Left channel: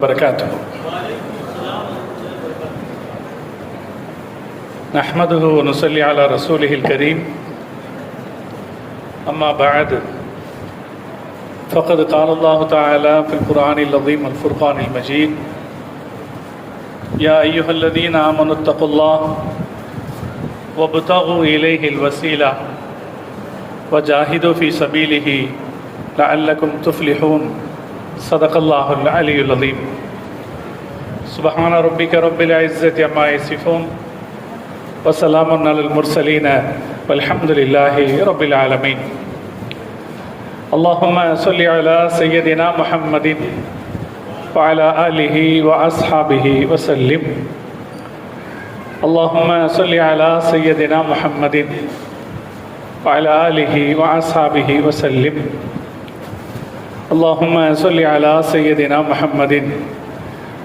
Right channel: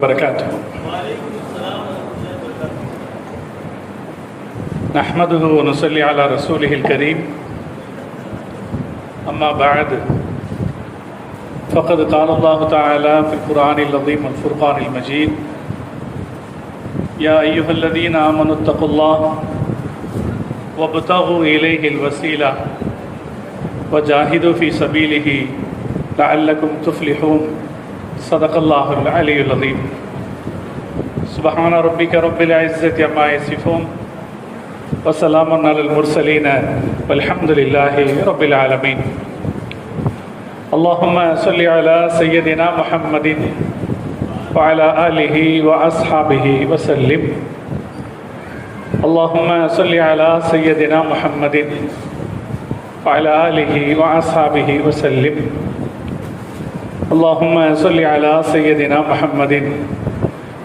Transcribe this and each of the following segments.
وبركاته. نحمده ونصلي على رسوله الكريم. أما بعد فقد قال الله تعالى في القرآن العظيم والفرقان المجيد: يا أيها الذين آمنوا اتقوا الله وابتغوا إليه الوسيلة وجاهدوا في سبيله لعلكم تفلحون. صدق الله العلي العظيم. سبحان ربك رب العزة عما يصفون وسلام على المرسلين والحمد لله رب العالمين. اللهم صل على سيدنا محمد وعلى آله وأصحابه وسلم. اللهم صل على سيدنا محمد وعلى آله وأصحابه وسلم. اللهم صل على سيدنا محمد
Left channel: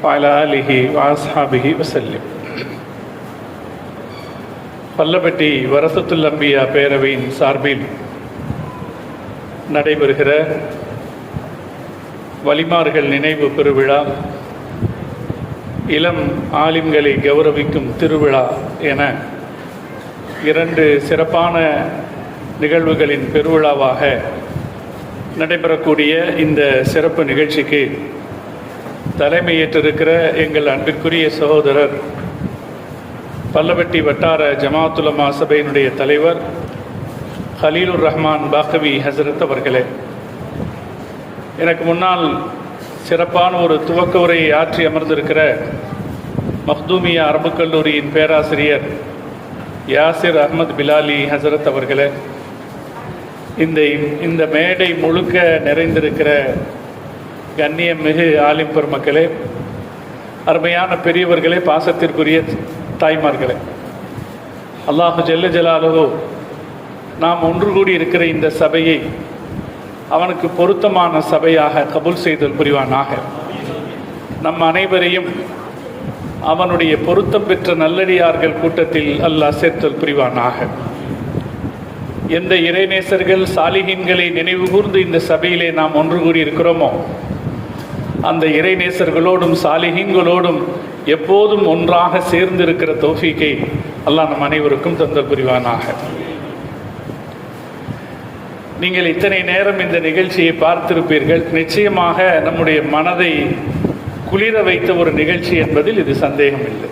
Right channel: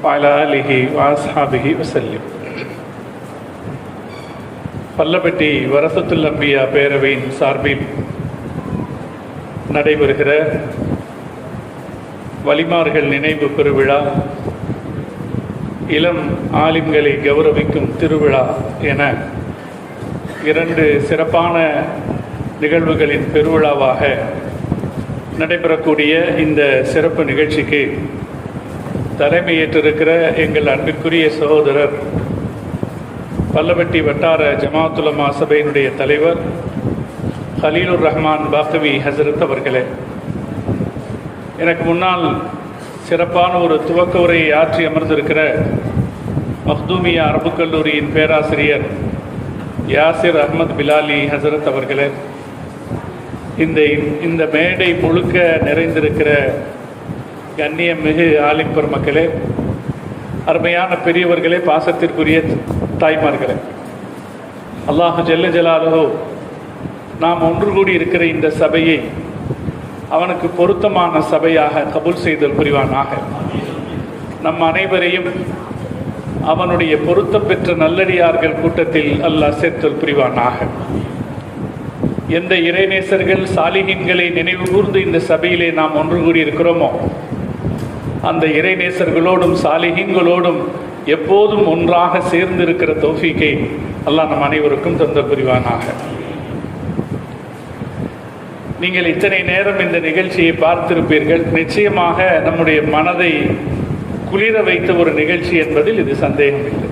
وعلى آله وأصحابه وسلم. பல்லப்பட்டி வரசத்துல் அம்பியா பேரவையின் சார்பில் நடைபெறுகிற வலிமார்கள் நினைவு பெருவிழா, இளம் ஆலிம்களை கௌரவிக்கும் திருவிழா என இரண்டு சிறப்பான நிகழ்வுகளின் பெருவிழாவாக நடைபெறக்கூடிய இந்த சிறப்பு நிகழ்ச்சிக்கு தலைமையேற்றிருக்கிற எங்கள் அன்பிற்குரிய சகோதரர், பல்லவட்டி வட்டார ஜமாஅத் உலமா சபையினுடைய தலைவர் கலீலுர் ரஹ்மான் பாக்கவி ஹசரத் அவர்களே, எனக்கு முன்னால் சிறப்பான ஒரு துவக்க உரையை ஆற்றி அமர்ந்திருக்கிற மக்தூமியா அரபுக் கல்லூரியின் பேராசிரியர் யாசிர் அஹ்மத் பிலாலி ஹசரத் அவர்களே, இந்த மேடை முழுக்க நிறைந்திருக்கிற கண்ணியம் மிகு ஆலிம் பெருமக்களே, அருமையான பெரியவர்களே, பாசத்திற்குரிய தாய்மார்களே, அல்லாஹ் ஜல்ல ஜலாலுஹு நாம் ஒன்று கூடி இருக்கிற இந்த சபையை அவனுக்கு பொருத்தமான சபையாக கபூல் செய்தல் புரிவானாக. நம் அனைவரையும் அவனுடைய பொருத்தம் பெற்ற நல்லடியார்கள் கூட்டத்தில் அல்லாஹ் சேர்த்தல் புரிவானாக. எந்த இறைநேசர்கள் சாலிஹீன்களை நினைவு கூர்ந்து இந்த சபையிலே நாம் ஒன்று கூடி இருக்கிறோமோ, அந்த இறைநேசர்களோடும் சாலிஹீன்களோடும் எப்போதும் ஒன்றாக சேர்ந்திருக்கிற தௌஃபீக்கை அல்லாஹ் நம் அனைவருக்கும் தந்தல் புரிவானாக. நீங்கள் இத்தனை நேரம் இந்த நிகழ்ச்சியை பார்த்திருப்பீர்கள். நிச்சயமாக நம்முடைய மனதை குளிர வைத்த ஒரு நிகழ்ச்சி என்பதில் இது சந்தேகம் இல்லை.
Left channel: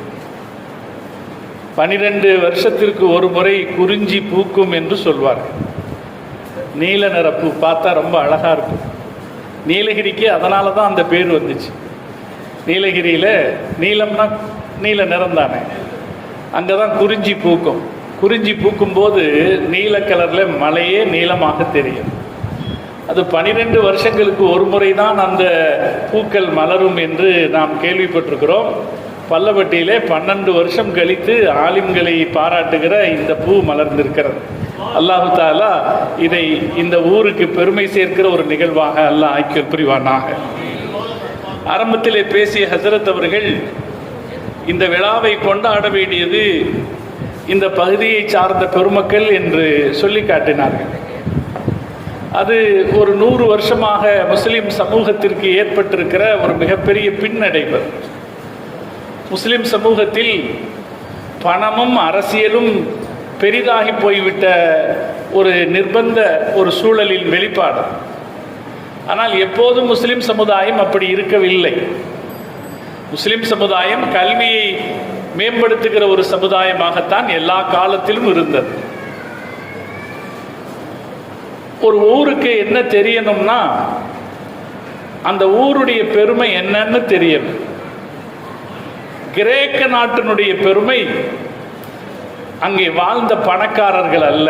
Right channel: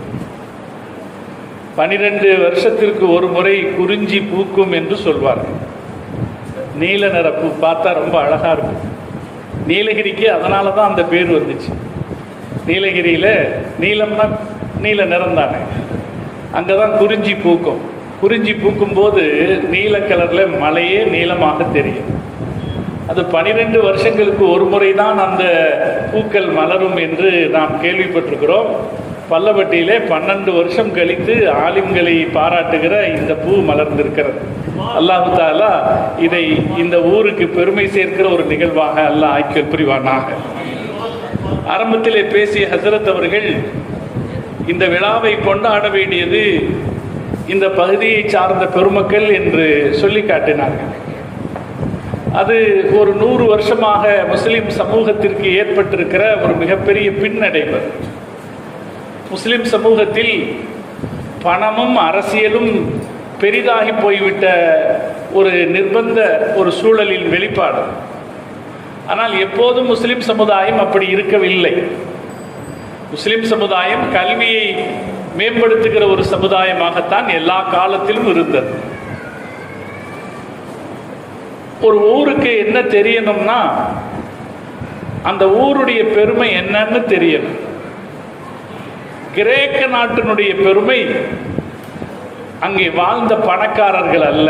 12 வருஷத்திற்கு ஒரு முறை குறிஞ்சி பூக்கும் என்று சொல்வார்கள். நீல நிற பூ பார்த்தா ரொம்ப அழகா இருக்கும். நீலகிரிக்கு அதனால தான் அந்த பேர் வந்துச்சு. நீலகிரியில நீலம் தான், நீல நிறம் தானே, அங்கதான் குறிஞ்சி பூக்கும். குறிஞ்சி பூக்கும் போது நீல கலர்ல மலையே நீளமாக தெரியும். அது 12 வருஷங்களுக்கு ஒரு முறை தான் அந்த பூக்கள் மலரும் என்று நாம் கேள்விப்பட்டிருக்கிறோம். பல்லவட்டியிலே 12 வருஷம் கழித்து ஆலிம்களை பாராட்டுகிற இந்த பூ மலர்ந்திருக்கிறது. அல்லாஹு தாலா இதை இந்த ஊருக்கு பெருமை சேர்க்கிற ஒரு நிகழ்வாக அல்லாஹ் ஆக்கி புரிவானாக. ஆரம்பத்திலே பேசிய ஹசரத் அவர்கள் இந்த விழாவை கொண்டாட வேண்டியது இந்த பகுதியை சார்ந்த பெருமக்கள் என்று சொல்லி காட்டினார்கள். அது ஒரு 100 வருஷமாக முஸ்லிம் சமூகத்திற்கு ஏற்பட்டிருக்கிற ஒரு மிகப்பெரிய பின்னடைவு. முஸ்லிம் சமூகத்தில் பணமும் அரசியலும் பெரிதாகி போய்விட்ட ஒரு நிர்பந்த ஒரு சூழலின் வெளிப்பாடு. ஆனால் எப்போதும் முஸ்லிம் சமுதாயம் அப்படி இருக்கவில்லை. முஸ்லிம் சமுதாயம் கல்வியை மேம்படுத்துகிற ஒரு சமுதாயமாகத்தான் எல்லா காலத்திலும் இருந்தது. ஒரு ஊருக்கு என்ன தெரியணும்னா அந்த ஊருடைய பெருமை என்னன்னு தெரியணும். கிரேக்க நாட்டினுடைய பெருமை அங்கே வாழ்ந்த பணக்காரர்கள் அல்ல,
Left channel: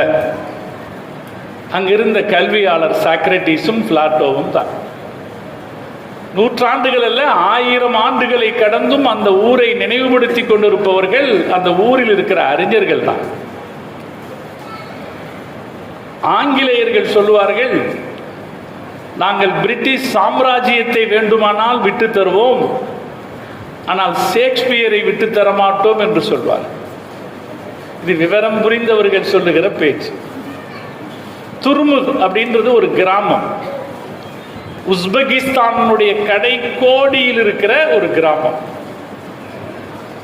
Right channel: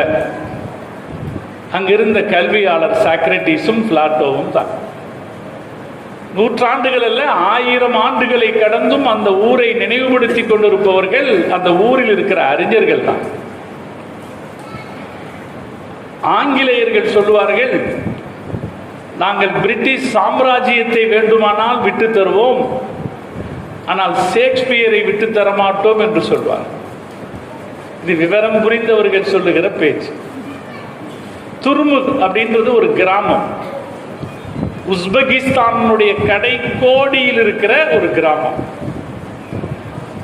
அங்கிருந்த கல்வியாளர் சாக்ரட்டிஸும் பிளாட்டோவும் தான். நூற்றாண்டுகள் அல்ல, 1000 ஆண்டுகளை கடந்தும் அந்த ஊரை நினைவுபடுத்தி கொண்டிருப்பவர்கள் அந்த ஊரில் இருக்கிற அறிஞர்கள் தான். ஆங்கிலேயர்கள் சொல்லுவார்கள், நாங்கள் பிரிட்டிஷ் சாம்ராஜ்யத்தை வேண்டுமானால் விட்டு தருவோம், ஆனால் ஷேக்ஸ்பியரை விட்டு தர மாட்டோம் என்று சொல்வார். இது விவரம் புரிந்தவர்கள் சொல்லுகிற பேச்சு. துருமுக் அப்படின்றது ஒரு கிராமம். உஸ்பெகிஸ்தானுடைய கடைக்கோடியில் இருக்கிற ஒரு கிராமம்.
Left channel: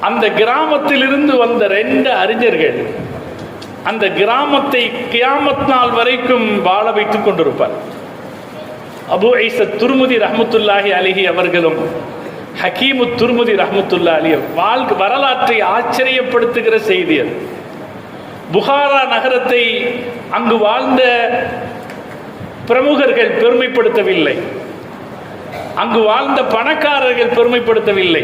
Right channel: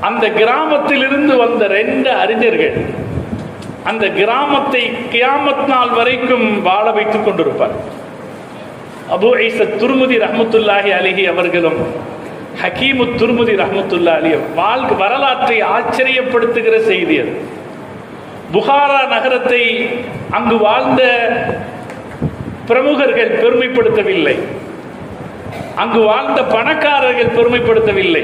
அந்த கிராமத்திலிருந்து வந்த 2 அறிஞர்கள் அந்த கிராமத்தை கியாமத் நாள் வரைக்கும் வாழ வைத்துக் கொண்டிருப்பார். அபூ ஈஸா துர்முதி ரஹ்மத்துல்லாஹி அலைஹி அவர்களும் ஹக்கீமு துர்முதி ரஹ்மத்துல்லாஹி அலைஹி வரலாற்றை ஆச்சரியப்படுத்துகிற செய்தி அது. புகாரா நகரத்தை அங்கு வாழ்ந்த பிரமுகர்கள் பெருமைப்படுத்தவில்லை, அங்கு வாழ்ந்த பணக்காரர்கள் பெருமைப்படுத்தவில்லை.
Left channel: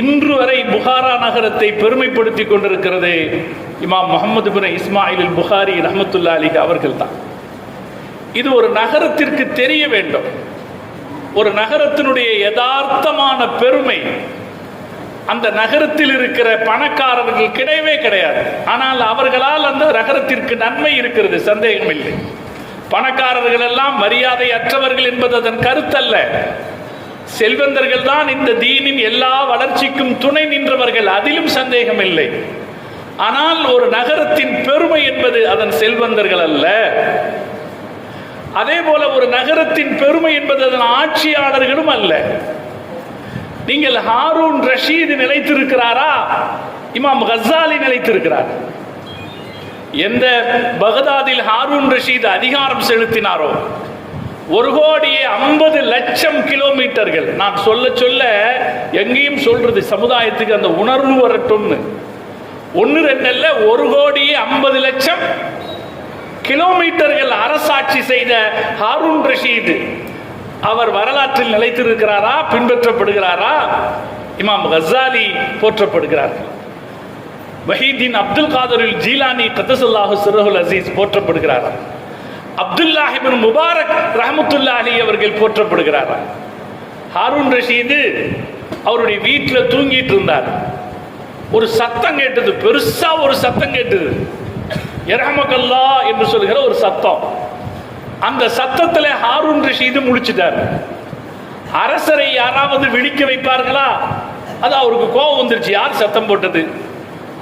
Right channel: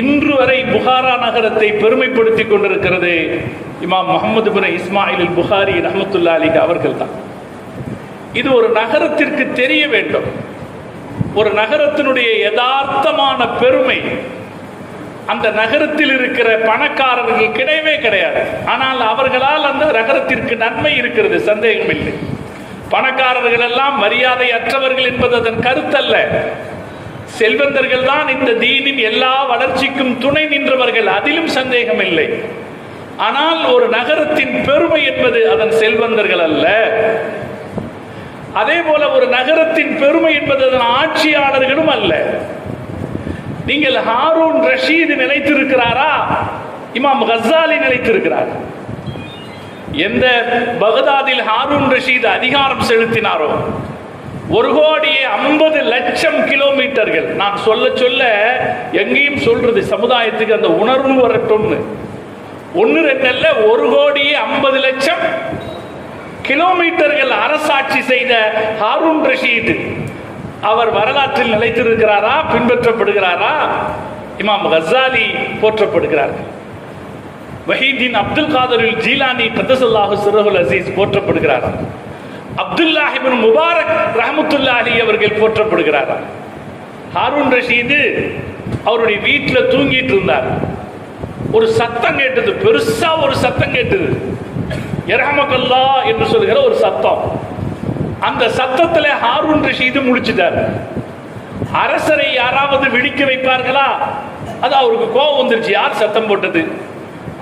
இன்று வரை புகாரா நகரத்தை பெருமைப்படுத்திக் கொண்டிருக்கிறது இமாம் முஹம்மது பின் இஸ்மாயில் அல் புகாரி ரஹ்மத்துல்லாஹி அலைஹி அவர்கள் தான். இது ஒரு நகரத்திற்கு தெரிய வேண்டும். ஒரு நகரத்தினுடைய யதார்த்தமான பெருமை அந்த நகரத்தில் இருக்கிற பணக்காரர்கள் கிடையவே கிடையாது. ஆனால் அவர்களால் அந்த நகரத்திற்கு நன்மை இருக்கிறது, சந்தேகம் இல்லை. பணக்காரர்கள் எல்லாம் மரியாதை அற்றவர்கள் என்பது அதன் கருத்தல்ல. செல்வந்தர்கள் தான் இந்த தீனின் எல்லா வளர்ச்சிக்கும் துணை நின்றவர்கள், அதிலும் சந்தேகம் இல்லை. ஆனால் ஒரு நகரத்தின் பெருமை என்பது அதன் செல்வந்தர்கள் அல்ல. அதே போல ஒரு நகரத்தின் பெருமை என்பது அதன் ஆட்சியாளர்களும் அல்ல. நீங்கள் ஹாரூன் ரஷீத் நிலைத்திருக்கிறாரா? இமாம் கஸ்ஸாலி நிலைத்திருக்கிறார். எந்த பகதாதில் ஹாரூன் ரஷீத் அதிகாரம் செலுத்தினாரோ 1,50,00,000 கிலோமீட்டர்கள், நான் சொல்ல சொல்ல எங்கேயும் சொல்றது சமுதாயத்துக்கு அந்த உணர்வு வரட்டும்னு. 1-2 அல்ல, 1,50,00,000 கிலோமீட்டர்கள் அரசாட்சி செய்த ஹாரூன் ரஷீத் அவர் வரலாற்றில் நிலைத்திருக்கிறாரா, பின்பற்றப்படுகிறாரா? இமாம் கஸ்ஸாலி போற்றப்படுகிறார்கள். வஹீதீன் அப்துல் காதர் ஜீலானி கத்தஸல்லாஹு சிர்ரஹுல் அஸீஸ் போற்றப்படுகிறார்கள். அப்துல்லாஹ் இப்னு முபாரக் ரஹ்மத்துல்லாஹி அலைஹி அவர்கள் போற்றப்படுகிறார்கள். ஹாரூன் ரஷீது அவருடைய வீட்டில் தூங்கிட்டு இருந்தார். ஒரு சத்தம் கேட்டது, பெருசா ஒரு சத்தம் கேட்டது, யர்ஹமக்கல்லா என்று சொல்கிற ஒரு சத்தம். அந்த சத்தத்தில் ஹாரூன் ரஷீது முடிச்சிட்டார். அரசரை யாராவது விழிக்க வைப்பார்களா? அது அவருக்கு கோபம் வந்துருச்சு, யார் சத்தம் போட்டது?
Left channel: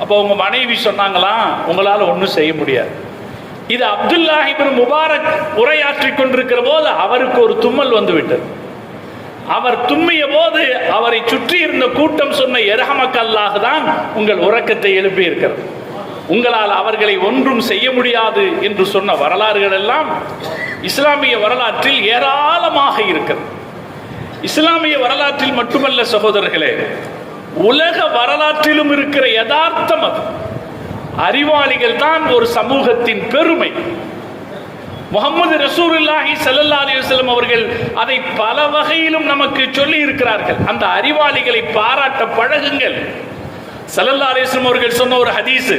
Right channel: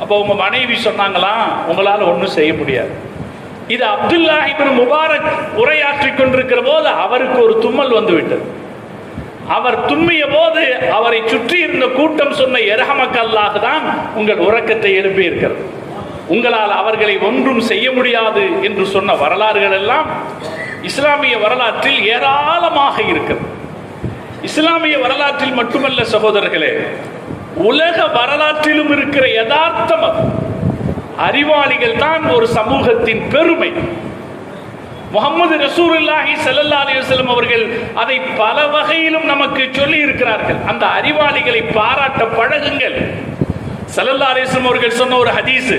அப்போ உங்க மனைவி சொன்னாங்களா, உங்களால ஒன்றும் செய்ய முடியாது. இது அப்துல்லாஹ் இப்னு முபாரக் உரையாற்றிக் கொண்டிருக்கிற போது அவருக்கு ஒரு தும்மல் வந்து விட்டது. அவர் தும்மிய போது அவரை சுற்றி இருந்த கூட்டம் சொன்ன யர்ஹமக்கல்லாஹ் தான் உங்கள் உறக்கத்தை எழுப்பி இருக்கிறது, உங்களால் அவர்களை ஒன்றும் செய்ய முடியாது என்று சொன்ன வரலாறுகள் எல்லாம் இஸ்லாமிய வரலாற்றில் ஏராளமாக இருக்கிறது. இஸ்லாமிய வரலாற்றில் மட்டுமல்ல சகோதரர்களே, உலக வரலாற்றிலும் இருக்கிற யதார்த்தம் அது. அறிவாளிகள் தான் ஒரு சமூகத்தின் பெருமை. முஹம்மது ரசூலுல்லாஹி ஸல்லல்லாஹு அலைஹி வஸல்லம் அவர்கள் அதை பல வகையிலும் நமக்கு சொல்லி இருக்கிறார்கள். அந்த அறிவாளிகளை பாராட்ட பழகுங்கள். ஸல்லல்லாஹு அலைஹி வஸல்லம் அவர்கள் சொன்ன ஒரு ஹதீஸ்,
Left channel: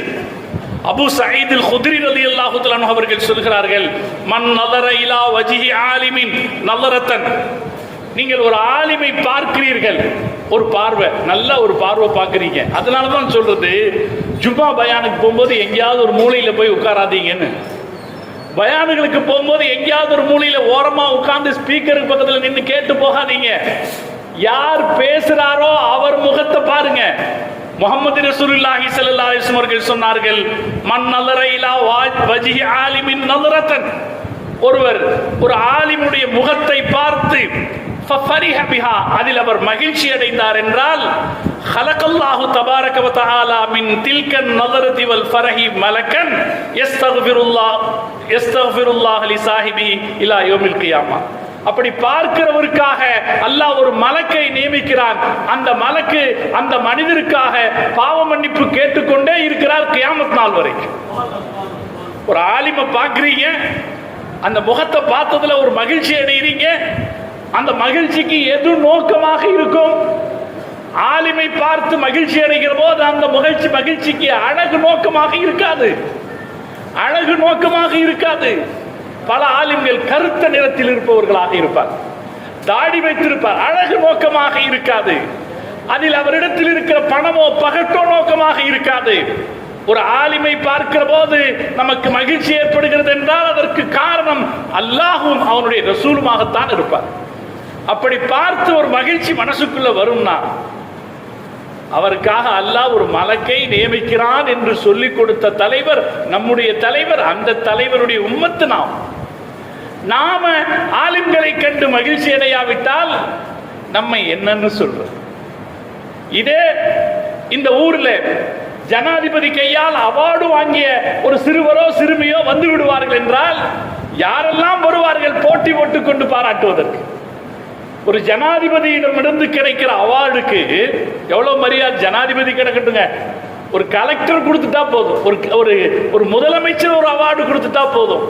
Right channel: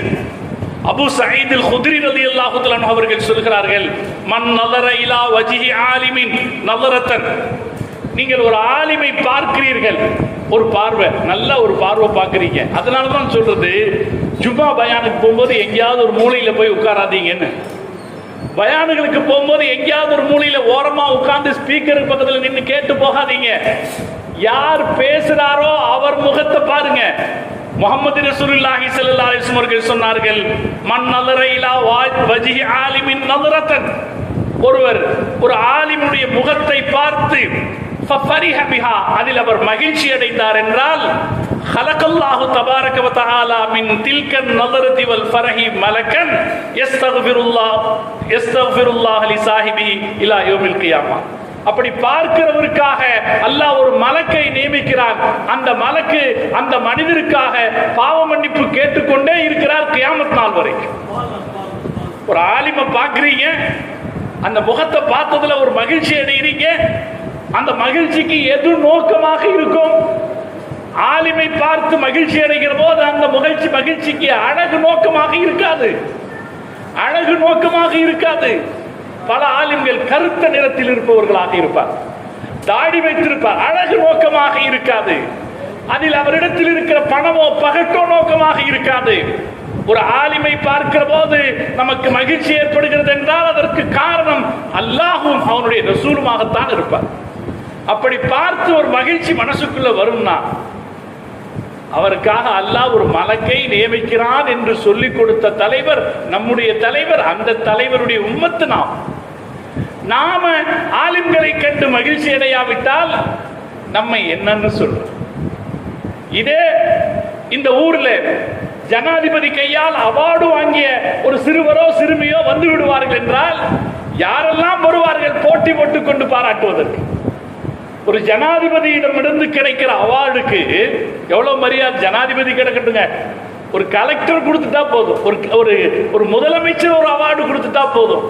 அபூ சயீத் அல் குத்ரி ரலியல்லாஹு தஆலா அன்ஹு அவர்கள் சொல்கிறார்கள், மன் நதர இலா வஜ்ஹி ஆலிமின் நதரத்தன், நீங்கள் ஒரு ஆலிமை பார்க்கிறீர்கள், ஒரு பார்வை, நல்ல ஒரு பார்வை பார்க்கிறீங்க. அதனால தான் சொல்றது, ஜும்மா பயானுக்கு போகும்போது எங்கேயாவது ஒரு மூலையில போய் உட்காராதீங்கன்னு. பயானுகளுக்கு போகும்போது எங்கேயாவது ஒரு மூலையில ஓரமா உட்கார்ந்து ஸ்பீக்கருக்கு பக்கத்துல நின்று கேட்டு போகாதீங்க. யார் பேசுறாரோ அவர் முகத்தை பாருங்க. முஹம்மது ரசூலுல்லாஹி ஸல்லல்லாஹு அலைஹி வஸல்லம் அவர்கள் சொன்னார்கள், மன் நதர இலா வஜ்ஹி ஆலிமின் நதரத்தன், ஒருவர் ஒரு ஆலிமுடைய முகத்தை பார்த்து ஃபஃபரிஹ பிஹா, அதில் அவர் மகிழ்ச்சி அடைந்தார் என்றால், ஹலகல்லாஹு தபாரக வ தஆலா மின் தில்கன் நதரதி வல் ஃபரஹி மலக்கன் யஸ்தக்ஃபிருல்லாஹ் லி ஸாஹிபிஹி இலா யௌமில் கியாமா. அப்படி பார்க்கிறவருக்காக அல்லாஹ் ஒரு மலக்கை நியமிக்கிறான். அந்த மலக்கு அந்த மனிதருக்காக பாவ மன்னிப்பு கேட்டுக்கொண்டே இருக்கிறார் கியாமத் நாள் வரைக்கும். ஒரு ஆலிமை பார்க்கிறீங்க, அந்த முகத்தை பார்த்ததுல ஒரு மகிழ்ச்சி அடைகிறீங்க. அந்த மகிழ்ச்சிக்கு எது நோக்கமாக இருக்கும்? ஆலிமை பார்த்து மகிழ்ச்சி அடைகிற போது அந்த மகிழ்ச்சிக்கு அழகு நோக்கமாக இருக்காது, அழகு நோக்கமாக இருக்காது. பல ஆலிம்கள் கருத்த நிறத்தில் இருப்பவர்களாக இருப்பார், தாடி வைத்திருப்பார், அழகு நோக்கமாக இருக்காது. அதில் அவரிடத்தில் இருக்கிற பணமோ பகட்டோ நோக்கமாக இருக்காது. ஒரு ஆலிமை பார்க்கிற போது நமக்கு மகிழ்ச்சி ஏற்படுகிறது என்றால் அதற்கு காரணம் அல்லாஹும் அவனுடைய ரசூலுமாகத்தான் இருப்பார். அப்படி பார்த்து ஒரு மகிழ்ச்சி மனசுக்குள்ள வரும்னா அவருக்காக அல்லாஹ் ஒரு மலக்கை நியமிக்கிறான் என்று சொல்லிக் கொடுத்த தலைவர் நம்முடைய தலைவர். அந்த தலைவருடைய உம்மத்து நாம். நாம ஆலிம்களை கண்டு மகிழ்ச்சி அடையாவிட்டால் நம்மை என்னன்னு சொல்றோம். இதே இந்த ஊர்ல ஜனாதிபதி கையால் அவார்டு வாங்கிய ஒரு சிறுவரோ சிறுமியோ வந்து விடுவார்கள் என்றால் யாரெல்லாம் வருவார்கள் போட்டி போட்டுக் கொண்டு பாராட்டுவதற்கு. ஒரு ஜனாதிபதியிடமிருந்து கிடைக்கிற அவார்டுக்கு எவ்வளவு மரியாதை. ஜனாதிபதி கிடைக்கட்டுங்க, ஒரு கலெக்டர் கொடுத்துட்டா போதும், ஒரு முதலமைச்சர் ஒரு அவார்டு கொடுத்துட்டா போதும்.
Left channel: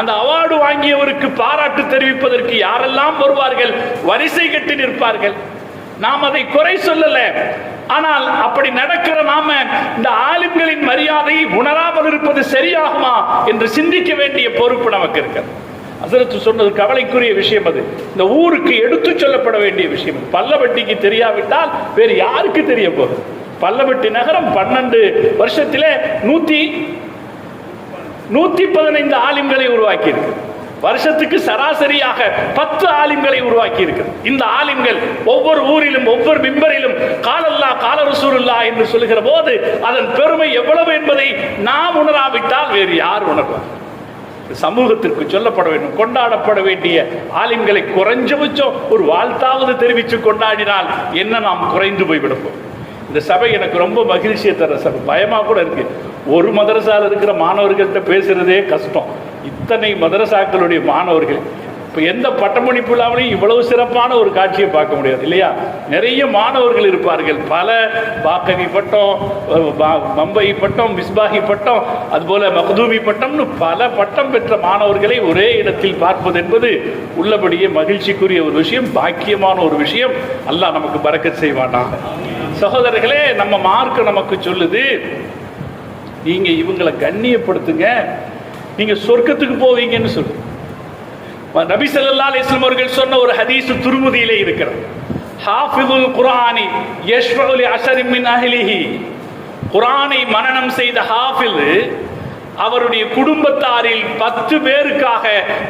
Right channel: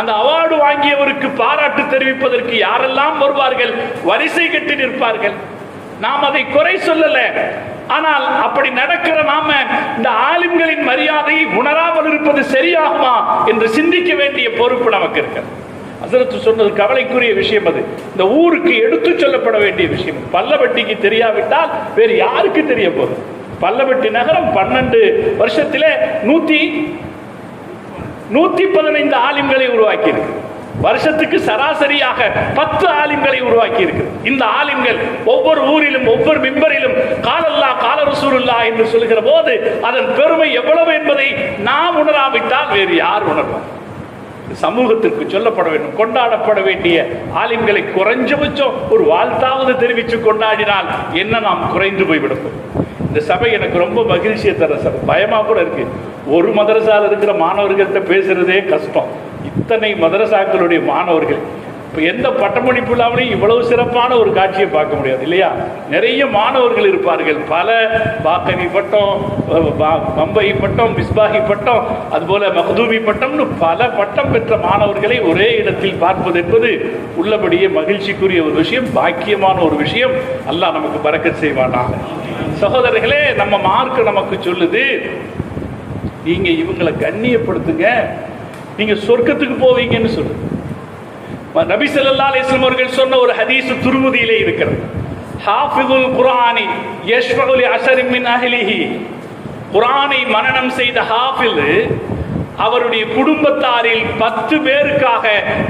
அந்த அவார்டு வாங்கியவருக்கு பாராட்டு தெரிவிப்பதற்கு யாரெல்லாம் வருவார்கள், வரிசை கட்டி நிற்பார்கள். நாம் அதை குறை சொல்லல, ஆனால் அப்படி நடக்கிற நாம இந்த ஆலிம்களின் மரியாதையை உணராமல் இருப்பது சரியாகுமா என்று சிந்திக்க வேண்டிய பொறுப்பு நமக்கு இருக்கிறது. ஹஸரத் சொன்னது கவலைக்குரிய விஷயம். அது இந்த ஊருக்கு எடுத்து சொல்லப்பட வேண்டிய விஷயம். பல்லவட்டிக்கு தெரியாவிட்டால் வேறு யாருக்கு தெரிய போகுது? பல்லவட்டி நகரம் 12 வருஷத்திலே 115 ஆலிம்களை உருவாக்கி இருக்கு. வருஷத்துக்கு சராசரியாக 10 ஆலிம்களை உருவாக்கி இருக்கு. இந்த ஆலிம்கள் ஒவ்வொரு ஊரிலும் ஒவ்வொரு மிம்பரிலும் காலல்லா கால ரசூலுல்லாஹ் என்று சொல்லுகிற போது அதன் பெருமை எவ்வளவு என்பதை நாம் உணராவிட்டால் வேறு யார் உணர்வோம்? சமூகத்திற்கு சொல்லப்பட வேண்டும், கொண்டாடப்பட வேண்டிய ஆலிம்களை குறைஞ்சபட்சம் ஒரு வாழ்த்தாவது தெரிவித்து கொண்டாடினால் என்ன நாம் குறைந்து போய்விடும். இந்த சபை எனக்கு ரொம்ப மகிழ்ச்சியை தர சபை. பயமா கூட இருக்கு. ஒரு மதரசால இருக்கிற மாணவர்கள்ட்ட பேசுறதே கஷ்டம். இத்தனை மதரசாக்களுடைய மாணவர்கள் இப்ப எந்த பட்டமளிப்பு இல்லாமலையும் இவ்வளவு சிறப்பான ஒரு காட்சியை பார்க்க முடியாது இல்லையா? நிறைய மாணவர்கள் இருப்பார்கள். பல பாக்கவி பட்டம், பம்பை பட்டம், மிஸ்பாஹி பட்டம், அதுபோல மகதூமி பட்டம்னு பல பட்டம் பெற்ற மாணவர்களை ஒரே இடத்தில் பார்ப்பது என்பது உள்ளபடியே மகிழ்ச்சிக்குரிய ஒரு விஷயம், பாக்கியமான ஒரு விஷயம். அல்லாஹ் நமக்கு பரக்கத் செய்வானாக. சகோதரர்களே, நம்ம மார்க்க நமக்கு சொல்லுது, நீங்க இவங்களை கண்ணியப்படுத்துங்க, நீங்க சொர்க்கத்துக்கு போவீங்கன்னு சொல்லுங்க. நபி ஸல்லல்லாஹு அலைஹி வஸல்லம் அவர்கள் சொன்ன ஒரு ஹதீஸ் திருமதியிலே இருக்கிறது. ஹாஃபிதுல் குர்ஆனி யஷ்ஃபஉ லி அஷரின் மின் அஹ்லிஹி. குர்ஆனை மனனம் செய்த ஹாஃபில் அவருடைய குடும்பத்தாரில் 10 பேருக்காக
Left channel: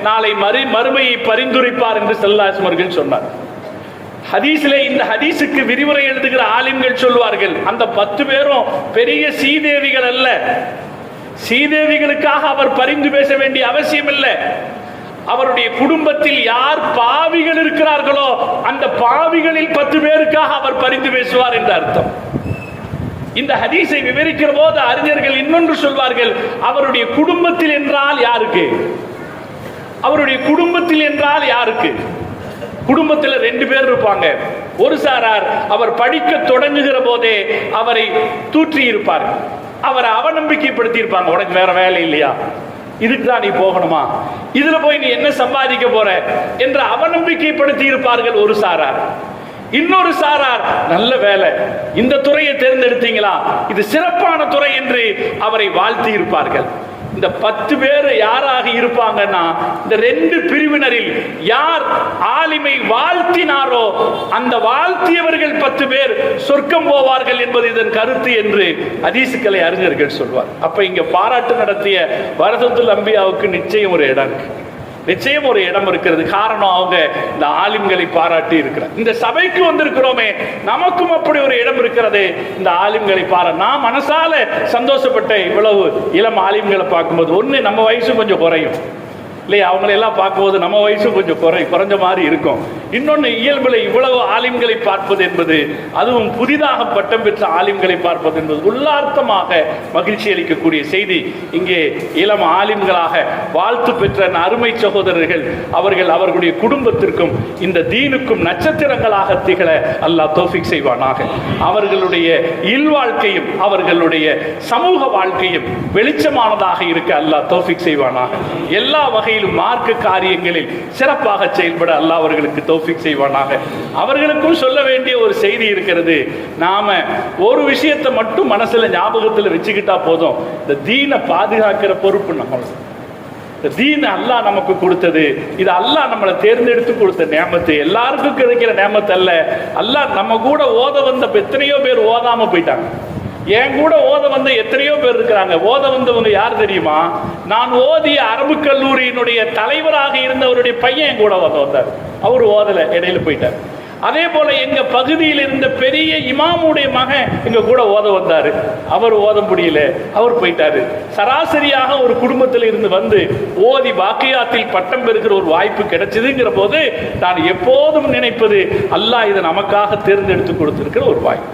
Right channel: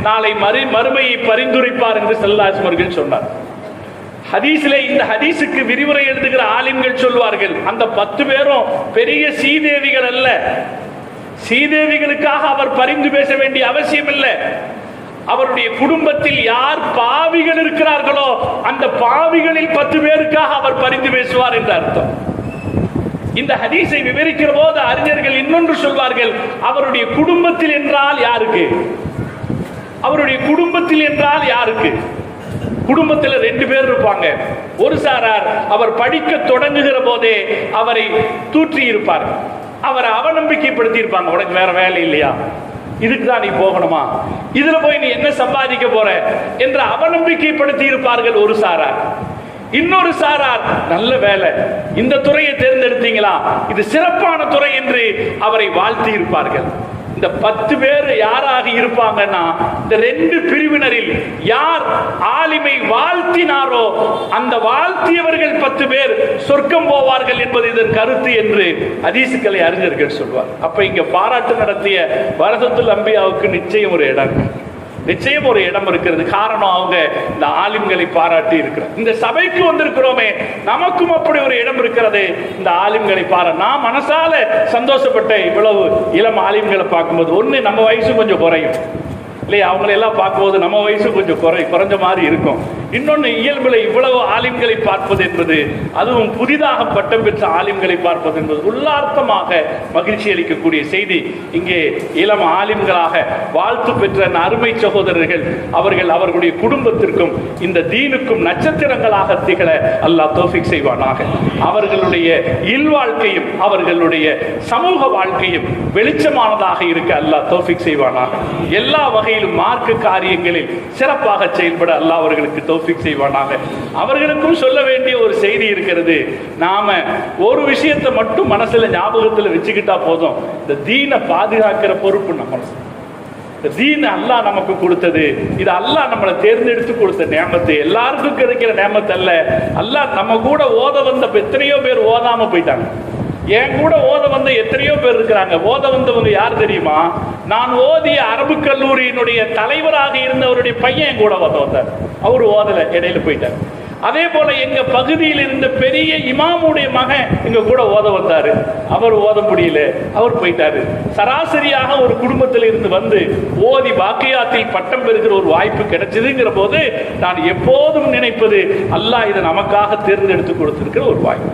நாளை மறுமையை பரிந்துரைப்பார் என்று ஸல்லல்லாஹு அலைஹி வஸல்லம் அவர்கள் சொன்னார். ஹதீஸிலே இந்த ஹதீஸுக்கு விரிவுரை எழுதுகிற ஆலிம்கள் சொல்வார்கள், அந்த 10 பேரும் பெரிய சீதேவிகள் அல்ல. சீதேவிகளுக்காக அவர் பரிந்து பேச வேண்டிய அவசியம் இல்லை. அவருடைய குடும்பத்தில் யார் பாவிகள் இருக்கிறார்களோ அந்த பாவிகளில் 10 பேருக்காக அவர் பரிந்து பேசுவார் என்று அர்த்தம். இந்த ஹதீஸை விவரிக்கிற போது அறிஞர்கள் இன்னொன்று சொல்வார்கள், அவருடைய குடும்பத்தில் என்றால் யாருக்கு? அவருடைய குடும்பத்தில் என்றால் யாருக்கு? குடும்பத்தில் 2 பேர் இருப்பாங்க. ஒரு சாரார் அவர் படிக்க தொடங்குகிற போதே அவரை தூற்றி இருப்பார், அவரை அவநம்பிக்கைப்படுத்தி இருப்பாங்க. உனக்கு வேற வேலை இல்லையா, இதுக்குதான் நீ போகணுமா, இதுல போய் நீ என்ன சம்பாதிக்க போற என்று அவநம்பிக்கைப்படுத்தி இருப்பார்கள் ஒரு சாரார். இன்னொரு சாரார், நல்ல வேலை, இந்த துறையை தேர்ந்தெடுத்தீங்களா, இது சிறப்பான துறை என்று அவரை வாழ்த்தி இருப்பார்கள். இந்த 10 பேர் யாராக இருப்பாங்கன்னா, இந்த 2 பிரிவினரில் யார் ஆலிமை வாழ்த்தினாரோ அந்த வாழ்த்தியவர்கள் 10 பேர் சொர்க்கம் போவார்கள் என்பது இதன் கருத்து என்று ஹதீஸுக்களை அறிஞர்கள் சொல்வார். அப்ப இங்க பாராட்டு நடத்திய வரதத்துல் அம்பியாவுக்கு நிச்சயம் ஒரு இடம் இருக்கிறது. காரணம், அவங்க இந்த ஆலிம்களை பாராட்டி இருக்கிறார். இந்த சபைக்கு வந்திருக்கிறோமே, நமக்கும் அப்படி ஒரு இடம் இருக்கிறது. இந்த ஆலிம்களை நான் மனசால சந்தோஷப்பட்ட இவ்வளவு இளம் ஆலிம்களை பார்க்கும்போது, ஒண்ணு நம்ம வயசு கொஞ்சம் குறையும் இல்லையா, அவங்களை எல்லாம் பார்க்கும்போது நம்ம வயசு கொஞ்சம் குறைஞ்ச மாதிரி இருக்கும். இன்னொன்னு, இயல்புல இவ்வளவு ஆலிம்களை பார்ப்பது என்பது, அதுவும் புதிதாக பட்டம் பெற்ற ஆலிம்களை பார்ப்பது என்பது உள்ளார்த்தமாக மகிழ்ச்சி அளிக்கக்கூடிய செய்தி. இங்கே இளம் ஆலிம்களாக வாழ்த்து பெற்ற அருமை சகோதரர்கள் அவர்கள் அவர்களுடைய குடும்பத்திற்கும் இந்த தீனுக்கும் நட்சத்திரங்களாக திகழ அல்லாஹ் தௌஃபீக் செய்வானாக. அவர்களுடைய இல்வாழ்க்கையும் அவர்களுடைய சமூக வாழ்க்கையும் வெளிச்சமானதாக இருக்க அல்லாஹ் தௌஃபீக் செய்வானாக. எல்லா வகையிலும் மார்க்க காரியங்களில் சிறப்பாக செயல்பட அல்லாஹ் அவர்களுக்கு தௌஃபீக் செய்வானாக. அவர்களுக்கும் சொல்ல வேண்டிய ஒரு செய்தி இருக்கிறது. நாம ஒரு விஷயத்தை மட்டும் மனசுல ஞாபகத்தில் வச்சுக்கிட்டா போதும், இந்த தீனை பாதுகாக்கிற பொறுப்பு நம்ம. இந்த தீன் அல்லாஹ் நமக்கு கொடுத்தது, இது அல்லாஹ் நம்மளை தேர்ந்தெடுத்து கொடுத்த நேமத்து, எல்லாருக்கும் கிடைக்கிற நேமத்து அல்ல. அல்லாஹ் நம்ம கூட ஓத வந்த எத்தனையோ பேர் ஓதாம போயிட்டாங்க. என் கூட ஓத வந்த எத்தனையோ பேர் இருக்கிறாங்க. ஓத வந்தவங்க யார் தெரியுமா? நான் ஓதிய அரபு கல்லூரியினுடைய தலைவராக இருந்தவருடைய பையன் என் கூட ஓத வந்தார். அவரு ஓதல, இடையில போயிட்டார். அதே போல எங்க பகுதியில் இருந்த பெரிய இமாமுடைய மகன் எங்க கூட ஓத வந்தாரு. அவர் ஓத முடியல, அவர் போயிட்டாரு. சராசரியாக ஒரு குடும்பத்தில் இருந்து வந்து ஓதி வாக்கியாத்தில் பட்டம் பெறுகிற ஒரு வாய்ப்பு கிடைச்சதுங்கிற போது நான் எப்போதும் நினைப்பது, அல்லாஹ் இதை நமக்காக தேர்ந்தெடுத்து கொடுத்திருக்கிற ஒரு வாய்ப்பு.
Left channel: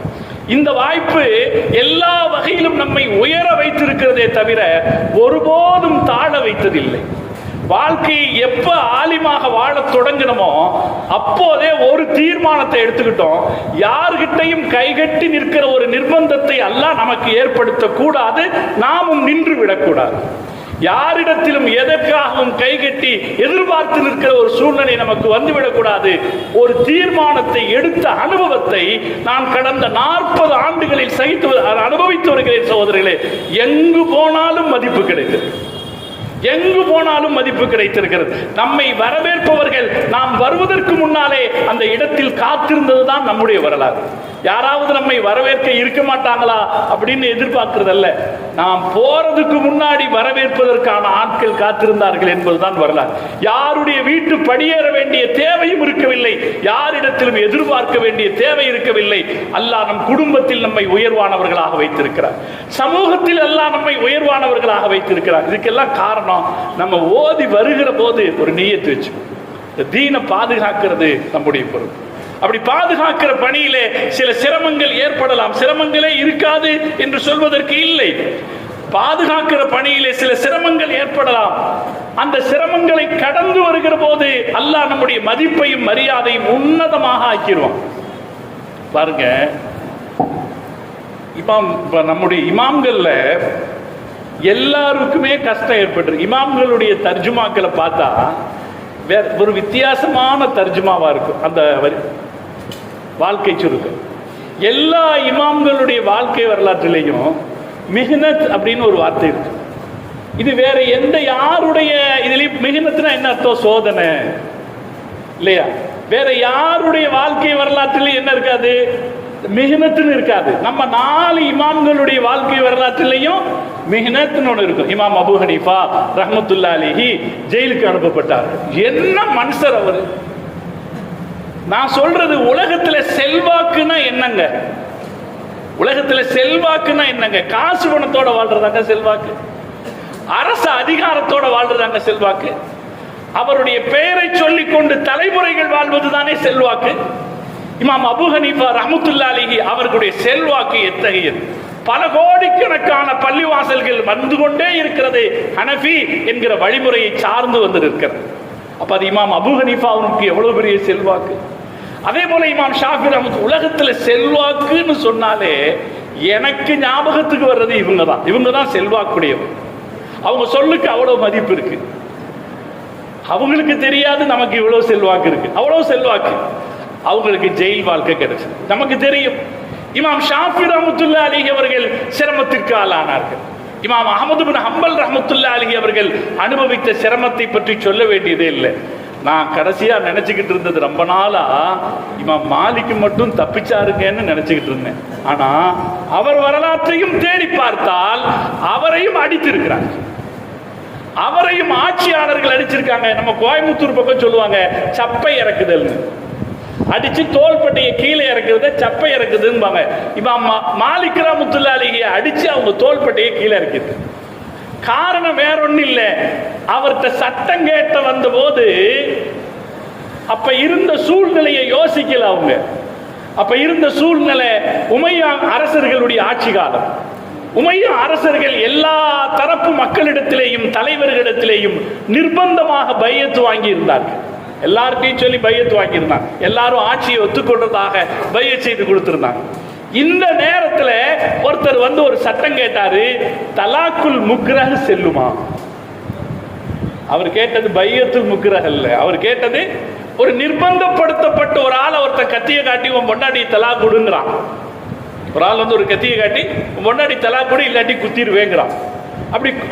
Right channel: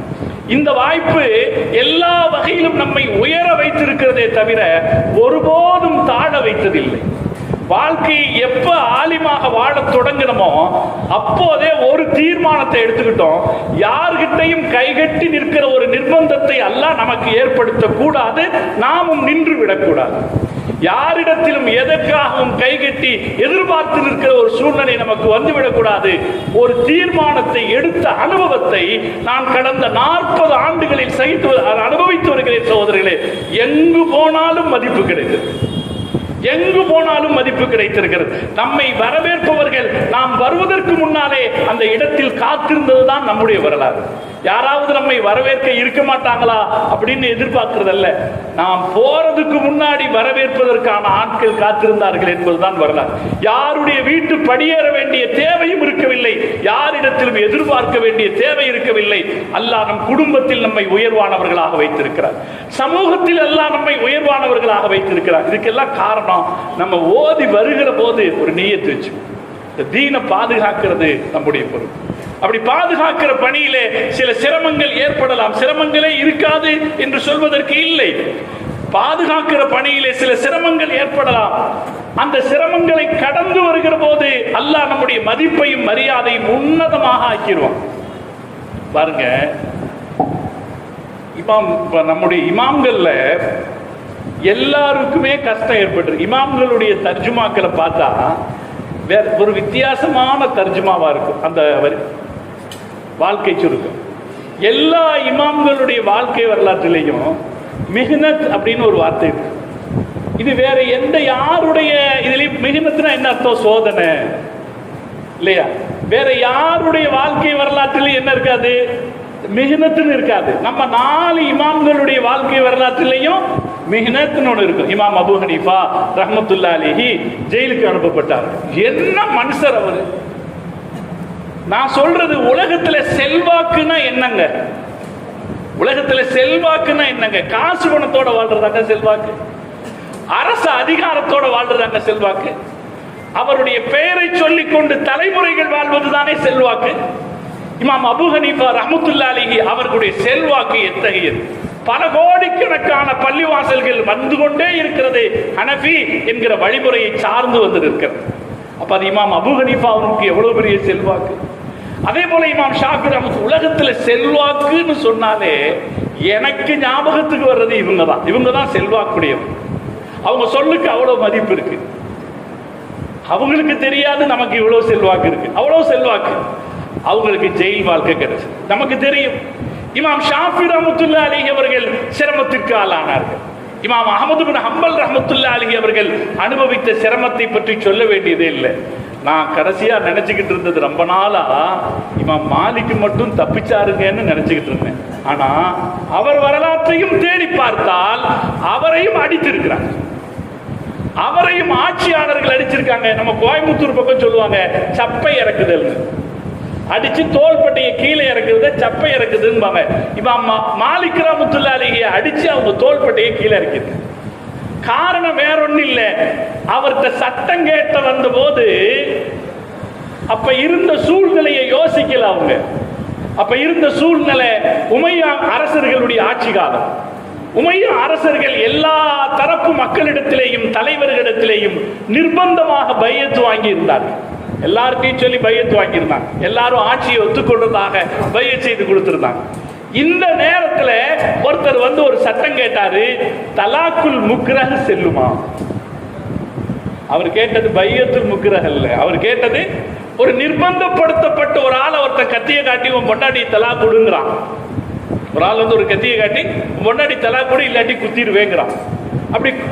இந்த வாய்ப்பு எல்லா வகையிலும் நம்மை உயர வைத்திருக்கிறதே தவிர ஒருபோதும் தாழ வைத்ததில்லை. வாழ்க்கையை எப்ப ஆலிமாக வாழ தொடங்கினமோ அப்போதே ஒரு தீர்மானத்தை எடுத்துக்கிட்டோம். யார்கிட்டையும் கைகட்டி நிற்கிற ஒரு நிர்பந்தத்தை அல்லாஹ் நமக்கு ஏற்படுத்த கூடாது, நாமும் நின்று விடக்கூடாது. யாரிடத்திலும் எதற்காகவும் கைகட்டி எதிர்பார்த்து நிற்கிற ஒரு சூழ்நிலை நமக்கு வந்துவிடக்கூடாது. ஒரு தீர்மானத்தை எடுத்த அனுபவத்தை நான் கடந்த 40 ஆண்டுகளில் அனுபவித்து வருகிறேன் சகோதரர்களே. எங்கு போனாலும் மதிப்பு கிடைத்தது, எங்கு போனாலும் மதிப்பு கிடைத்திருக்கிறது. நம்மை வரவேற்பவர்கள் நாம் வருவதற்கு முன்னாலே அந்த இடத்தில் காத்திருந்ததுதான் நம்முடைய வரலாறு. யாராவது நம்மை வரவேற்க இருக்க மாட்டாங்களா அப்படின்னு எதிர்பார்க்கிறதல்ல, நாம் போறதுக்கு முன்னாடி வரவேற்பதற்கான ஆட்கள் காத்திருந்தார்கள் என்பதுதான் வரலாறு. யாருடைய வீட்டு படியேற வேண்டிய தேவையும் இருக்கவில்லை, யாரிடத்திலும் எதிர்பார்க்க வேண்டிய தேவை இருக்கவில்லை. அல்லாஹ் நம் குடும்பத்தில் நம்மை உயர்வானவர்களாக வைத்திருக்கிறார், சமூகத்தில் எல்லாம் நம்மை உயர்வானவர்களாக வைத்திருக்கிறார். இதுக்கெல்லாம் காரணம் நம்ம ஓதி வருகிற போது ஒரு நியத்து வச்சு தீனை பாதுகாக்கிறது நம்முடைய பொறுப்பு. அப்படி பாதுகாக்கிற பணியிலே சில சிரமங்கள் ஏற்படலாம், சிரமங்களே இருக்காது என்று சொல்வதற்கு இல்லை. பாதுகாக்கிற பணியிலே சில சிரமங்கள் ஏற்படலாம். அந்த சிரமங்களை கடந்து வருகிற போது அல்லாஹ் நம்முடைய மதிப்பையும் மரியாதையும் உன்னதமாக ஆக்கிடுவோம். பாருங்க, இப்ப நம்முடைய இமாம்கள்ல எல்லாருக்குமே கஷ்டம் ஏற்பட்டு, இமாம்களுடைய தர்ஜுமாக்களை பார்த்தா வேற ஒரு வித்தியாசமான தர்ஜுமாவா இருக்கும். அந்த வாழ்க்கை சுருக்கம் எல்லா இமாம்களுடைய வாழ்க்கை வரலாற்றிலையும் மிஹ்னத் அப்படின்னு ஒரு வார்த்தை இருக்கு. இது வேற எந்த யாருடைய இதுலயும் மிஹ்னத்னா என்ன அர்த்தம்? சோதனை இல்லையா? வேற யாருடைய வாழ்க்கை வரலாற்றிலும் என்ன இருக்காது? மிஹ்னத்னு இருக்காது. நம்ம 4 இமாம்களுடைய வாழ்க்கை வரலாற்றிலையும் மிஹ்னத்னு ஒன்று இருக்கும். இமாம் அபூ ஹனீஃபா ரஹ்மத்துல்லாஹி அலைஹி ஜெயிலுக்கு அனுப்பப்பட்டார். என்ன மனுஷர் அவரு! நான் சொல்றது, உலகத்துல செல்வாக்குன்னா என்னங்க? உலகத்துல செல்வாக்குன்னா என்னங்க? காசு பணத்தோட வாழ்றதாங்க செல்வாக்கு, அரசு அதிகாரத்தோட வாழ்றதாங்க செல்வாக்கு, அவருடைய பெயரை சொல்லிக் கொண்டு தலைமுறைகள் வாழ்வதுதானே செல்வாக்கு. இமாம் அபூ ஹனீஃபா ரஹ்மத்துல்லாஹி அலைஹி அவர்களுடைய செல்வாக்கு எத்தகையது! பல கோடிக்கணக்கான பள்ளிவாசல்கள் வந்து கொண்டே இருக்கிறது ஹனஃபி என்கிற வழிமுறையை சார்ந்து வந்து இருக்கிறது. அப்ப அது இமாம் அபூ ஹனீஃபாவுக்கு எவ்வளவு பெரிய செல்வாக்கு! அதே போல இமாம் ஷாஃபி ரஹ்மத்துல்லாஹி உலகத்துல செல்வாக்குன்னு சொன்னாலே எனக்கு ஞாபகத்துக்கு வர்றது இவங்க தான் செல்வாக்குடையவர். அவங்க சொல்லுக்கு அவ்வளவு மதிப்பு இருக்கு. அவங்களுக்கு தெரியாது நமக்கு இவ்வளவு செல்வாக்கு இருக்கு, அவ்வளவு செல்வாக்கு. அவங்களுக்கு ஜெயில் வாழ்க்கை கிடைச்சு. நமக்கு தெரியும் இமாம் ஷாஃபி ரஹ்மத்துல்லாஹி அலைஹி அவர்கள் சிரமத்திற்கு ஆளானார்கள். இமாம் அஹ்மது பின் ஹம்பல் ரஹ்மத்துல்லாஹி அலைஹி அவர்கள் அனுபவித்த சிரமத்தை பற்றி சொல்ல வேண்டியதே இல்லை. நான் கடைசியா நினைச்சுக்கிட்டு இருந்தது, ரொம்ப நாளா இமாம் மாலிக் மட்டும் தப்பிச்சாருங்கன்னு நினைச்சுக்கிட்டு இருந்தேன். ஆனா அவர் வரலாற்றையும் தேடி பார்த்தால் அவரையும் அடித்திருக்கிறார், அவரையும் ஆட்சியாளர்கள் அடிச்சிருக்காங்க. நம்ம கோயம்புத்தூர் பக்கம் சொல்லுவாங்க சப்பை இறக்குதல், அடிச்சு தோள்பட்டையை கீழே இறக்குறத சப்பை இறக்குதுன்னு. இமாம் மாலிக் ரஹ்மத்துல்லாஹி அலைஹி அடிச்சு அவங்க தோள்பட்டையை கீழே இறக்குது. காரணம் வேற ஒண்ணு இல்ல, அவர்கிட்ட சட்டம் கேட்ட வந்த போது அப்ப இருந்த சூழ்நிலையை யோசிக்கல அவங்க. அப்ப இருந்த சூழ்நிலை உமையா அரசர்களுடைய ஆட்சி காலம். உமையா அரசர்கள் எல்லா தரப்பு மக்களிடத்திலேயும் தலைவர்களிடத்திலேயும் நிர்பந்தமாக பையத்து வாங்கி இருந்தார்கள். எல்லார்ட்டையும் சொல்லி பையத்து வாங்கியிருந்தாங்க. எல்லாரும் ஆட்சியை ஒத்துக்கொண்டதாக பையத் செய்து கொடுத்திருந்தாங்க. இந்த நேரத்துல ஒருத்தர் வந்து ஒரு சட்டம் கேட்டாரு, தலாக்குல் முக்ரஹ் செல்லுமா? அவர் கேட்டது பையத்துல் முக்ரஹ் அல்ல, அவர் கேட்டது ஒரு நிர்பந்தப்படுத்தப்பட்ட ஒரு ஆள் ஒருத்தர் கத்தியை காட்டி உன் பொண்டாட்டி தலாக் கொடுங்கிறான். ஒரு ஆள் வந்து ஒரு கத்தியை காட்டி உன் பொண்டாட்டி தலாக் கொடு இல்லாட்டி குத்திடுவேங்கிறான்.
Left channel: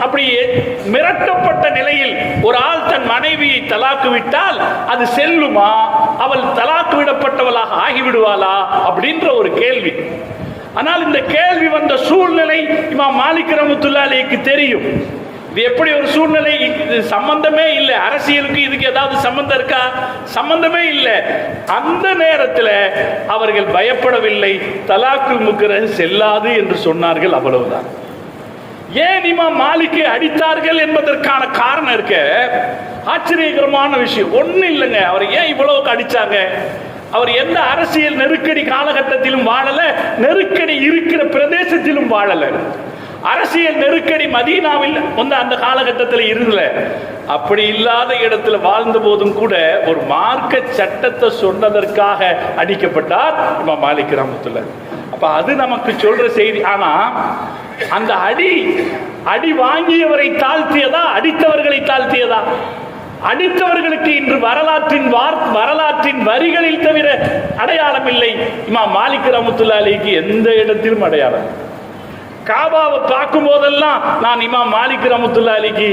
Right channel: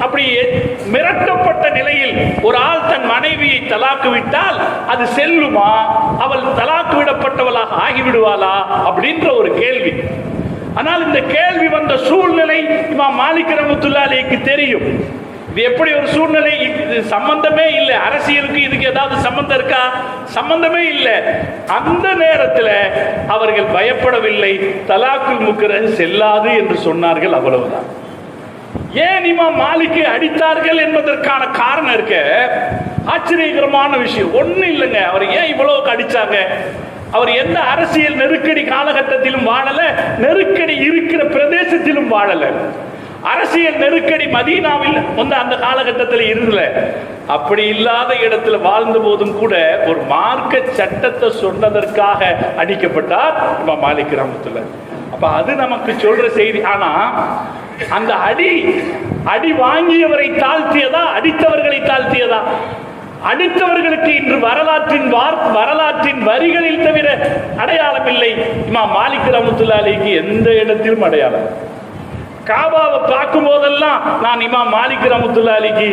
அப்படி மிரட்டப்பட்ட நிலையில் ஒரு ஆள் தன் மனைவியை தலாக்கு விட்டால் அது செல்லுமா? அவள் தலாக்கு விடப்பட்டவளாக ஆகிவிடுவாளா அப்படின்ற ஒரு கேள்வி. ஆனால் இந்த கேள்வி வந்த சூழ்நிலை இமாம் மாலிக் ரஹ்மத்துல்லாஹி அலைஹிக்கு தெரியும். இது எப்படி ஒரு சூழ்நிலை? இது சம்பந்தமே இல்லை. அரசியலுக்கு இதுக்கு ஏதாவது சம்பந்தம் இருக்கா? சம்பந்தமே இல்லை. அந்த நேரத்தில் அவர்கள் பயப்படவில்லை. தலாக்குல் முக்ரஹ் செல்லாது என்று சொன்னார்கள். அவ்வளவுதான். ஏன் இமாம் மாலிக்கை அடித்தார்கள் என்பதற்கான காரணம் இருக்க ஆச்சரியகரமான விஷயம் ஒண்ணு இல்லைங்க. அவர் ஏன் இவ்வளவுக்கு அடிச்சாங்க? அவர் எந்த அரசியல் நெருக்கடி காலகட்டத்திலும் வாழல, நெருக்கடி இருக்கிற பிரதேசத்திலும் வாழல. அரசியல் நெருக்கடி மதீனாவில் அந்த காலகட்டத்தில் இருந்தல. அப்படி இல்லாத இடத்துல வாழ்ந்த போதும் கூட ஒரு மார்க்க சட்டத்தை சொன்னதற்காக அடிக்கப்பட்டார் இமாம் மாலிக் ரஹ்மத்துல்லாஹி. அப்ப அது நமக்கு சொல்ற செய்தி. ஆனா அந்த அடி வாங்கியவரை தாழ்த்தியதா, அடித்தவர்களை தாழ்த்தியதா? அடித்தவர்களுக்கு இன்று வரலாற்றின் வரிகளில் தவிர அடையாளம் இல்லை. இமாம் மாலிக் ரஹ்மத்துல்லாஹி அலைஹி எந்த இடத்திலும் அடையாளம். காபாவை பார்க்கும் போதெல்லாம் நான் இமாம் மாலிக் ரஹ்மத்துல்லாஹி அலைஹி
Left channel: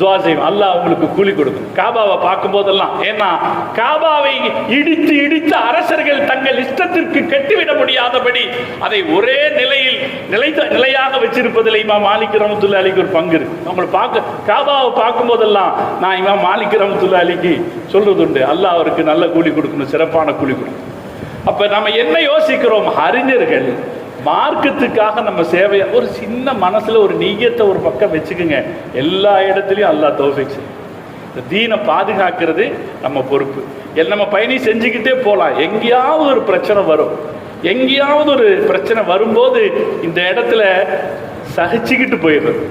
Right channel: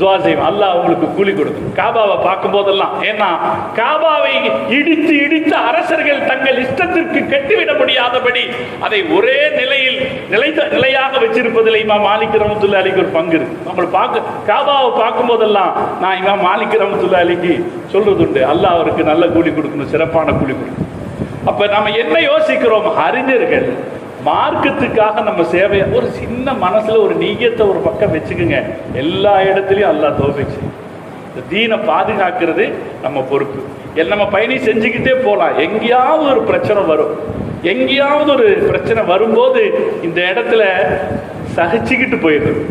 துஆ செய்வேன், அல்லாஹ் உங்களுக்கு கூலி கொடுக்கும். காபாவை பார்க்கும் போதெல்லாம். ஏன்னா காபாவை இடித்து அரசர்கள் தங்கள் இஷ்டத்திற்கு கட்டிவிட முடியாதபடி அதை ஒரே நிலையாக வச்சிருப்பதில் இமாம் மாலிக் ரஹ்மத்துல்லாஹி அலைஹி ஒரு பங்கு இருக்கு. நம்மளை காபாவை பார்க்கும் போதெல்லாம் நான் இமாம் மாலிக் ரஹ்மத்துல்லாஹி அலைஹி சொல்றதுண்டு, அல்லாஹ் அவருக்கு நல்ல கூலி கொடுக்கணும், சிறப்பான கூலி கொடுக்கணும். அப்ப நம்ம என்ன யோசிக்கிறோம்? அறிஞர்கள் மார்க்கத்துக்காக நம்ம சேவை, ஒரு சின்ன மனசுல ஒரு நீயத்தை ஒரு பக்கம் வச்சுக்குங்க. எல்லா இடத்துலயும் அல்லாஹ் தௌஃபீக் செய்யும். இந்த தீனை பாதுகாக்கிறது நம்ம பொறுப்பு. நம்ம பயணி செஞ்சுக்கிட்டே போலாம். எங்கேயாவது ஒரு பிரச்சனை வரும். எங்கேயாவது ஒரு பிரச்சனை வரும்போது இந்த இடத்துல சகிச்சுக்கிட்டு போயிடுறது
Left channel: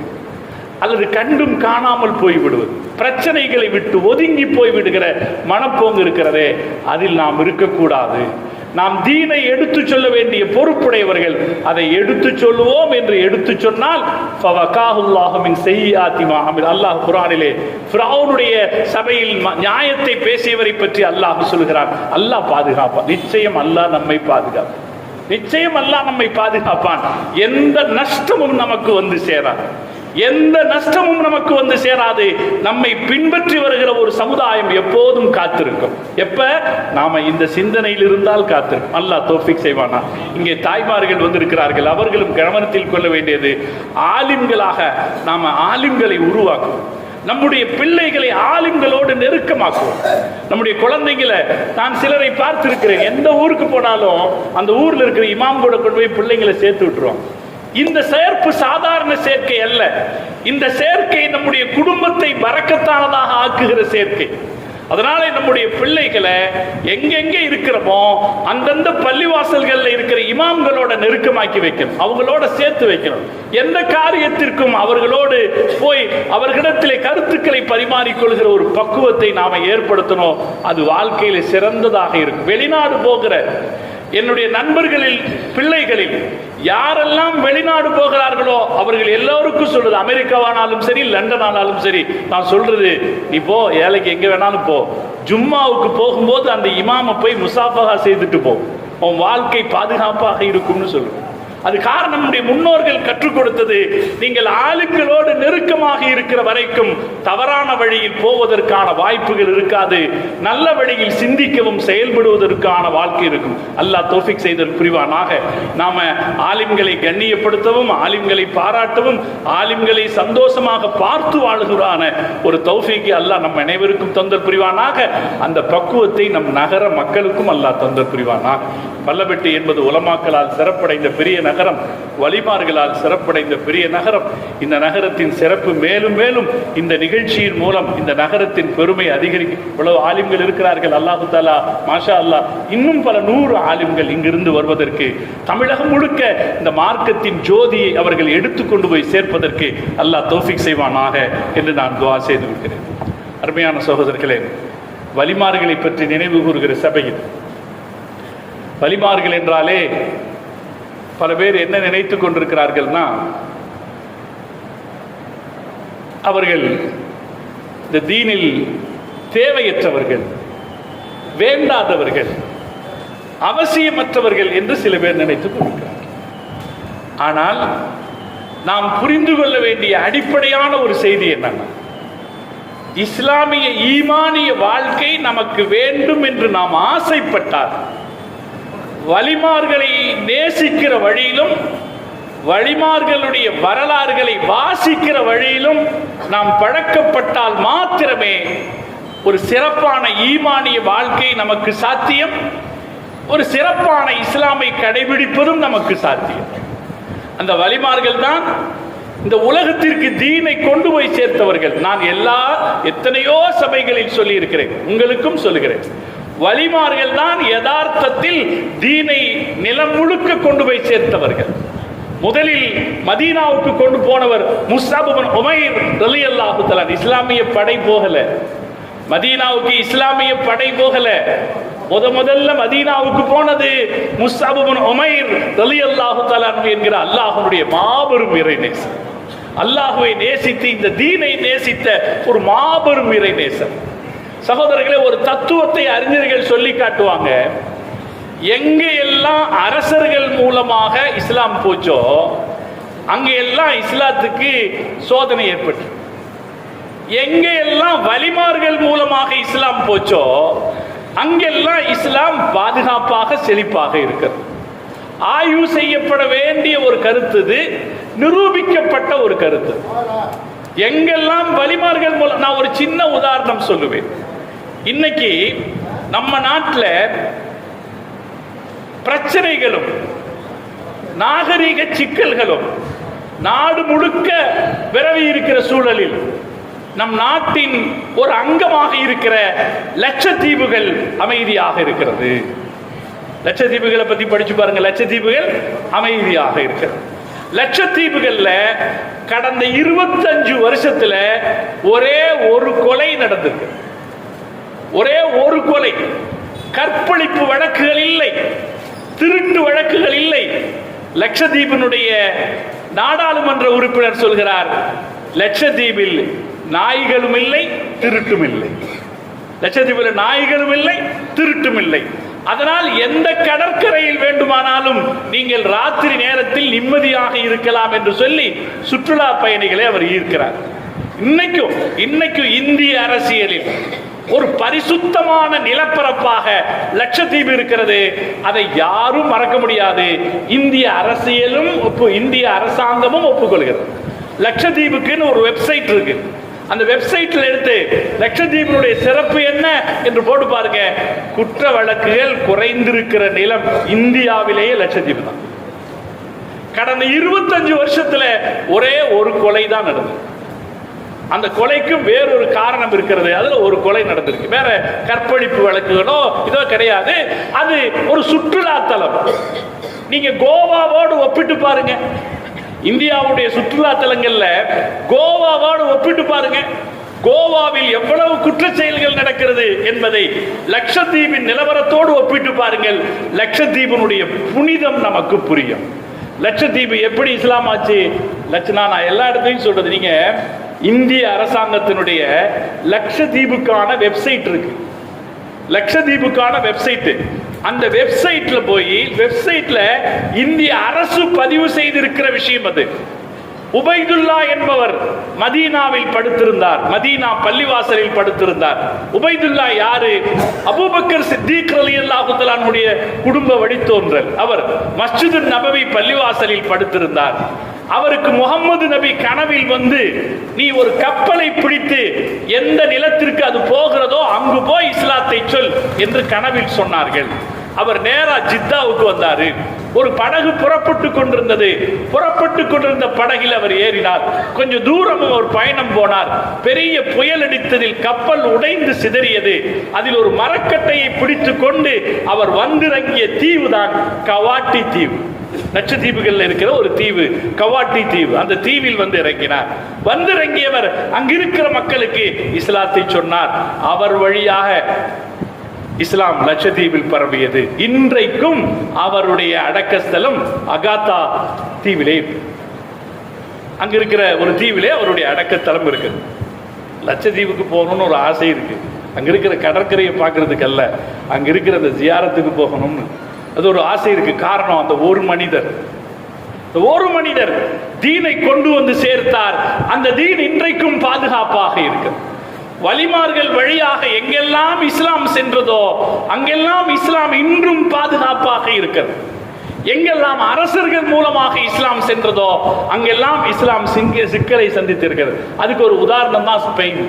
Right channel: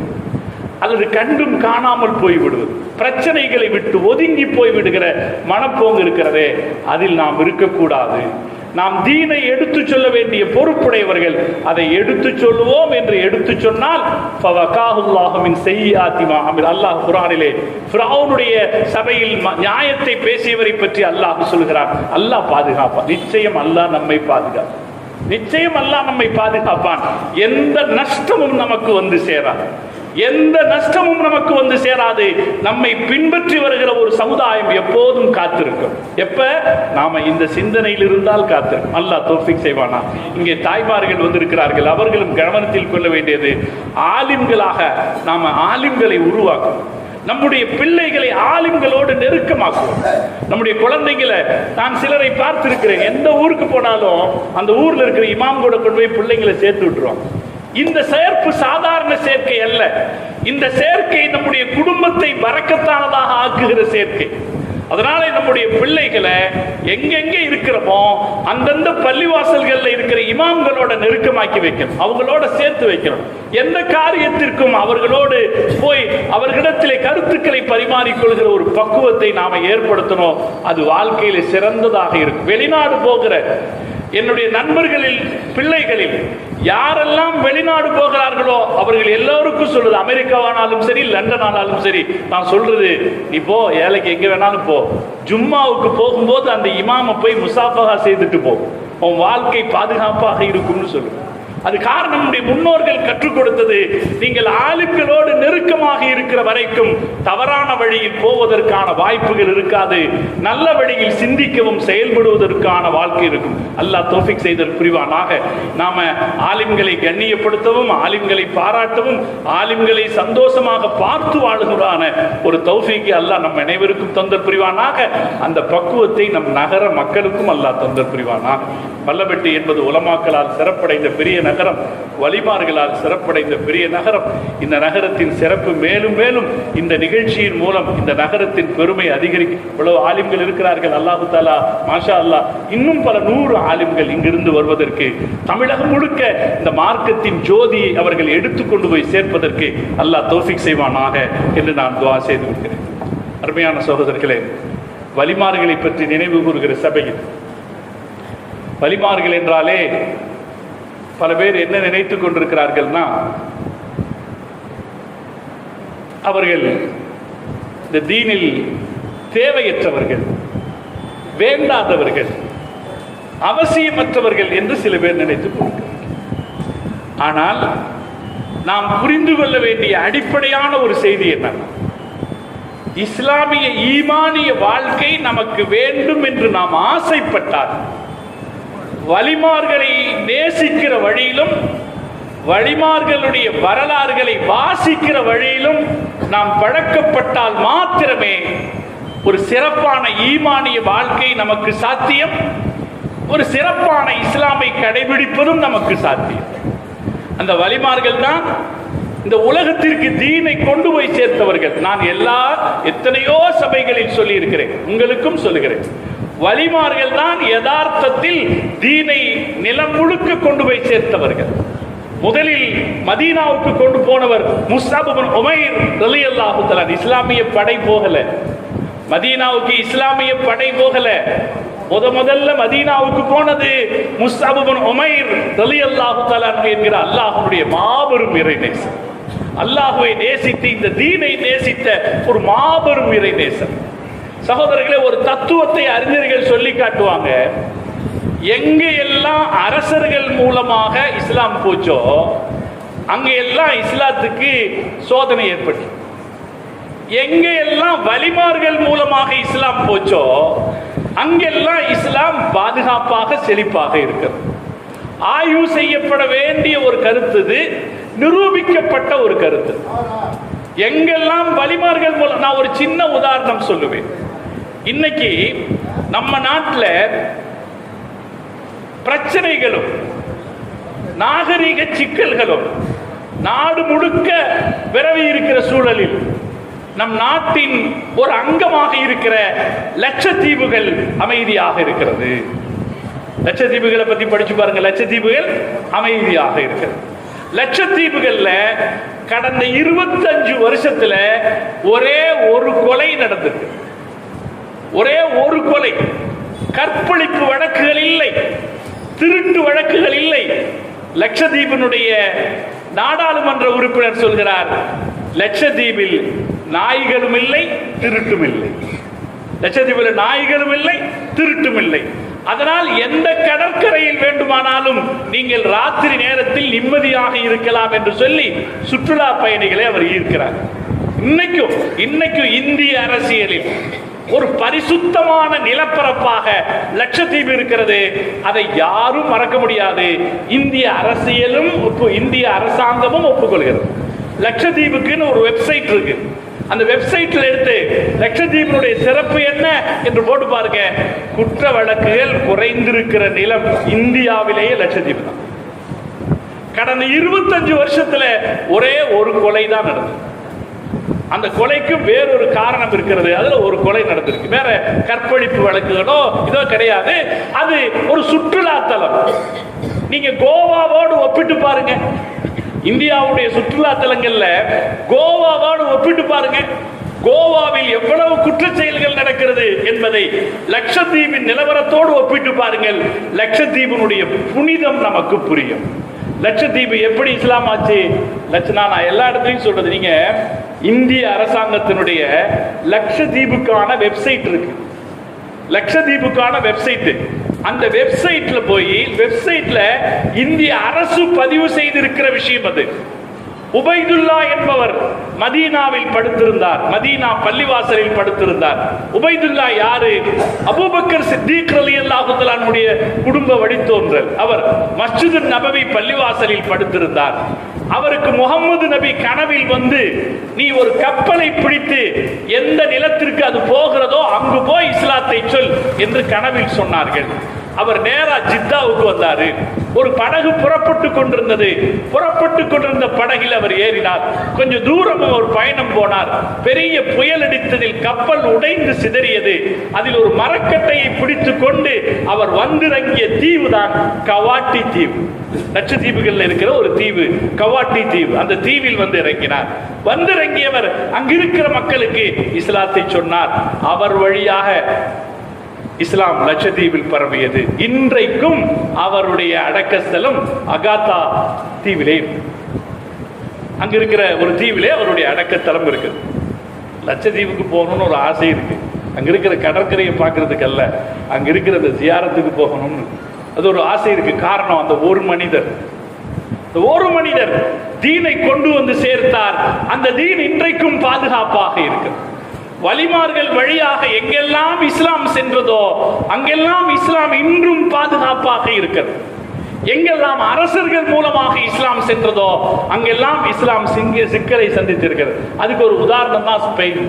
அல்லது கண்டும் காணாமல் போய்விடுவது, பிரச்சனைகளை விட்டு ஒதுங்கி போய்விடுகிற மனப்போங்கு இருக்கிறதே, அதில் நாம் இருக்கக்கூடாது. நாம் தீனை எடுத்து சொல்ல வேண்டிய பொறுப்புடையவர்கள். அதை எடுத்து சொல்லுவோம் என்று எடுத்து சொன்னால் அல்லாஹ் குர்ஆனிலே ஃபிரௌனுடைய சபையில் நியாயத்தை பேசியவரை பற்றி அல்லாஹ் சொல்கிறார். அல்லாஹ் பாதுகாப்பான். நிச்சயம் அல்லாஹ் நம்மை பாதுகாப்பான். நிச்சயம் அல்லாஹ் நம்மை பாதுகாப்பான். எந்த நஷ்டமும் நமக்கு வந்து சேராது. எந்த நஷ்டமும் நமக்கு வந்து சேராது. நம்மை பின்பற்றி வருகிற ஒரு சமுதாயம் எப்போதும் காத்திருக்கும். எப்ப நாம இந்த சிந்தனையில் இருந்தால் காத்திருக்கும். அல்லாஹ் தௌஃபீக் செய்வானா. இங்கே தாய்மார்கள் வந்திருக்கிறார்கள். அவர்களும் கவனத்தில் கொள்ள வேண்டியது, ஆலிம்களாக நாம ஆலிம்களை உருவாக்குவோம். நம்முடைய பிள்ளைகளை ஆலிம்களோடு நெருக்கமாக்குவோம். நம்முடைய குழந்தைகளை, நான் சிலரை பார்த்திருக்கிறேன், எந்த ஊருக்கு போனாலும் அந்த ஊர்ல இருக்கிற இமாம் கூட கொண்டு போய் பிள்ளைங்களை சேர்த்து விட்டுருவாங்க. இந்த சேர்ப்பு சாதாரண சேர்க்கை அல்ல. இந்த சேர்க்கை நம்முடைய குடும்பத்தை பரக்கத்தானதாக ஆக்குகிற சேர்க்கை. அதனால நம்முடைய பிள்ளைகளை எங்கெங்க இருக்கிறோமோ அந்தந்த பள்ளிவாசல்கள்ல இருக்கிற இமாம்களோட நெருக்கமாக்கி வைக்கணும். அவங்களோட சேர்த்து வைக்கணும். எந்த காரியத்திற்கும் அவர்களோடு போய் அவர்களிடத்திலே கருத்துக்களை பரிமாறிக்கொள்கிற ஒரு பக்குவத்தை நாம ஏற்படுத்தணும். அது வாழ்க்கையில சிறந்ததாக இருக்கும். வெளிநாடு போகிற என்னுடைய நண்பர்களில் பிள்ளைகளில் யாரெல்லாம் வெளிநாடு போகிறார்களோ அவர்கள் எல்லோருக்கும் சொல்றது, அமெரிக்காவானாலும் சரி, லண்டன் ஆனாலும் சரி, நான் சொல்றது, நீ போ, ஏழைக்கு எங்க வேணாலும் போ, ஜும்மாவுக்கு போகும்போது அந்த இமாமை போய் முசாஃபஹா செய்துட்டு போ, உன் வாழ்க்கை பாதுகாப்பாக இருக்கும்னு சொல்லு. அது காரணம் நம்முடைய முன்னோர்கள் கற்றுக் கொடுத்தது. நீங்கள் ஆலிம்களோடு நெருக்கமாக இருக்கிற வரைக்கும் தவறான வழியில் போவதற்கான வாய்ப்புகள் இருக்காது. நல்ல வழியில் சிந்திக்கவும் செயல்படுவதற்கான வாழ்க்கை இருக்கும். அல்லாஹ் தௌஃபீக் செய்தல் புரிவானாக. நாம ஆலிம்களை கண்ணியப்படுத்தவும், ஆலிம்களை பாராட்டவும், ஆலிம்களை சந்தோஷமாக பார்த்து வாழுகிறான ஒரு தௌஃபீக்கை அல்லாஹ் நம் அனைவருக்கும் தந்தல் புரிவானாக. அந்த பக்குவத்தை நம் நகர மக்களுக்கும் அல்லாஹ் தந்தல் புரிவானாக. மல்லபட்டி என்பது உலமாக்களால் சிறப்படைந்த பெரிய நகரம், வலிமார்களால் சிறப்படைந்த பெரிய நகரம். இந்த நகரத்தின் சிறப்பு மேலும் மேலும் இந்த நிகழ்ச்சியின் மூலம் இந்த நகரத்தின் பெருமை அதிகரிக்கும். இவ்வளவு ஆலிம்கள் இருக்கிறார்கள். அல்லாஹு தஆலா மாஷா அல்லாஹ் இன்னும் பல 100 ஆலிம்கள் இங்கிருந்து வருவதற்கு, தமிழகம் முழுக்க இந்த மார்க்கத்தின் ஜோதியை அவர்கள் எடுத்துக்கொண்டு போய் சேர்ப்பதற்கு அல்லாஹ் தௌஃபீக் செய்வானாக என்று நான் துஆ செய்து கொள்கிறேன். அருமையான சகோதரர்களே, வலிமார்களை பற்றி நினைவு கூறுகிற சபையில், வலிமார்கள் என்றாலே பல பேர் என்ன நினைத்துக் கொண்டிருக்கிறார்கள்னா, அவர்கள் இந்த தீனில் தேவையற்றவர்கள், வேண்டாதவர்கள், அவசியமற்றவர்கள் என்று சில பேர் நினைத்துக் கொண்டிருக்கிறார்கள். ஆனால் நாம் புரிந்து கொள்ள வேண்டிய அடிப்படையான ஒரு செய்தி என்ன? இஸ்லாமிய ஈமானிய வாழ்க்கை நமக்கு வேண்டும் என்று நாம் ஆசைப்பட்டால், வலிமார்களை நேசிக்கிற வழியிலும் வழிமார்களுடைய வரலாறுகளை வாசிக்கிற வழியிலும் நாம் பழக்கப்பட்டால் மாத்திரமே ஒரு சிறப்பான ஈமானிய வாழ்க்கை நமக்கு சாத்தியம், ஒரு சிறப்பான இஸ்லாமை கடைபிடிப்பதும் நமக்கு சாத்தியம். அந்த வழிமார்கள் தான் இந்த உலகத்திற்கு தீனை கொண்டு போய் சேர்த்தவர்கள். நான் எத்தனையோ சபைகளில் சொல்லி இருக்கிறேன், உங்களுக்கும் சொல்லுகிறேன். வழிமார்கள் தான் யதார்த்தத்தில் தீனை நிலம் முழுக்க கொண்டு போய் சேர்த்தவர்கள். முதலில் மதீனாவுக்கு கொண்டு போனவர் முஸ்அப் இப்னு உமைர் ரலியல்லாஹு தஆலா. இஸ்லாமிய படை போகல மதீனாவுக்கு, இஸ்லாமிய படை போகல. முதல்ல மதீனாவுக்கு போனது முஸ்அப் இப்னு உமைர் ரலியல்லாஹு தஆலா என்கிற அல்லாஹ்வுடைய மாபெரும் இறைநேசர். அல்லாஹ்வை நேசித்து இந்த தீனை நேசித்த ஒரு மாபெரும் இறைநேசர். சகோதரர்களே, ஒரு தத்துவத்தை அறிஞர்கள் சொல்லி காட்டுவாங்க. எங்க எல்லாம் அரசர்கள் மூலமாக இஸ்லாம் போச்சோ அங்க எல்லாம் இஸ்லாத்துக்கு சோதனை ஏற்பட்டு, எங்க எல்லாம் வழிமார்கள் மூலமாக இஸ்லாம் போச்சோ அங்கெல்லாம் இஸ்லாம் பாதுகாப்பாக செழிப்பாக இருக்கிறது. ஆய்வு செய்யப்பட வேண்டிய ஒரு கருத்து, இது நிரூபிக்கப்பட்ட ஒரு கருத்து. எங்கெல்லாம் வழிமார்கள் மூலம், நான் ஒரு சின்ன உதாரணம் சொல்லுவேன். இன்னைக்கு நம்ம நாட்டில் பிரச்சனைகளும் நாகரிக சிக்கல்களும் நாடு முழுக்க விரவி இருக்கிற சூழலில் நம் நாட்டின் ஒரு அங்கமாக இருக்கிற லட்சத்தீவுகள் அமைதியாக இருக்கிறது. லட்சத்தீவுகளை பத்தி படிச்சு பாருங்க. லட்சத்தீவுகள் அமைதியாக இருக்கிறது. லட்சத்தீவுகள்ல கடந்த 25 வருஷத்துல ஒரே ஒரு கொலை நடந்திருக்கு. ஒரே ஒரு கொலை. கற்பழிப்பு வழக்குகள் இல்லை, திருட்டு வழக்குகள் இல்லை. லட்சத்தீபினுடைய நாடாளுமன்ற உறுப்பினர் சொல்கிறார், லட்சத்தீபில் நாய்களும் இல்லை, திருட்டும் இல்லை. லட்சத்தீபில் நாய்களும் இல்லை, திருட்டும் இல்லை. அதனால் எந்த கடற்கரையில் வேண்டுமானாலும் நீங்கள் ராத்திரி நேரத்தில் நிம்மதியாக இருக்கலாம் என்று சொல்லி சுற்றுலா பயணிகளை அவர் ஈர்க்கிறார். இன்னைக்கும் இந்திய அரசியலில் ஒரு பரிசுத்தமான நிலப்பரப்பாக லட்சத்தீவு இருக்கிறது. அதை யாரும் மறக்க முடியாது. இந்திய அரசியலும் இந்திய அரசாங்கமும் ஒப்புக்கொள்கிறது. லட்சத்தீவுக்குன்னு ஒரு வெப்சைட் இருக்கு. அந்த வெப்சைட்ல எடுத்து லட்சத்தீவினுடைய சிறப்பு என்ன என்று போட்டு பாருங்க. குற்ற வழக்குகள் குறைந்திருக்கிற நிலம் இந்தியாவிலேயே லட்சத்தீவு தான். கடந்த 25 வருஷத்துல ஒரே ஒரு கொலை தான் நடந்தது. அந்த கொலைக்கும் வேறொரு காரணம் இருக்கிறது. அதுல ஒரு கொலை நடந்திருக்கு. வேற கற்பழிப்பு வழக்குகளோ இதோ கிடையாது. அது ஒரு சுற்றுலா தலம். நீங்க கோவாவோடு ஒப்பிட்டு பாருங்க. இந்தியாவுடைய சுற்றுலா தலங்கள்ல கோவாவோடு ஒப்பிட்டு பாருங்க. கோவாவில் எவ்வளவு குற்ற செயல்கள் நடக்கிறது என்பதை லட்சத்தீவின் நிலவரத்தோடு ஒப்பிட்டு பாருங்கள். லட்சத்தீவினுடைய புனிதம் நமக்கு புரியும். லட்சத்தீவு எப்படி இஸ்லாம் ஆச்சு? நான் எல்லா இடத்துலையும் சொல்றது, நீங்க இந்திய அரசாங்கத்தினுடைய லட்சத்தீவுக்கான வெப்சைட் இருக்கு. லட்சத்தீவுக்கான வெப்சைட். அந்த வெப்சைட்ல போய் வெப்சைட்ல இந்திய அரசு பதிவு செய்திருக்கிற விஷயம் அது. உபைதுல்லா என்பவர் மதீனாவில் படுத்திருந்தார். மதீனா பள்ளிவாசலில் படுத்திருந்தார். உபைதுல்லா யாரு? அபூபக்கர் சித்திக் ரலியல்லாஹு தஆலாவுடைய குடும்ப வழித்தோன்றல். அவர் மஸ்ஜித் நபவி பள்ளிவாசலில் படுத்திருந்தார். அவருக்கு முகமது நபி கனவில் வந்து, நீ ஒரு கப்பலை பிடித்து எந்த நிலத்திற்கு அது போகிறதோ அங்கு போய் இஸ்லாத்தை சொல் என்று கனவில் சொன்னார்கள். அவர் நேரா ஜித்தாவுக்கு வந்தாரு. ஒரு படகு புறப்பட்டு கொண்டிருந்த படகில் அவர் ஏறினார். கொஞ்சம் தூரம் ஒரு பயணம் போனார். பெரிய புயல் அடித்ததில் கப்பல் உடைந்து சிதறியது. அதில் ஒரு மரக்கட்டையை பிடித்துக் கொண்டு அவர் வந்திறங்கிய தீவு தான் கவாட்டி தீவு. லட்சத்தீவுகள் இருக்கிற ஒரு தீவு கவாட்டி தீவு. அந்த தீவில் வந்து இறங்கினார். வந்திறங்கியவர் அங்கிருக்கிற மக்களுக்கு இஸ்லாத்தை சொன்னார். அவர் வழியாக இஸ்லாம் லட்சத்தீவில் பரவியது. இன்றைக்கும் அவருடைய அடக்கஸ்தலம் அகாத்தா தீவிலே, அங்க இருக்கிற ஒரு தீவிலே அவருடைய அடக்கத்தலம் இருக்கு. லட்சத்தீவுக்கு போகணும்னு ஒரு ஆசை இருக்கு. அங்க இருக்கிற கடற்கரையை பார்க்கறதுக்கு அல்ல, அங்க இருக்கிற அந்த ஜியாரத்துக்கு போகணும்னு அது ஒரு ஆசை இருக்கு. காரணம், அந்த ஒரு மனிதர் தீனை கொண்டு வந்து சேர்த்தார். அந்த தீன் இன்றைக்கும் பாதுகாப்பாக இருக்கு. வலிமார்கள் வழியாக எங்கெல்லாம் இஸ்லாம் சென்றதோ அங்கெல்லாம் இஸ்லாம் இன்றும் பாதுகாப்பாக இருக்கிறது. எங்கெல்லாம் அரசர்கள் மூலமாக இஸ்லாம் சென்றதோ அங்கெல்லாம் இஸ்லாம் சிக்கலை சந்தித்திருக்கிறது. அதுக்கு ஒரு உதாரணம் தான் ஸ்பெயின்,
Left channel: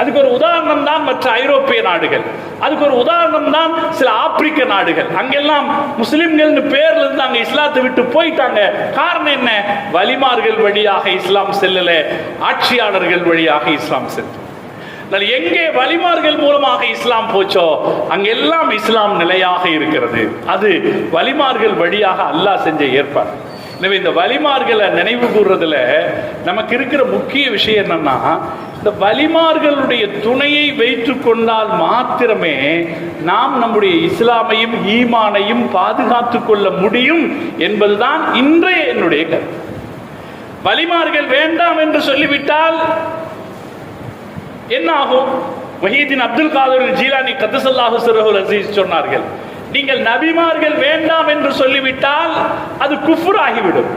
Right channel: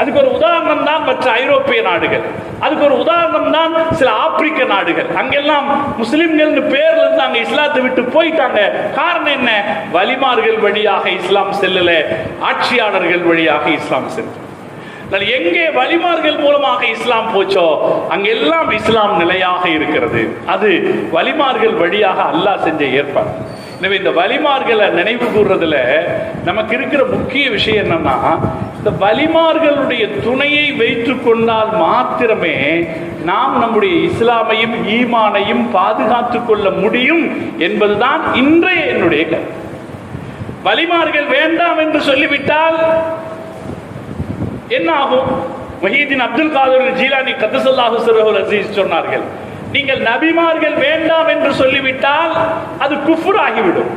அதுக்கு ஒரு உதாரணம் தான் மற்ற ஐரோப்பிய நாடுகள், அதுக்கு ஒரு உதாரணம் தான் சில ஆப்பிரிக்க நாடுகள். அங்கெல்லாம் முஸ்லிம்கள் பேர்ல இருந்து அங்க இஸ்லாத்தை விட்டு போயிட்டாங்க. காரணம் என்ன? வலிமார்கள் வழியாக இஸ்லாம் செல்லல, ஆட்சியாளர்கள் வழியாக இஸ்லாம் செல்ல. எங்கே வலிமார்கள் மூலமாக இஸ்லாம் போச்சோ அங்கெல்லாம் இஸ்லாம் நிலையாக இருக்கிறது. அது வலிமார்கள் வழியாக அல்லாஹ் செஞ்ச ஏற்பாடு. எனவே இந்த வலிமார்களை நினைவு கூறுறதுல நமக்கு இருக்கிற முக்கிய விஷயம் என்னன்னா, இந்த வலிமார்களுடைய துணையை வைத்துக் கொண்டால் மாத்திரமே நாம் நம்முடைய இஸ்லாமையும் ஈமானையும் பாதுகாத்துக் கொள்ள முடியும் என்பதுதான் இன்றைய என்னுடைய கருத்து. வலிமார்கள் வேண்டாம் என்று சொல்லிவிட்டால் என்ன ஆகும்? வஹீதீன் அப்துல் காதர் ஜீலானி கத்தஸல்லாஹு சிர்ரஹுல் அஸீஸ் சொன்னார்கள், நீங்கள் நபிமார்கள் வேண்டாம் என்று சொல்லிவிட்டால் அது குஃப்ர் ஆகிவிடும்.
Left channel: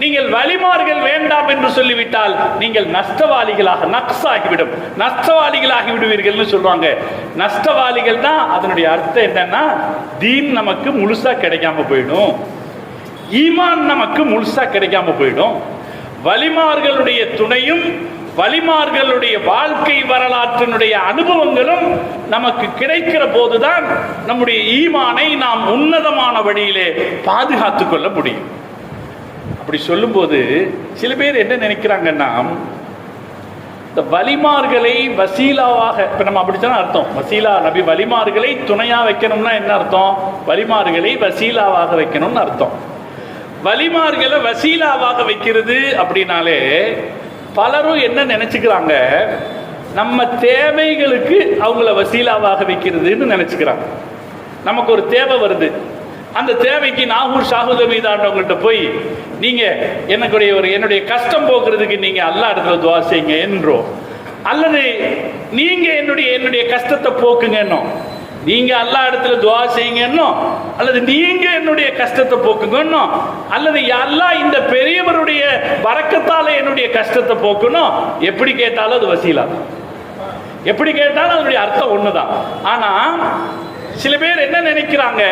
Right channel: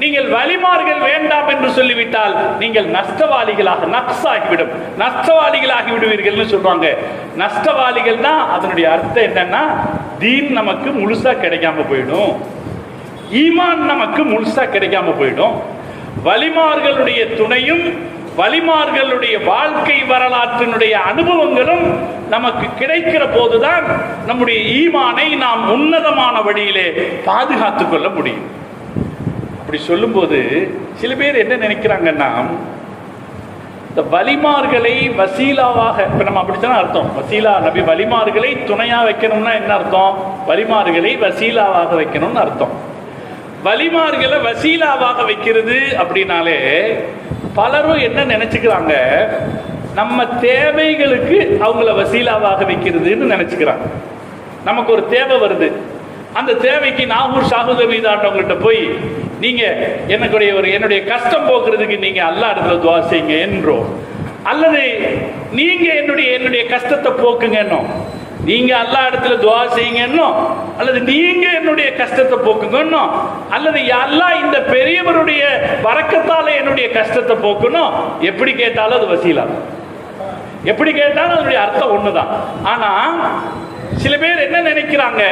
நீங்கள் வலிமார்கள் வேண்டாம் என்று சொல்லிவிட்டால் நீங்கள் நஷ்டவாளிகளாக நக்ஸாகிவிடும், நஷ்டவாளிகளாகி விடுவீர்கள் சொல்லுவாங்க. நஷ்டவாளிகள் தான் அதனுடைய அர்த்தம் என்னன்னா, தீன் நமக்கு முழுசா கிடைக்காம போயிடும், ஈமான் நமக்கு முழுசா கிடைக்காம போயிடும். வலிமார்களுடைய துணையும் வலிமார்களுடைய வாழ்க்கை வரலாற்றினுடைய அனுபவங்களும் நமக்கு கிடைக்கிற போதுதான் நம்முடைய ஈமானை நாம் உன்னதமான வழியிலே பாதுகாத்துக் கொள்ள முடியும். அப்படி சொல்லும் போது சில பேர் என்ன நினைக்கிறாங்கன்னா, இந்த வலிமார்களை வசீலாவாக, இப்ப நம்ம அப்படித்தான் அர்த்தம், வசீலா நபி வலிமார்களை துணையா வைக்கணும்னா என்ன அர்த்தம்? வலிமார்களை வசீலாவாக வைக்கணும்னு அர்த்தம். வலிமார்களை வசீலாவாக வைக்கிறது அப்படின்னாலே பலரும் என்ன நினைச்சுக்கிறாங்க, நம்ம தேவைகளுக்கு அவங்கள வசீலாவாக வைக்கிறதுன்னு நினைச்சுக்கிறாங்க. நமக்கு ஒரு தேவை வருது, அந்த தேவைக்கு நாகூர் ஷாஹுத மீதாண்டவங்கள்ட்ட போய் நீங்க என்னுடைய கஷ்டம் போக்குறதுக்கு நீங்க அல்லாஹ் இடத்துல துஆ செய்யுங்க என்றோ, அல்லது நீங்க என்னுடைய கஷ்டத்தை போக்குங்கன்னோ, நீங்க அல்லாஹ் இடத்துல துஆ செய்யுங்கன்னோ, அல்லது நீங்க என்னுடைய கஷ்டத்தை போக்குங்கன்னோ, அல்லது அல்லாஹ் இந்த பெரியவருடைய பரக்கத்தால என்னுடைய கஷ்டத்தை போக்கணும், எப்படி கேட்டாலும் அது வசீலா, எப்படி கேட்டாலும் அதனுடைய அர்த்தம் ஒண்ணுதான். ஆனா சில பேர் என்ன நினைக்கிறாங்க,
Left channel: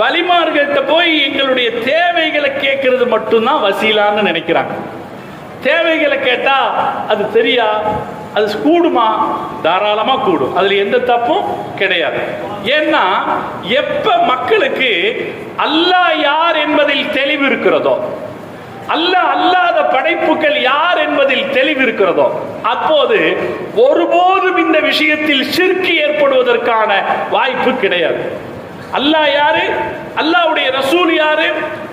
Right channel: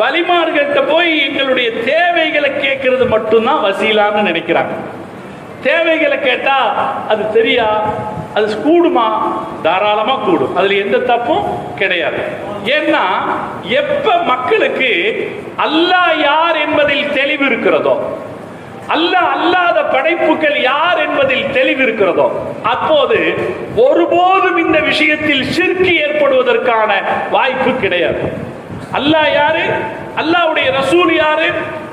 வலிமார்கிட்ட போய் எங்களுடைய தேவைகளை கேட்கறது மட்டும்தான் வசீலான்னு நினைக்கிறாங்க. தேவைகளை கேட்டா அது தெரியா, அது கூடுமா? தாராளமா கூடும், அதுல எந்த தப்பும் கிடையாது. ஏன்னா எப்ப மக்களுக்கு அல்லாஹ் யார் என்பதில் தெளிவு இருக்கிறதோ, அல்லாஹ் அல்லாத படைப்புகள் யார் என்பதில் தெளிவு இருக்கிறதோ, அப்போது ஒருபோதும் இந்த விஷயத்தில் ஷிர்க் ஏற்படுவதற்கான வாய்ப்பு கிடையாது. அல்லாஹ் யாரு, அல்லாஹ்வுடைய ரசூல் யாரு,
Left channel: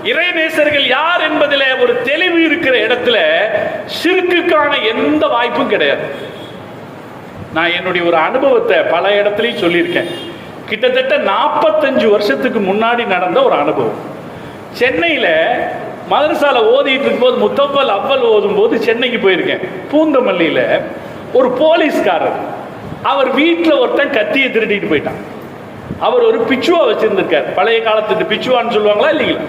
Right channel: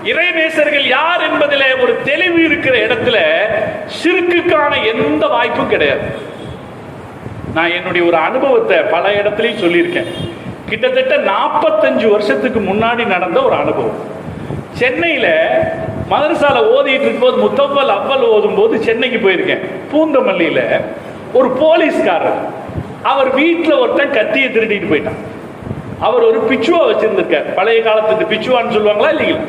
இறைநேசர்கள் யார் என்பதில் ஒரு தெளிவு இருக்கிற இடத்துல ஷிர்க்குக்கான எந்த வாய்ப்பும் கிடையாது. நான் என்னுடைய ஒரு அனுபவத்தை பல இடத்துலையும் சொல்லியிருக்கேன். கிட்டத்தட்ட 45 வருஷத்துக்கு முன்னாடி நடந்த ஒரு அனுபவம். சென்னையில மதரசால ஓதிட்டு இருக்கும்போது, முத்தப்பல் அவ்வல் ஓதும் போது சென்னைக்கு போயிருக்கேன். பூந்தமல்லியில ஒரு போலீஸ்காரர், அவர் வீட்டில் ஒருத்தன் கத்தியை திருடிட்டு போயிட்டான். அவர் ஒரு பிச்சுவா வச்சிருந்திருக்கார், பழைய காலத்துக்கு பிச்சுவான்னு சொல்லுவாங்களா இல்லைங்களா?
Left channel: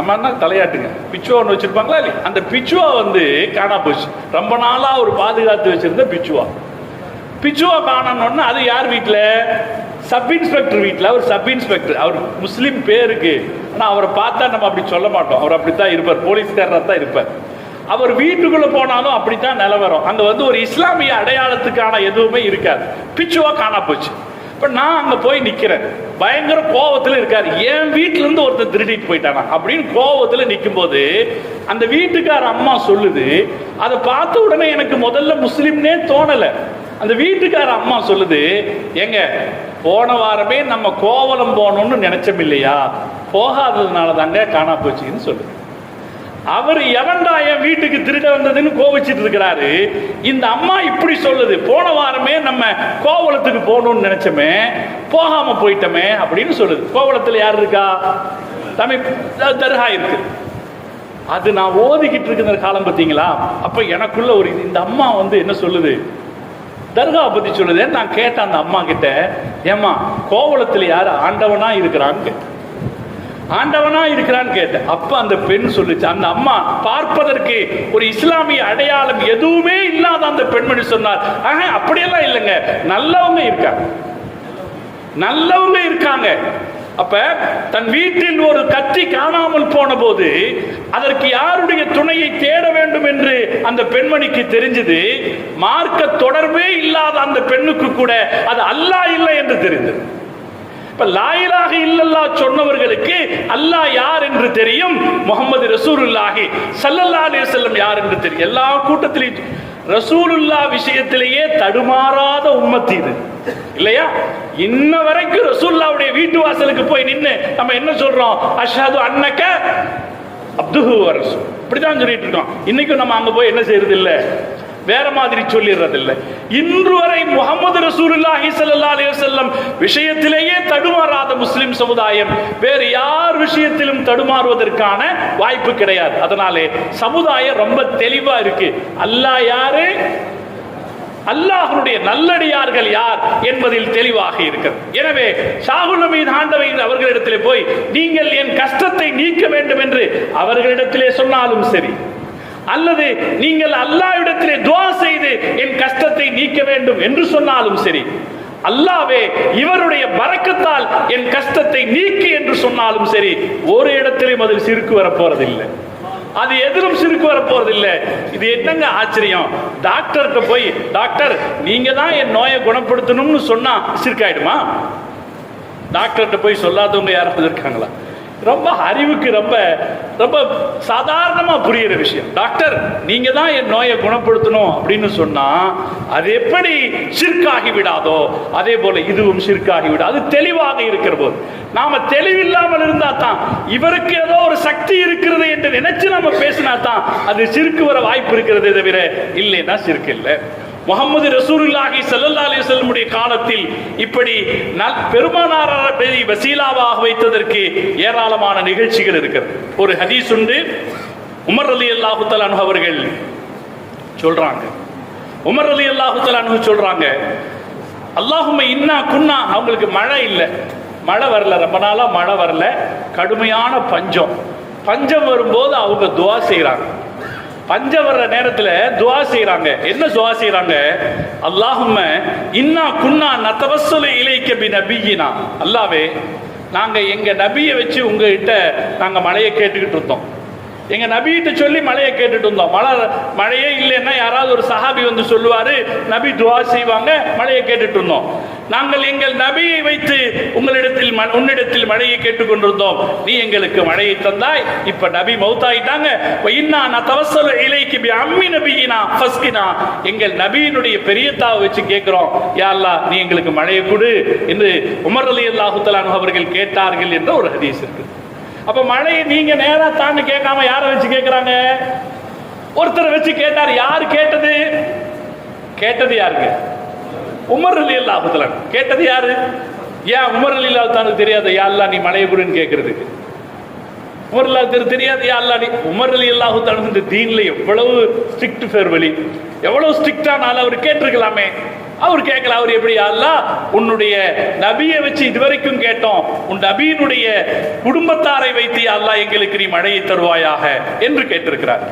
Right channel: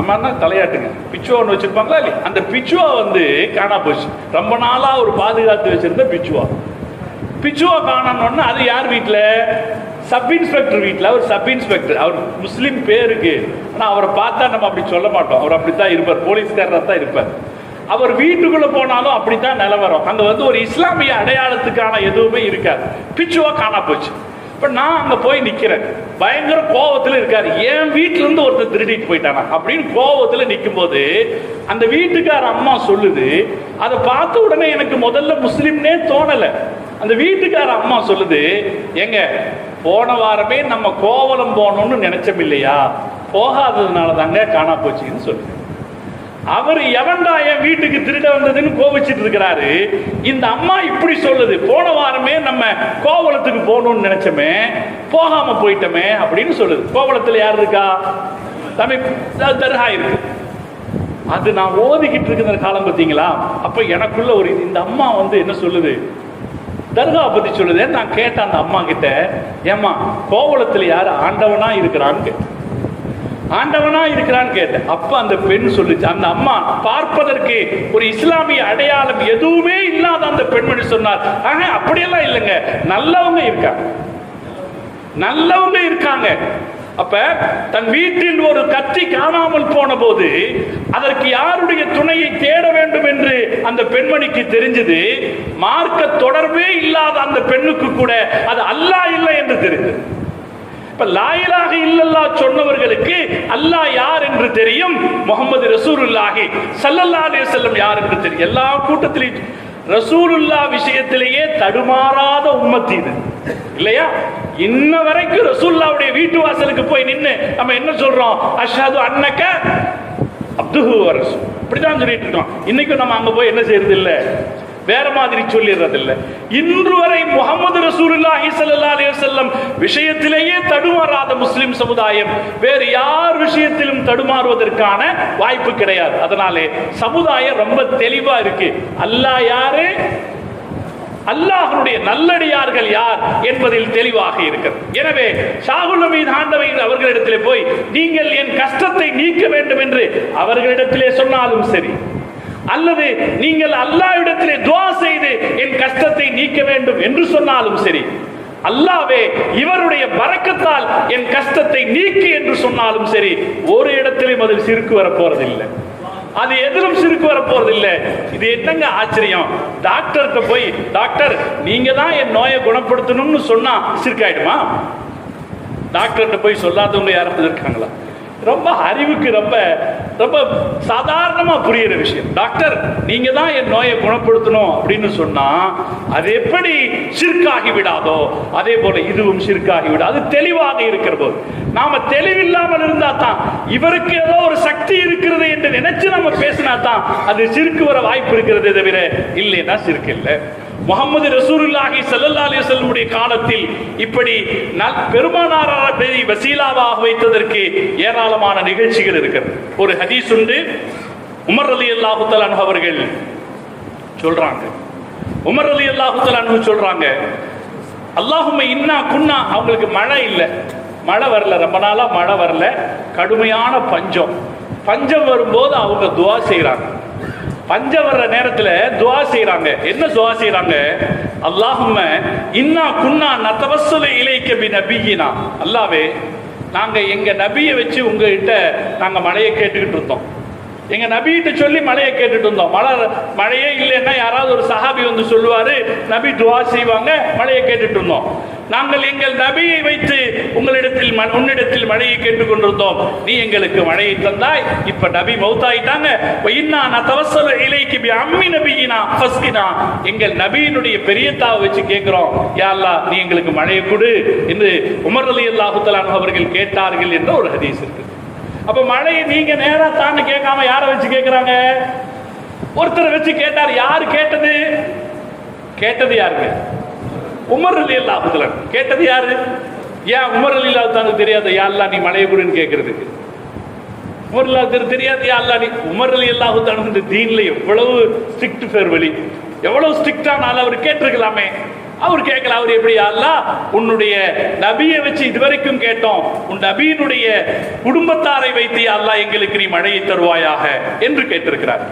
அம்மா தலையாட்டுங்க, பிச்சுவான்னு வச்சிருப்பாங்களா இல்லையா? அந்த பிச்சுவா காணா போச்சு. ரொம்ப நாளா ஒரு பாதுகாத்து வச்சிருந்த பிச்சுவா காணணும்னா அது யார் வீட்டில்? சப் இன்ஸ்பெக்டர் வீட்டில். அவர் சப் இன்ஸ்பெக்டர், அவர் முஸ்லீம் பேருக்கு, ஆனால் அவரை பார்த்தா நம்ம அப்படி சொல்ல மாட்டோம், அவர் அப்படித்தான் இருப்பார், போலீஸ்காரராக தான் இருப்பார். அவர் வீட்டுக்குள்ள போனாலும் அப்படித்தான் நிலவரம். அங்க ஒரு இஸ்லாமிய அடையாளத்துக்கான எதுவுமே இருக்காது. பிச்சுவா காணா போச்சு. இப்ப நான் அங்க போய் நிக்கிறேன், பயங்கர கோவத்துல இருக்காரு. என் வீட்டுல இருந்து ஒருத்தர் திருடிட்டு போயிட்டாங்க அப்படின்னு கோவத்துல நிக்கும் போது அந்த வீட்டுக்கார அம்மா சொல்லுது, அதை பார்த்த உடனே எனக்கு முதல்ல முஸ்லிம்னே தோணல. அந்த வீட்டுக்கார அம்மா சொல்லுது, எங்க போன வாரமே நம்ம கோவலம் போனோம்னு நினைச்சோம் இல்லையா, போகாததுனால தாங்க காணா போச்சுன்னு சொல்லுது. அவர் எவன்டா என் வீட்டுக்கு திருட வந்ததுன்னு கோவிச்சிட்டு இருக்கிறாரு. இந்த அம்மா இப்படி சொல்லுது, போன வாரமே நம்ம கோவலத்துக்கு போகணும்னு நினைச்சோமே, போகாம போயிட்டோமே அப்படின்னு சொல்லுது. கோவலத்துல யார் இருக்கா? தமிழ் தர்கா இருக்கு. அது நான் ஓதிக்கிட்டு இருக்கிற காலம் பார்த்தீங்களா? அப்ப எனக்குள்ள ஒரு இந்த அம்மா என்ன சொல்லுது, தர்கா பத்தி சொல்லுது. நான் கேட்டேன் அந்த அம்மா கிட்ட, ஏமா கோவலத்துல யார் ஆண்டவனா இருக்கிறான்னு, ஆண்டவனா இருக்கிறான்னு கேட்டேன். அப்ப அந்த பெண் சொல்லுச்சு, அந்த அம்மா பார்ப்பதற்கு ஒரு இஸ்லாமிய அடையாளம் எதுவுமே இல்லாத அந்த பெண்மணி சொன்னார், அப்படியெல்லாம் இல்லைங்க, நல்லவங்க இருக்காங்க, நல்லவங்க இருக்காங்க. அப்ப தன் வீட்டில் ஒரு கத்தி காணாமல் போன போது அதற்கு யாருடைய துணையை தேட வேண்டும் என்று அந்த பெண்மணிக்கு தெரிஞ்சது. மார்க்க தொடர்பே இல்லாத அந்த பெண்ணுக்கு கூட அது அல்லாஹ் இல்லை என்று தெரிந்தது. இப்ப லா இலாஹ இல்லல்லாஹ் சொன்னவர்களுக்கு அல்லாஹ் யார் என்று தெரியும், முஹம்மது ரசூலுல்லாஹி ஸல்லல்லாஹு அலைஹி வஸல்லம் யார் என்று தெரியும். எல்லா கூட்டத்திலும் ரசூலுல்லாஹ் விஷயத்திலேயே தடுமாறாத உம்மத் இது இல்லையா? இன்ன வரைக்கும் ரசூலுல்லாஹ்வுடைய வீட்டு வாசலுக்கு போய் நின்னு நம்ம என்ன சொல்றோம்? அஷ்ஹது அன்னக அப்துஹு வ ரசூல், இப்படிதான் சொல்லிட்டு இருக்கோம். இன்னைக்கும் நம்ம அங்க போய் என்ன செய்யறது இல்ல, வேற மாதிரி சொல்லிடுறது இல்ல. இன்று வரை முஹம்மது ரசூலுல்லாஹி ஸல்லல்லாஹு அலைஹி வஸல்லம் விஷயத்திலேயே தடுமாறாத முஸ்லிம் சமுதாயம் வேறு யார் விஷயத்திலும் தடுமாறுவதற்கான வாய்ப்பு கிடையாது. அதனாலே சமுதாயம் ரொம்ப தெளிவா இருக்கு. அல்லாஹ் யாரு, அல்லாஹ்வுடைய நல்லடியார்கள் யார் என்பதில் தெளிவாக இருக்கிறது. எனவே ஷாகுல் ஹமீத் ஆண்டவை அவர்களிடத்திலே போய் நீங்கள் என் கஷ்டத்தை நீக்க வேண்டும் என்று அவர்களிடத்திலே சொன்னாலும் சரி, அல்லது நீங்கள் அல்லாஹ்விடத்திலே துஆ செய்து என் கஷ்டத்தை நீக்க வேண்டும் என்று சொன்னாலும் சரி, அல்லாஹ்வே இவருடைய பரக்கத்தால் என் கஷ்டத்தை நீக்கி என்று சொன்னாலும் சரி, ஒரு இடத்திலும் அதில் சிறுக்கு வர போறதில்லை. அது எதிலும் சிறுக்கு வர போறதில்லை. இது என்னங்க ஆச்சரியம்? டாக்டருக்கு போய் டாக்டர் நீங்க தான் என் நோயை குணப்படுத்தணும்னு சொன்னா சிறுக்காயிடுமா? டாக்டர்கிட்ட போய் சொல்லாதவங்க யாரும் இருக்காங்களா? ரொம்ப அறிவுக்கு ரொம்ப ரொம்ப சாதாரணமா புரியுற விஷயம். டாக்டர் நீங்க தான் என் நோயை குணப்படுத்தணும் அப்படின்னு சொன்னா அது எப்படி ஷிர்காகி விடாதோ அதே போல இதுவும் ஷிர்காகி விடாது. அது தெளிவாக இருக்கிற போது நாம தெளிவில்லாமல் இருந்தா தான், இவருக்கு ஏதோ ஒரு சக்தி இருக்கிறது என்று நினைச்சு நம்ம பேசினா தான் அது ஷிர்க்கு வர வாய்ப்பு இருக்கிறதே தவிர இல்லைன்னா ஷிர்க் இல்லை. முஹம்மது ரசூலுல்லாஹி ஸல்லல்லாஹு அலைஹி வஸல்லம் காலத்தில் இப்படி பெருமானார் வசீலாவாக வைத்ததற்கு ஏராளமான நிகழ்ச்சிகள் இருக்கிறது. ஒரு ஹதீஸ் உண்டு. உமர் ரலியல்லாஹு தஆலா அன்ஹு அவர்கள் சொல்றாங்க, உமர் ரலியல்லாஹு தஆலா அன்ஹு சொல்றாங்க, அல்லாஹும்ம இன்னா குன்னா, அவங்களுக்கு மழை இல்லை, மழை வரல, ரொம்ப நாளா மழை வரல, கடுமையான பஞ்சம். பஞ்சம் வரும்போது அவங்க துஆ செய்யறாங்க. பஞ்சம் வர்ற நேரத்துல துஆ செய்யறாங்க. என்ன துஆ செய்யறாங்க? அல்லாஹும்ம இன்னா குன்னா நதவஸ்ஸலு இலைக்க பி நபியினா, அல்லாஹ்வே நாங்க எங்க நபியை வச்சு உங்ககிட்ட நாங்க மழையை கேட்டுக்கிட்டு இருந்தோம். எங்க நபிகிட்ட சொல்லி மழையை கேட்டுட்டு இருந்தோம். மழையே இல்லைன்னா யாராவது ஒரு சஹாபி வந்து சொல்லுவாரு, நபி துஆ செய்வாங்க, மழையை கேட்டுட்டு இருந்தோம். நாங்கள் எங்கள் நபியை வைத்து உன்னிடத்தில் மழையை கேட்டுக் கொண்டிருந்தோம். நீ எங்களுக்கு மழையை தந்தாய். இப்ப நபி மௌத்தாயிட்டாங்க. இன்னா நதவஸ்ஸலு இலைக்கி பி அம்மி நபியினா ஃபஸ்கினா, எங்கள் நபியினுடைய பெரியத்தாவை வச்சு கேட்கிறோம், யா அல்லாஹ் நீ எங்களுக்கு மழையை கொடு என்று உமர் ரலியல்லாஹு தஆலா அவர்கள் கேட்டார்கள் என்ற ஒரு ஹதீஸ் இருக்கு. அப்ப மழையை நீங்க நேரா தாண்டி கேட்காம யாரை வச்சு கேட்கிறாங்க? ஒருத்தரை வச்சு கேட்டார். யாரு கேட்டது? கேட்டது யாருங்க? உமர் ரலியல்லாஹு தஆலா. கேட்டது யாரு? ஏன் உமர் ரலியல்லாஹு தஆலா தெரியாத யா அல்லாஹ் நீ மழையை கொடுன்னு கேட்கறதுக்கு? உமர் ரலியல்லாஹு தெரியாது யா அல்லாஹ் நீ. உமர் ரலியல்லாஹு தஆலா இந்த தீன்ல எவ்வளவு ஸ்ட்ரிக்ட் ஃபேர்வெலி, எவ்வளவு ஸ்ட்ரிக்டானால அவர் கேட்டிருக்கலாமே. அவர் கேட்கல. அவர் எப்படி? அல்லாஹ் உன்னுடைய நபியை வச்சு இதுவரைக்கும் கேட்டோம், உன் நபியினுடைய குடும்பத்தாரை வைத்து அல்லாஹ் எங்களுக்கு நீ மழையை தருவாயாக என்று கேட்டிருக்கிறார்.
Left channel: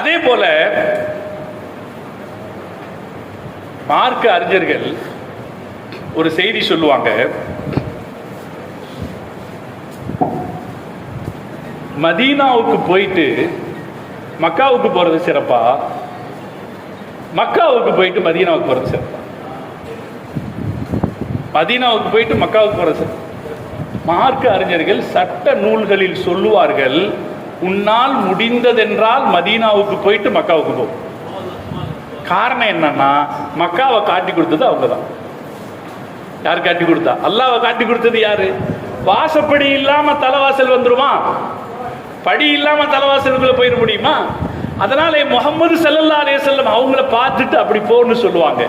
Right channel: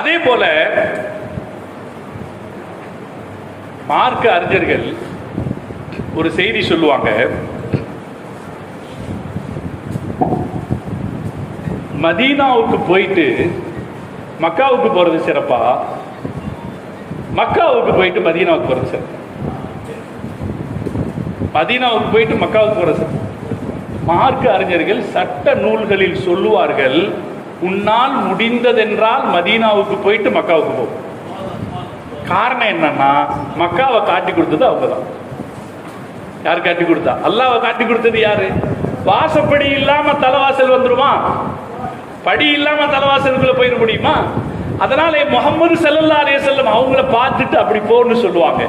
அதே போல மார்க்க அறிஞர்கள் ஒரு செய்தி சொல்லுவாங்க, மதீனாவுக்கு போயிட்டு மக்காவுக்கு போறது சிறப்பா, மக்காவுக்கு போயிட்டு மதீனாவுக்கு போறது சிறப்பா? மதீனாவுக்கு போயிட்டு மக்காவுக்கு போறது. மார்க்க அறிஞர்கள் சட்ட நூல்களில் சொல்லுவார்கள், உன்னால் முடிந்ததென்றால் மதீனாவுக்கு போயிட்டு மக்காவுக்கு போகும். காரணம் என்னன்னா, மக்காவை காட்டி கொடுத்தது அவங்கதான். யார் காட்டி கொடுத்தா? அல்லாஹ்வை காட்டி கொடுத்தது யாரு? வாசப்படி இல்லாம தலைவாசல் வந்துருமா? படி இல்லாம தலைவாசலுக்குள்ள போயிட முடியுமா? அதனால முஹம்மது ஸல்லல்லாஹு அலைஹி வஸல்லம் அவங்கள பார்த்துட்டு அப்படி போன்னு சொல்லுவாங்க.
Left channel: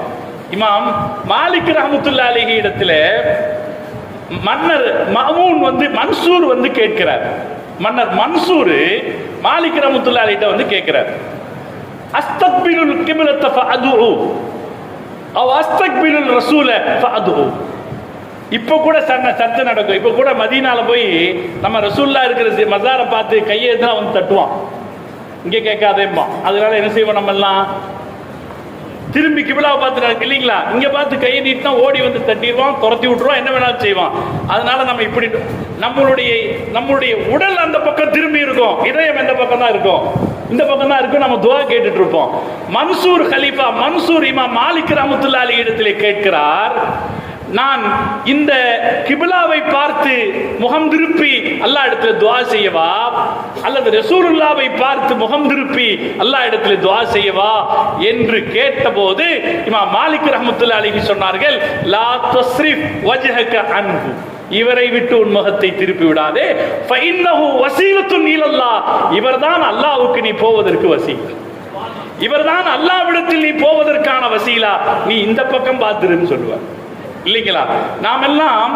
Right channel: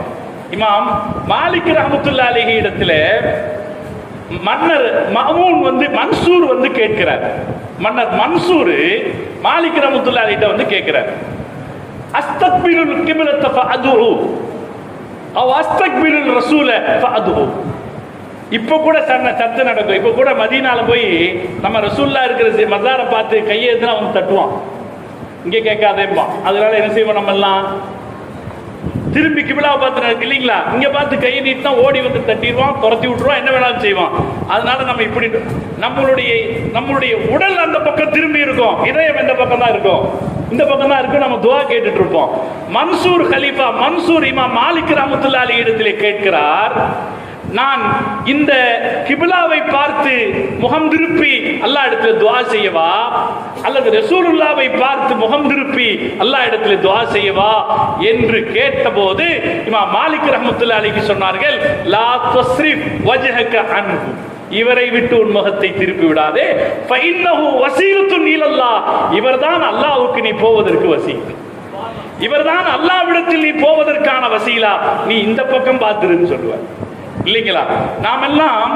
இமாம் மாலிக் ரஹ்மத்துல்லாஹி அலைஹி இடத்துல மன்னர் மஅமூன் வந்து மன்சூர் வந்து கேட்கிறார். மன்னர் மன்சூர் மாலிக் ரஹ்மத்துல்லாஹி அலைஹி வந்து கேட்கிறார், அஸ்தக்பிலுல் கிப்லத ஃபஅதுஉ அவ் அஸ்தக்பிலுல் ரசூல ஃபஅதுஉ. இப்ப கூட சத்து நடக்கும். இப்ப கூட மதீனால போய் நம்ம ரசூல்லா இருக்கிற மஸாரை பார்த்து கையை தான் வந்து தட்டுவான், இங்கே கேட்காதேம்மா. அதனால என்ன செய்வோம்? நம்ம எல்லாம் திரும்பி கிபிலா பார்த்து நடக்கு இல்லைங்களா, இங்க பார்த்து கையை நீட்டினா ஓடி வந்து தட்டிடுவான், துரத்தி விட்டுருவான், என்ன வேணாலும் செய்வான். அதனால நம்ம இப்படி நம்மளுடைய உடல் அந்த பக்கம் திரும்பி இருக்கும், இதயம் இந்த பக்கம் தான் இருக்கும், இந்த பக்கம் தான் இருக்கும். நம்ம துவா கேட்டுட்டு இருப்போம். மன்சூர் கலீஃபா மன்சூர் இமாம் மாலிக் ரஹ்மத்துல்லாஹி அலைஹி இடத்திலே கேட்கிறார், நான் இந்த கிபிலாவை பார்த்து முகம் திருப்பி அல்லாஹ் இடத்துல துஆ செய்யவா, அல்லது ரசூலுல்லாவை பார்த்து முகம் திருப்பி அல்லாஹ் இடத்துல துஆ செய்யவா என்று கேட்டபோது இமாம் மாலிக் ரஹ்மத்துல்லாஹி அலைஹி சொன்னார்கள், லா தஸ்ரிஃப் வஜ்ஹக அன்ஹு, இவரை விட்டு உன் முகத்தை திருப்பி விடாதே, ஃபஇன்னஹு வஸீலத்துன் இலல்லாஹ், இவர்தான் அல்லாஹ்வுக்கு நீ போவதற்கு வசீலா, இவர்தான் அல்லாஹ்விடத்தில் நீ போவதற்கான வசீலா, நீ இந்த பக்கம் பார்த்துருன்னு சொல்லுவார் இல்லைங்களா. நாம் எல்லாம்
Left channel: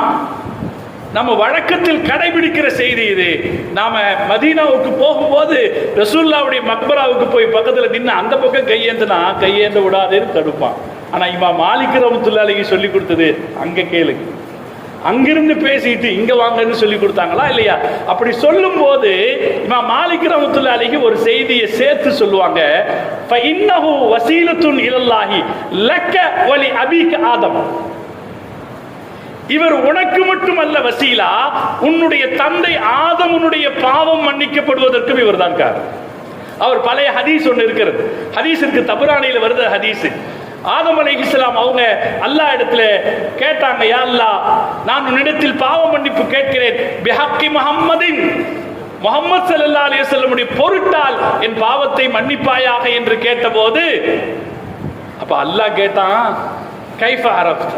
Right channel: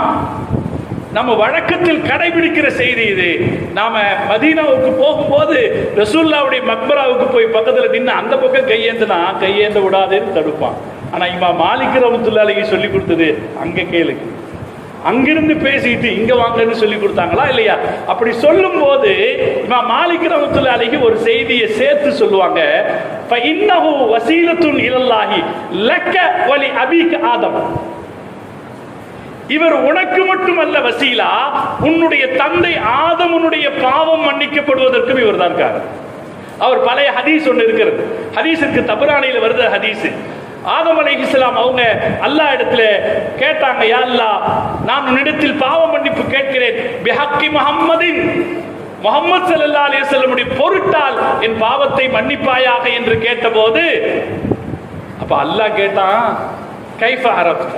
நம்ம வழக்கத்தில் கடைபிடிக்கிற செய்தி இது. நாம மதீனாவுக்கு போகும்போது ரசூலுல்லாஹ்வுடைய மக்பராவுக்கு போய் பக்கத்துல நின்று அந்த பக்கம் கையேந்தினா கையேந்த விடாதேன்னு தடுப்பான். ஆனா இமாம் மாலிக் ரஹ்மத்துல்லாஹி அலைஹி சொல்லி கொடுத்தது அங்க கேளு, அங்கிருந்து பேசிட்டு இங்க வாங்கன்னு சொல்லி கொடுத்தாங்களா இல்லையா? அப்படி சொல்லும் போது இமாம் மாலிக் ரஹ்மத்துல்லாஹி அலைஹி ஒரு செய்தியை சேர்த்து சொல்லுவாங்க, ஃபஇன்னஹு வஸீலத்துன் இலல்லாஹி லக்க வலி அபீக ஆதம், இவர் உனக்கு மட்டுமல்ல வசீலா, உன்னுடைய தந்தை ஆதமுடைய பாவம் மன்னிக்கப்படுவதற்கும் இவர் தான் காரணம். அவர் பழைய ஹதீஸ் ஒன்று இருக்கிறது, ஹதீஸுக்கு தபரானியில் வருது ஹதீஸ். ஆதம் அலைஹிஸ்ஸலாம் அவங்க அல்லாஹ் இடத்துல கேட்டாங்க, யா அல்லாஹ், நான் உன்னிடத்தில் பாவ மன்னிப்பு கேட்கிறேன், பிஹக்கி முஹம்மதின், முஹம்மது ஸல்லல்லாஹு அலைஹி வஸல்லமுடைய பொருட்டால் என் பாவத்தை மன்னிப்பாயாக என்று கேட்டபோது, அப்ப அல்லாஹ் கேட்டான், கைஃப அரஃப்த,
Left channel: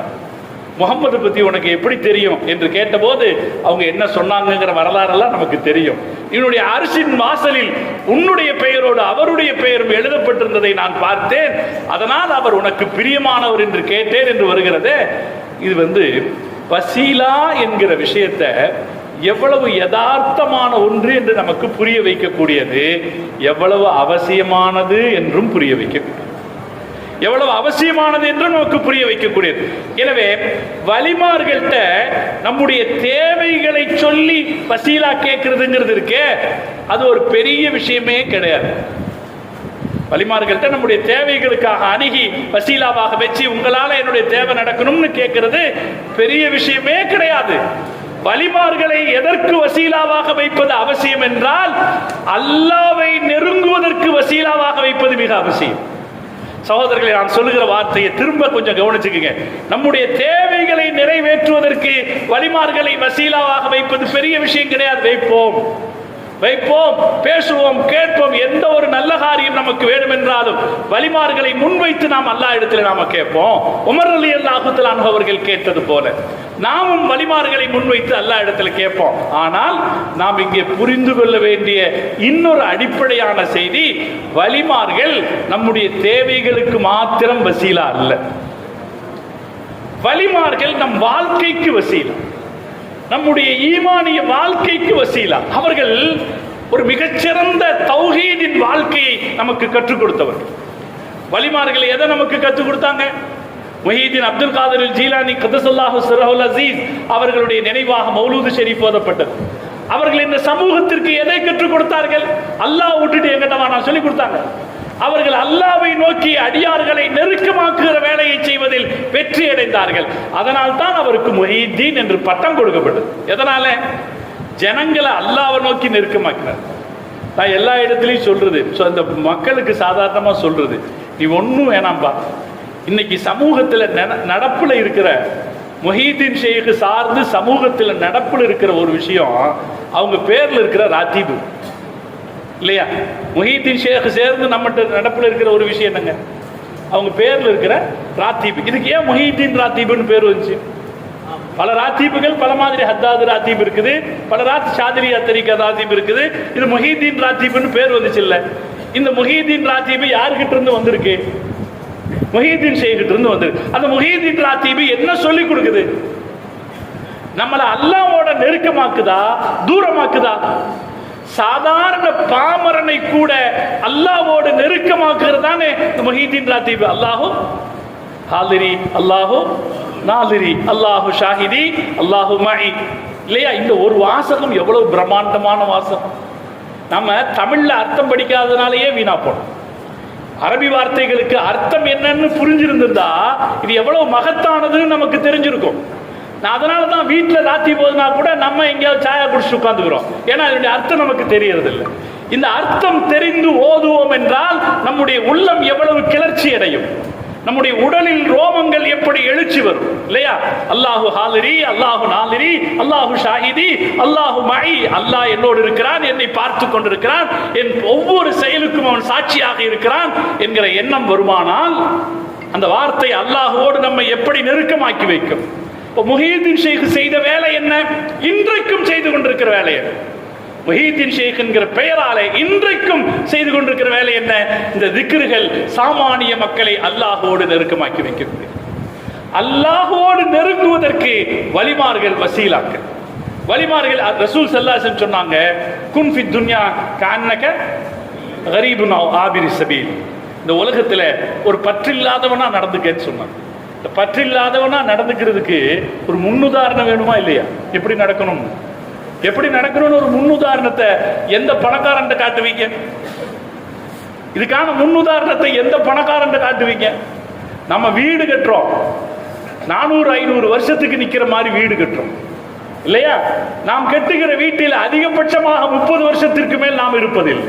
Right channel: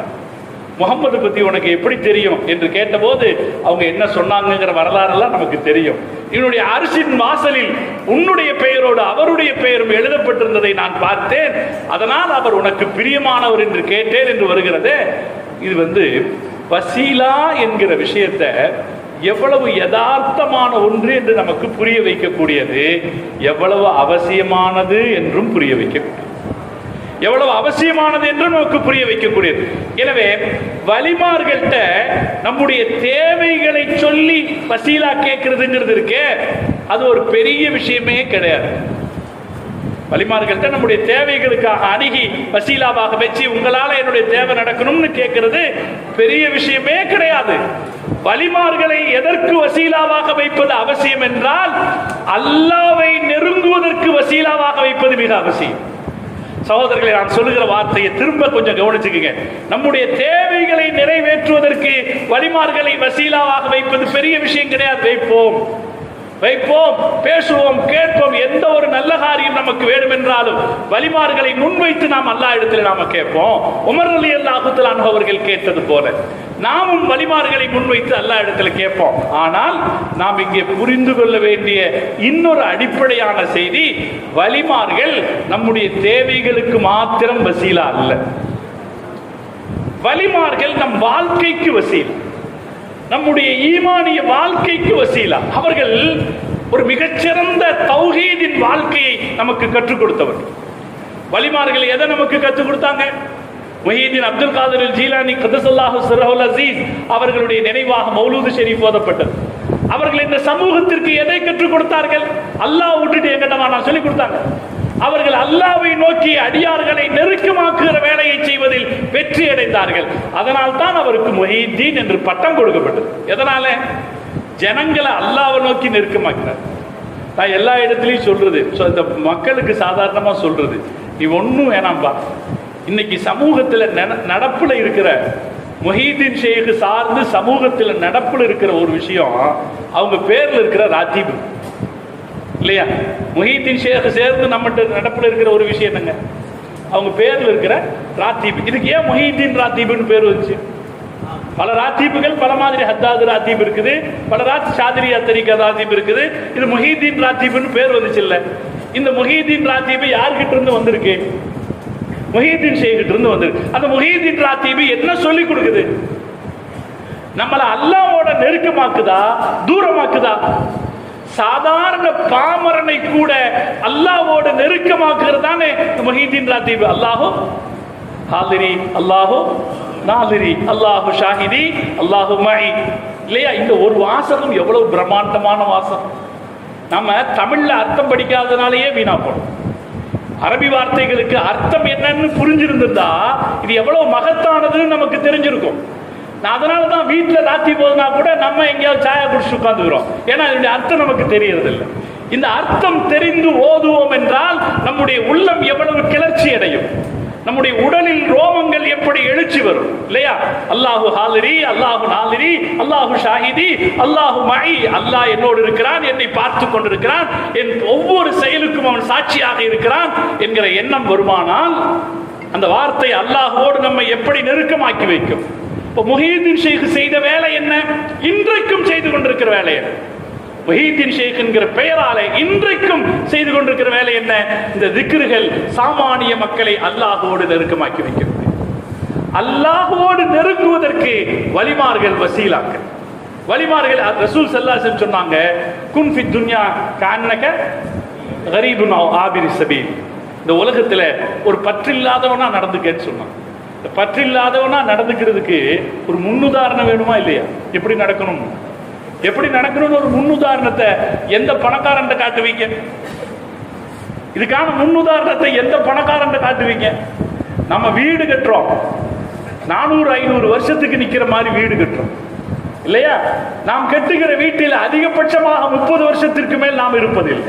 முகம்மது பத்தி உனக்கு எப்படி தெரியும் என்று கேட்டபோது அவங்க என்ன சொன்னாங்கிற வரலாறெல்லாம் நமக்கு தெரியும். என்னுடைய அரிசின் வாசலில் உன்னுடைய பெயரோடு அவருடைய பெயரும் எழுதப்பட்டிருந்ததை நான் பார்த்தேன், அதனால் அவர் உனக்கு பிரியமானவர் என்று கேட்டேன் என்று வருகிறது. இது வசீலா என்கிற விஷயத்தை எவ்வளவு யதார்த்தமான ஒன்று என்று நமக்கு புரிய வைக்கக்கூடியது, எவ்வளவு அவசியமானது என்றும் புரிய வைக்கக்கூடியது, எவ்வளவு அவசியமானது என்று நமக்கு புரிய வைக்கக்கூடியது. எனவே வலிமார்கள்ட்ட நம்முடைய தேவைகளை சொல்லி வசீலா கேட்கிறதுங்கிறது இருக்கே, அது ஒரு பெரிய விஷயமே கிடையாது. வலிமார்கள்ட்ட நம்முடைய தேவைகளுக்காக அணுகி வசீலாவாக வச்சு உங்களால என்னுடைய தேவை நடக்கணும்னு கேட்கிறது பெரிய விஷயமே கிடையாது. வலிமார்களை எதற்கு வசீலாவாக வைப்பது அவசியம் என்றால், அல்லாஹ்வை நெருங்குவதற்கு வசீலாவாக வைப்பது மிக அவசியம். சகோதரர்களை, நான் சொல்லுகிற வார்த்தையை திரும்ப கொஞ்சம் கவனிச்சுக்குங்க. நம்முடைய தேவைகளை நிறைவேற்றுவதற்கு வலிமார்களை வசீலாவாக வைப்பது பெரிய விஷயம் கிடையாது. வைப்போம், பேசுவோம், கேட்போம். எந்த ஒரு நல்ல காரியம் நமக்கு வேண்டும் என்றாலும் வலிமார்களை முன்வைத்து நாம் அல்லாஹ் இடத்துல நாம கேட்போம். உமர் ரலியல்லாஹு தஆலா அன்ஹு அவர்கள் கேட்டது போல நாமும் வலிமார்களை முன்வைத்து அல்லாஹ் இடத்துல கேட்போம். ஆனால் நாம் இங்கே புரிந்து கொள்ள வேண்டிய இன்னொரு அடிப்படையான செய்தி, வலிமார்கள் நம்முடைய தேவைகளுக்கு மாத்திரம் வசீலா அல்ல, வலிமார்கள் நம் வாழ்க்கைக்கு வசீலா, நம்முடைய ஈமானிய வாழ்க்கைக்கு வசீலா. அவர்கள் ஒரு மிகச்சிறந்த தௌஹீதின் வாழ்க்கையை நமக்கு கற்றுக் கொடுத்தவர்கள். வலிமார்கள் எதை நமக்கு கற்றுக் கொடுத்தாங்க? முஹிதீன் அப்துல் காதிர் ஜீலானி கதஸல்லாஹு சிர்ரஹுல் அஸீஸ் அவர்களுடைய நினைவாக மௌலூது ஷரீஃப் ஓதப்பட்டது. அவர்கள் இந்த சமூகத்திற்கு எதை கற்றுக் கொடுத்தார்கள்? அல்லாஹ் விட்டுட்டு எங்கிட்டமா நான் சொல்லி கொடுத்தாங்க. அவர்கள் அல்லாஹ்வை நோக்கி அடியார்களை நெருக்கமாக்குகிற வேலையை செய்வதில் வெற்றி அடைந்தார்கள். அதனால் தான் அவருக்கு முஹிதீன் என்று பட்டம் கொடுக்கப்பட்டது. எதனால? ஜனங்களை அல்லாஹ்வை நோக்கி நெருக்கமாக்கினார். நான் எல்லா இடத்துலையும் சொல்றது, இந்த மக்களுக்கு சாதாரணமா சொல்றது, நீ ஒன்னும் வேணாம்பா. இன்னைக்கு சமூகத்தில் நடப்புல இருக்கிற முஹிதீன் ஷேக் சார்ந்து சமூகத்தில் நடப்புல இருக்கிற ஒரு விஷயம், அவங்க பேர்ல இருக்கிற ராத்தீபு இல்லையா? முஹிதீன் ஷேக் சேர்ந்து நம்மகிட்ட நடப்புல இருக்கிற ஒரு விஷயம் என்னங்க? அவங்க பேர்ல இருக்கிற ராத்தீபு. இதுக்கு ஏன் முஹிதீன் ராத்தீபுன்னு பேர் வந்துச்சு? பல ராத்தீபுகள் பல மாதிரி, ஹத்தாது ராத்தீப் இருக்குது, பல ஷாதிரியா தரீகா ராத்தீப் இருக்குது. இது முஹிதீன் ராத்தீபுன்னு பேர் வந்துச்சு இல்ல? இந்த முஹிதீன் ராத்தீபு யார்கிட்ட இருந்து வந்திருக்கு? முஹிதீன் ஷேக்கிட்ட இருந்து வந்திருக்கு. அந்த முஹிதீன் ராத்தீபு என்ன சொல்லி கொடுக்குது? நம்மளை அல்லாஹ்வோட நெருக்கமாக்குதா தூரமாக்குதா? சாதாரண பாமரனை கூட அல்லாஹ்வோட நெருக்கமாக்குறதானே முஹிதீன் ராத்தீப். அல்லாஹு ஹாலிரி, அல்லாஹு நாலிரி, அல்லாஹு ஷாஹிதி, அல்லாஹு மஇ இல்லையா? இந்த ஒரு வாசகம் எவ்வளவு பிரம்மாண்டமான வாசகம். நம்ம தமிழ்ல அர்த்தம் படிக்காதனாலேயே வீணா போடும். அரபி வார்த்தைகளுக்கு அர்த்தம் என்னன்னு புரிஞ்சிருந்திருந்தா இது எவ்வளவு மகத்தானதுன்னு நமக்கு தெரிஞ்சிருக்கும். அதனாலதான் வீட்டுல ராத்தி போதுனா கூட நம்ம எங்கேயாவது சாயா குடிச்சு உட்கார்ந்துக்கிறோம். ஏன்னா இதனுடைய அர்த்தம் நமக்கு தெரியறது இல்லை. இந்த அர்த்தம் தெரிந்து ஓதுவோம் என்றால் நம்முடைய உள்ளம் எவ்வளவு கிளர்ச்சி அடையும், நம்முடைய உடலில் ரோமங்கள் எப்படி எழுச்சி வரும் இல்லையா? அல்லாஹு ஹாலிரி, அல்லாஹு நாலிரி, அல்லாஹு ஷாஹிதி, அல்லாஹு மஇ, அல்லாஹ் என்னோடு இருக்கிறான், என்னை பார்த்து கொண்டிருக்கிறான், என் ஒவ்வொரு செயலுக்கும் அவன் சாட்சியாக இருக்கிறான் என்கிற எண்ணம் வருமானால் அந்த வார்த்தை அல்லாஹோடு நம்மை எப்படி நெருக்கமாக்கி வைக்கும். முஹியுத்தீன் ஷேக் செய்த வேலை என்ன? இன்றைக்கும் செய்து கொண்டிருக்கிற வேலை என்ன? முஹியுத்தீன் ஷேக் என்கிற பெயராலே இன்றைக்கும் செய்து கொண்டிருக்கிற வேலை என்ன? இந்த திக்ருகள் சாமானிய மக்களை அல்லாஹோடு நெருக்கமாக்கி வைக்கிறது. அல்லாஹோடு நெருங்குவதற்கு வலிமார்கள் வசீலாக்கள். வலிமார்கள் ரசூல் ஸல்லல்லாஹு அலைஹி வஸல்லம் சொன்னாங்க, குன் ஃபி துன்யா கஅன்னக கரீபுன் அவ் ஆபிரி ஸபீல். இந்த உலகத்துல ஒரு பற்றில்லாதவனா நடந்துக்கன்னு சொன்னாங்க. இந்த பற்றில்லாதவனா நடந்துக்கிறதுக்கு ஒரு முன்னுதாரணம் வேணுமா இல்லையா? எப்படி நடக்கணும், எப்படி நடக்கணும்னு ஒரு முன்னுதாரணத்தை எந்த பணக்காரன் காட்டுவீங்க? இதுக்கான முன்னுதாரணத்தை எந்த பணக்காரன் காட்டுவீங்க? நம்ம வீடு கட்டுறோம், 400-500 வருஷத்துக்கு நிக்கிற மாதிரி வீடு கட்டுறோம் இல்லையா? நாம் கட்டுகிற வீட்டில் அதிகபட்சமாக 30 வருஷத்திற்கு மேல் நாம் இருப்பதில்லை.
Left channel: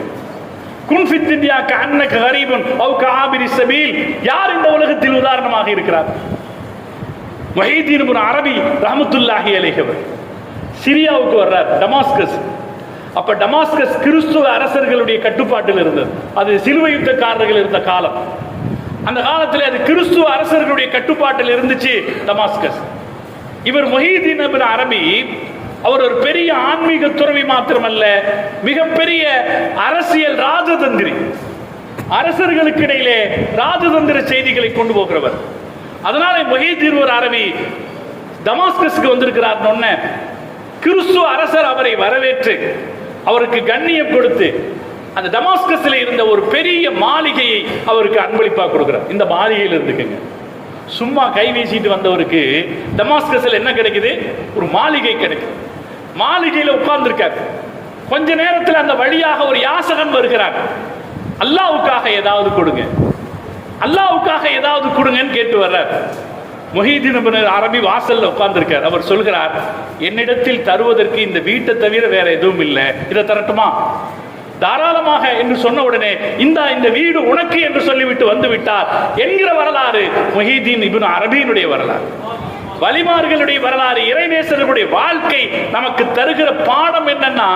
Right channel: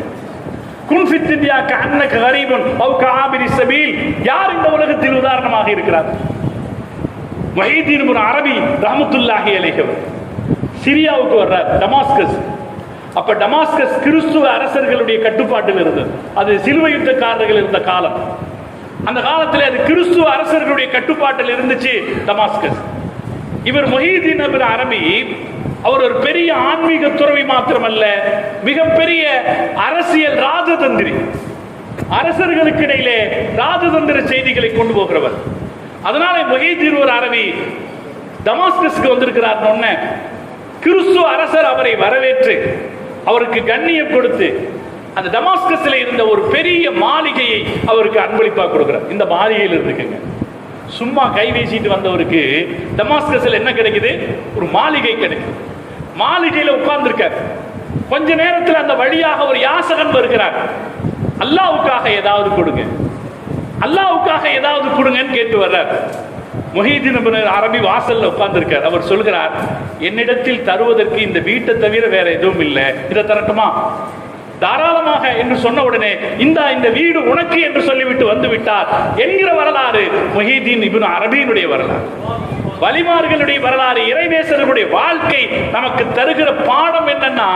குன் ஃபி துன்யா கஅன்னக கரீபுன் அவ் கஆபிரி ஸபீல். யார் இந்த உலகத்தில் உதாரணமாக இருக்கிறார்? முஹியுத்தீன் இப்னு அரபி ரஹ்மத்துல்லாஹி அலைஹி சிரியாவுக்கு வர்றார், டமாஸ்கஸ். அப்ப டமாஸ்கஸ் கிறிஸ்துவ அரசர்களுடைய கட்டுப்பாட்டில் இருந்தது. அது சிலுவை யுத்தக்காரர்கள் இருந்த காலம். அந்த காலத்தில் அது கிறிஸ்துவ அரசர்களுடைய கட்டுப்பாட்டில் இருந்துச்சு டமாஸ்கஸ். இவர் முஹியுத்தீன் இப்னு அரபி அவர் ஒரு பெரிய ஆன்மீக துறவி மாத்திரமல்ல, மிகப்பெரிய அரசியல் ராஜதந்திரி. அரசர்களுக்கு இடையிலே ராஜதந்திர செய்திகளை கொண்டு போகிறவர். அதனால முஹியுத்தீன் ஒரு அரபி டமாஸ்கஸ்க்கு வந்திருக்கிறார். கிறிஸ்துவ அரசர் அவரை வரவேற்று அவருக்கு கண்ணியம் கொடுத்து அந்த டமாஸ்கஸ்ல இருந்த ஒரு பெரிய மாளிகையை அவருக்கு அன்பளிப்பா கொடுக்கிறார். இந்த மாளிகையில் இருந்துக்குங்க. சும்மா கை வீசிட்டு வந்தவருக்கு டமாஸ்கஸ்ல என்ன கிடைக்குது? ஒரு மாளிகை கிடைக்குது. மாளிகையில உட்கார்ந்திருக்கார். கொஞ்ச நேரத்தில் அந்த வழியாக ஒரு யாசகன் வருகிறார். அல்லாஹ்வுக்காக ஏதாவது கொடுங்க, அல்லாஹ்வுக்காக ஏதாவது கொடுங்கன்னு கேட்டு வர்றார். முஹியுத்தீன் இப்னு அரபி வாசல்ல உட்கார்ந்திருக்கார். அவர் சொல்கிறார், என்னிடத்தில் தருவதற்கு இந்த வீட்டை தவிர வேற எதுவும் இல்லை, இதை தரட்டுமா? தாராளமாக என்று சொன்ன உடனே இந்த வீடு உனக்கு என்று சொல்லிவிட்டு வந்து விட்டார் என்கிற வரலாறு முஹியுத்தீன் இப்னு அரபியினுடைய வரலாறு, வலிமார்களுடைய வரலாறு. இறைநேசர்களுடைய வாழ்க்கை நமக்கு தருகிற பாடம் என்னன்னா,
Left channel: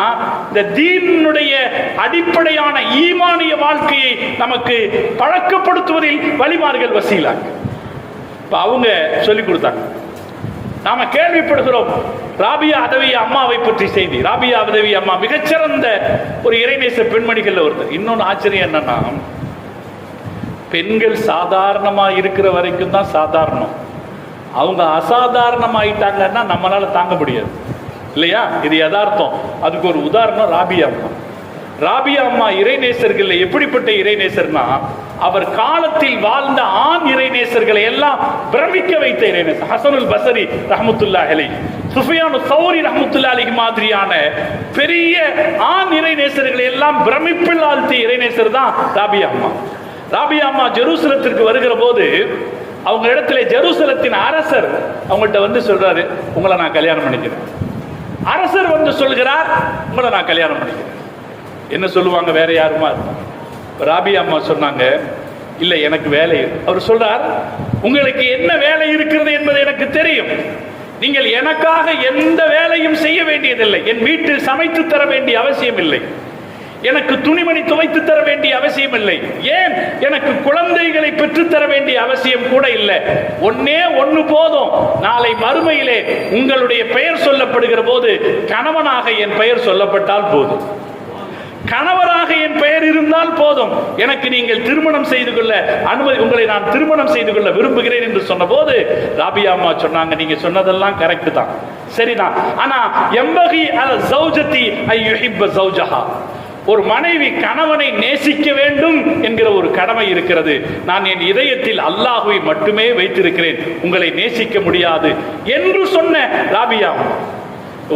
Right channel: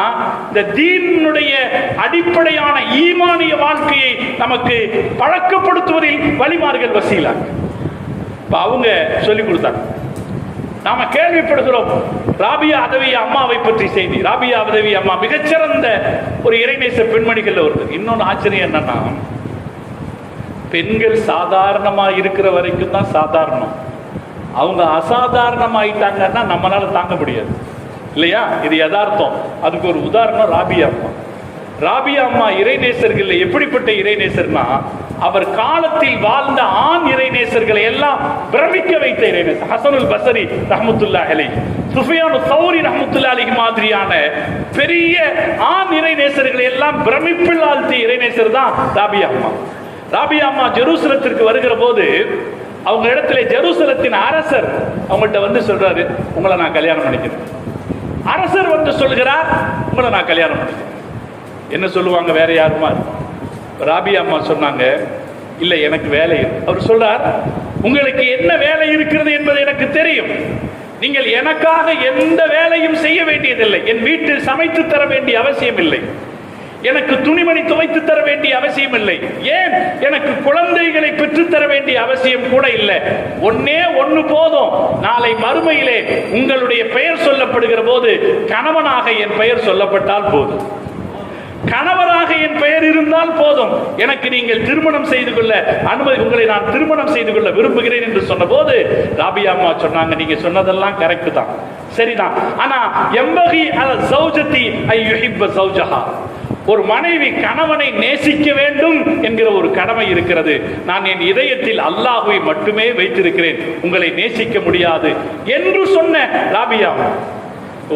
இந்த தீனுடைய அடிப்படையான ஈமானிய வாழ்க்கையை நமக்கு பழக்கப்படுத்துவதில் வலிமார்கள் வசீலாங்க. அவங்க சொல்லிக் கொடுத்தாங்க. நாம கேள்விப்படுகிறோம் ராபியா அதவி அம்மாவை பற்றி செய்தி. ராபியா அதவி அம்மா மிகச்சிறந்த ஒரு இறைநேச பெண்மணிகள் ஒருத்தர். இன்னொன்னு ஆச்சரியம் என்னன்னா, பெண்கள் சாதாரணமா இருக்கிற வரைக்கும் தான் சாதாரணம். அவங்க அசாதாரணமாயிட்டாங்கன்னா நம்மளால தாங்க முடியாது இல்லையா? இது யதார்த்தம். அதுக்கு ஒரு உதாரணம் ராபியா அம்மா. ராபியா அம்மா இறைநேசர்கள் எப்படிப்பட்ட இறைநேசர்னா, அவர் காலத்தில் வாழ்ந்த ஆண் இறைநேசர்களை எல்லாம் பிரமிக்க வைத்த இறைநேசர். ஹசனுல் பஸரி ரஹ்மத்துல்லாஹி அலைஹி, சுஃபியானு ஸௌரி ரஹ்மத்துல்லாஹி அலைஹி மாதிரியான பெரிய ஆண் இறைநேசர்களை எல்லாம் பிரமிப்பில் ஆழ்த்திய இறைநேசர் தான் ராபியா அம்மா. ராபியா அம்மா ஜெருசலத்திற்கு வருகிற போது அவங்க இடத்துல ஜெருசலத்தின் அரசர் அவங்கள்ட்ட வந்து சொல்றாரு, உங்களை நான் கல்யாணம் பண்ணிக்கிறேன். அரசர் வந்து சொல்கிறார், உங்களை நான் கல்யாணம் பண்ணிக்கிறேன். என்ன சொல்லுவாங்க? வேற யாருமா? ராபியா அம்மா சொன்னாங்க, இல்ல எனக்கு வேலை இருக்கு. அவர் சொல்றார், உங்களுக்கு என்ன வேலை இருக்கிறது என்பது எனக்கு தெரியும். நீங்கள் எனக்காக எந்த வேலையும் செய்ய வேண்டியதில்லை. என் வீட்டில் சமைத்து தர வேண்டிய அவசியம் இல்லை. எனக்கு துணிமணி துவைத்து தர வேண்டிய அவசியம் இல்லை. ஏன் எனக்கு குழந்தைகளை பெற்றுத்தர வேண்டிய அவசியம் கூட இல்லை. ஒன்னே ஒன்று போதும். நாளை மறுமையிலே உங்களுடைய பெயர் சொல்லப்படுகிற போது கணவனாக என் பெயர் சொல்லப்பட்டால் போதும், கணவராக என் பெயர் இருந்தால் போதும். எனக்கு நீங்கள் திருமணம் செய்து கொள்ள அனுமதி, உங்களை நான் திருமணம் செய்து கொள்ள விரும்புகிறேன் என்று சொன்ன போது ராபியா அம்மா சொன்னாங்க, நீங்க சொன்னதெல்லாம் கரெக்ட் தான், சரிதான். ஆனா எம்பகி அல் ஸௌஜதி ஐ யுஹிப்ப ஸௌஜஹா, ஒரு மனைவி கணவனை நேசிக்க வேண்டும் என்கிற ஒரு கடமை இருக்கிறது. நான் என் இதயத்தில் அல்லாஹ்வை மட்டுமே வைத்திருக்கிறேன், உங்களை நேசிக்க முடியாது என்று சொன்ன ராபியா.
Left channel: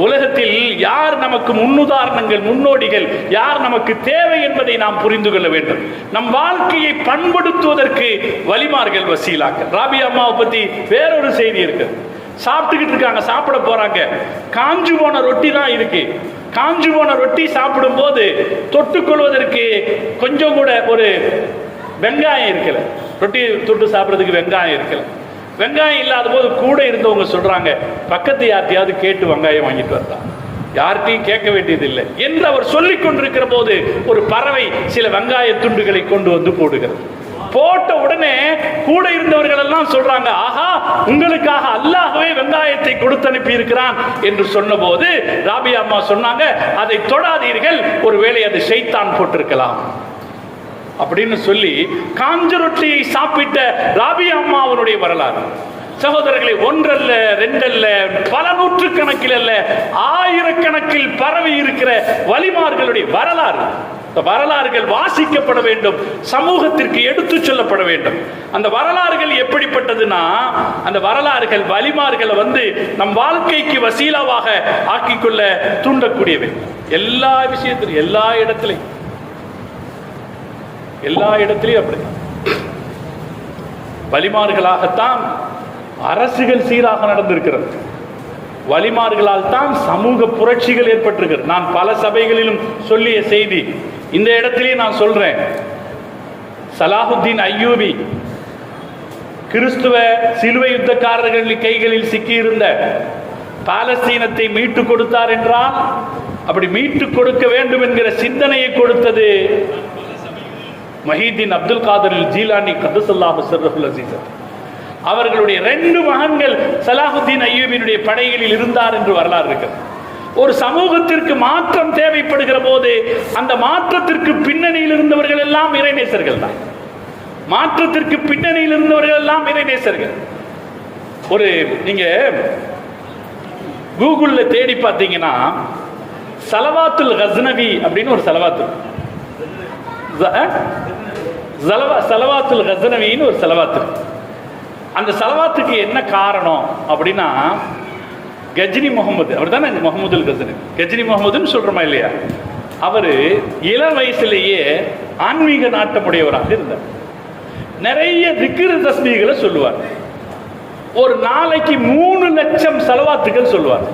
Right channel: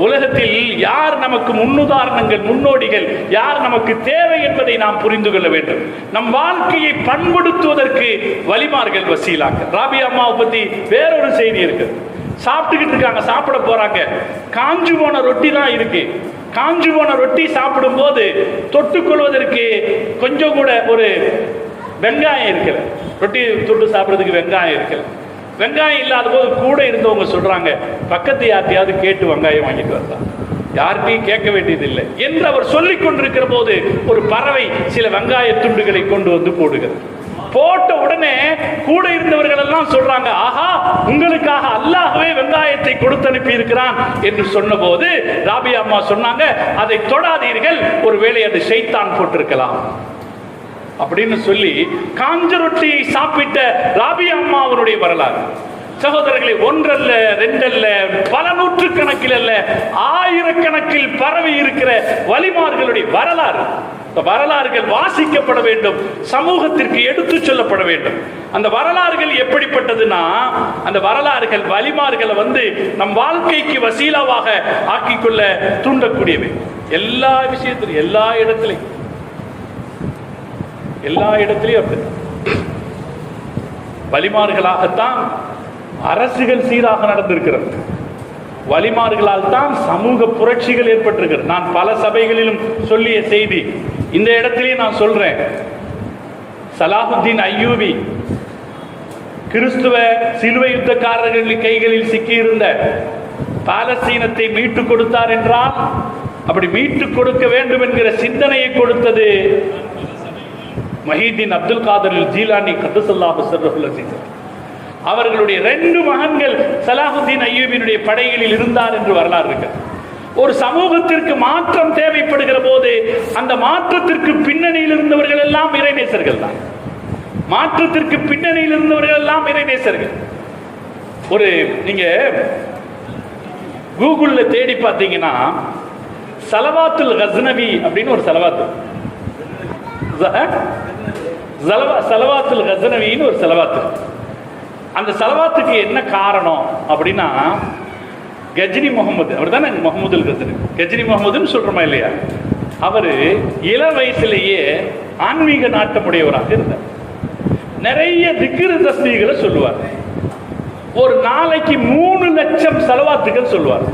உலகத்தில் யார் நமக்கு முன்னுதாரணங்கள், முன்னோடிகள், யார் நமக்கு தேவை என்பதை நாம் புரிந்து கொள்ள வேண்டும். நம் வாழ்க்கையை பண்படுத்துவதற்கு வலிமார்கள் வசீலாக்கள். ராபியா அம்மாவை பத்தி வேறொரு செய்தி இருக்கு. சாப்பிட்டுக்கிட்டு இருக்காங்க, சாப்பிட போறாங்க. காஞ்சு போன ரொட்டி தான் இருக்கு. காஞ்சு போன ரொட்டி சாப்பிடும் போது தொட்டுக்கொள்வதற்கு கொஞ்சம் கூட ஒரு வெங்காயம் இருக்கல. ரொட்டி தொட்டு சாப்பிடுறதுக்கு வெங்காயம் இருக்கல. வெங்காயம் இல்லாத போது கூட இருந்தவங்க சொல்றாங்க, பக்கத்து யார்ட்டையாவது கேட்டு வெங்காயம் வாங்கிட்டு வரலாம். யார்கிட்டையும் கேட்க வேண்டியதில்லை என்று அவர் சொல்லிக் கொண்டிருக்கிற போது ஒரு பறவை சில வெங்காய துண்டுகளை கொண்டு வந்து போடுகிறது. போட்ட உடனே கூட இருந்தவர்கள் எல்லாம் சொல்றாங்க, ஆஹா, உங்களுக்காக அல்லாஹ்வே வெங்காயத்தை கொடுத்து அனுப்பி இருக்கிறான் என்று சொன்ன போது ராபியா அம்மா சொன்னாங்க, அதை தொடாதீர்கள், ஒருவேளை அது ஷைத்தான் போட்டிருக்கலாம் அப்படின்னு சொல்லி காஞ்ச ரொட்டியை சாப்பிட்ட ராபியா அம்மா அவருடைய வரலாறு. சகோதரர்களை, ஒன்றல்ல, ரெண்டல்ல, பல நூற்றுக்கணக்கில் அல்ல, ஆயிரக்கணக்கில் பரவி இருக்கிற வலிமார்களுடைய வரலாறு. வரலாறுகள் வாசிக்கப்பட வேண்டும், சமூகத்திற்கு எடுத்து சொல்லப்பட வேண்டும். அந்த வரலாறுகள் எப்படிப்பட்டதுன்னா, அந்த வரலாறுகள் வலிமார்களை நம் வாழ்க்கைக்கு வசீலாவாக ஆக்கிக்கொள்ள தூண்டக்கூடியவை. எல்லா விஷயத்திலும், எல்லா இடத்திலையும் அப்படி வலிமார்களாகத்தான் அரசுகள் சீராக நடந்திருக்கிறது. வலிமார்களால் தான் சமூக புரட்சிகள் ஏற்பட்டிருக்கிறது. நான் பல சபைகளிலும் சொல்லிய செய்தி இந்த இடத்திலே நான் சொல்றேன். சலாஹுத்தீன் அய்யூபி கிறிஸ்துவ சிலுவை யுத்தக்காரர்களின் கைகளில் சிக்கியிருந்த பாலஸ்தீனத்தை மீட்டுக் கொடுத்தார் என்றால், அப்படி மீட்டுக் கொடுக்க வேண்டும் என்கிற சிந்தனையை கொடுத்தது மஹீதீன் அப்துல் காதர் ஜீலானி கதஸல்லாஹு சிர்ரஹுல் அஸீஸ். அவர்களுடைய 2 மகன்கள் சலாஹுத்தீன் அய்யூபினுடைய படைகளில் இருந்தார் என்று வரலாறு இருக்கிறது. ஒரு சமூகத்திற்கு மாற்றம் தேவைப்படுகிற போது அந்த மாற்றத்திற்கு பின்னணியில் இருந்தவர்கள் எல்லாம் இறைநேசர்கள் தான். மாற்றத்திற்கு பின்னணியில் இருந்தவர்கள் எல்லாம் இறைநேசர்கள். ஒரு நீங்க கூகுள்ல தேடி பார்த்தீங்கன்னா சலவாத்துல் கஸ்னவி அப்படின்னு ஒரு சலவாத்து, சலவாத்துல் கஸ்னவின்னு ஒரு சலவாத்து. அந்த சலவாத்துக்கு என்ன காரணம் அப்படின்னா, கஜ்னி முகமது, அவர் தானே முகமதுல் கஸ்னவி, கஜ்னி முகமதுன்னு சொல்றோமா இல்லையா, அவரு இள வயசுலேயே ஆன்மீக நாட்டமுடையவராக இருந்தார். நிறைய திக்ரு தஸ்பீகளை சொல்லுவார். ஒரு நாளைக்கு 3 லட்சம் சலவாத்துகள் சொல்லுவார்.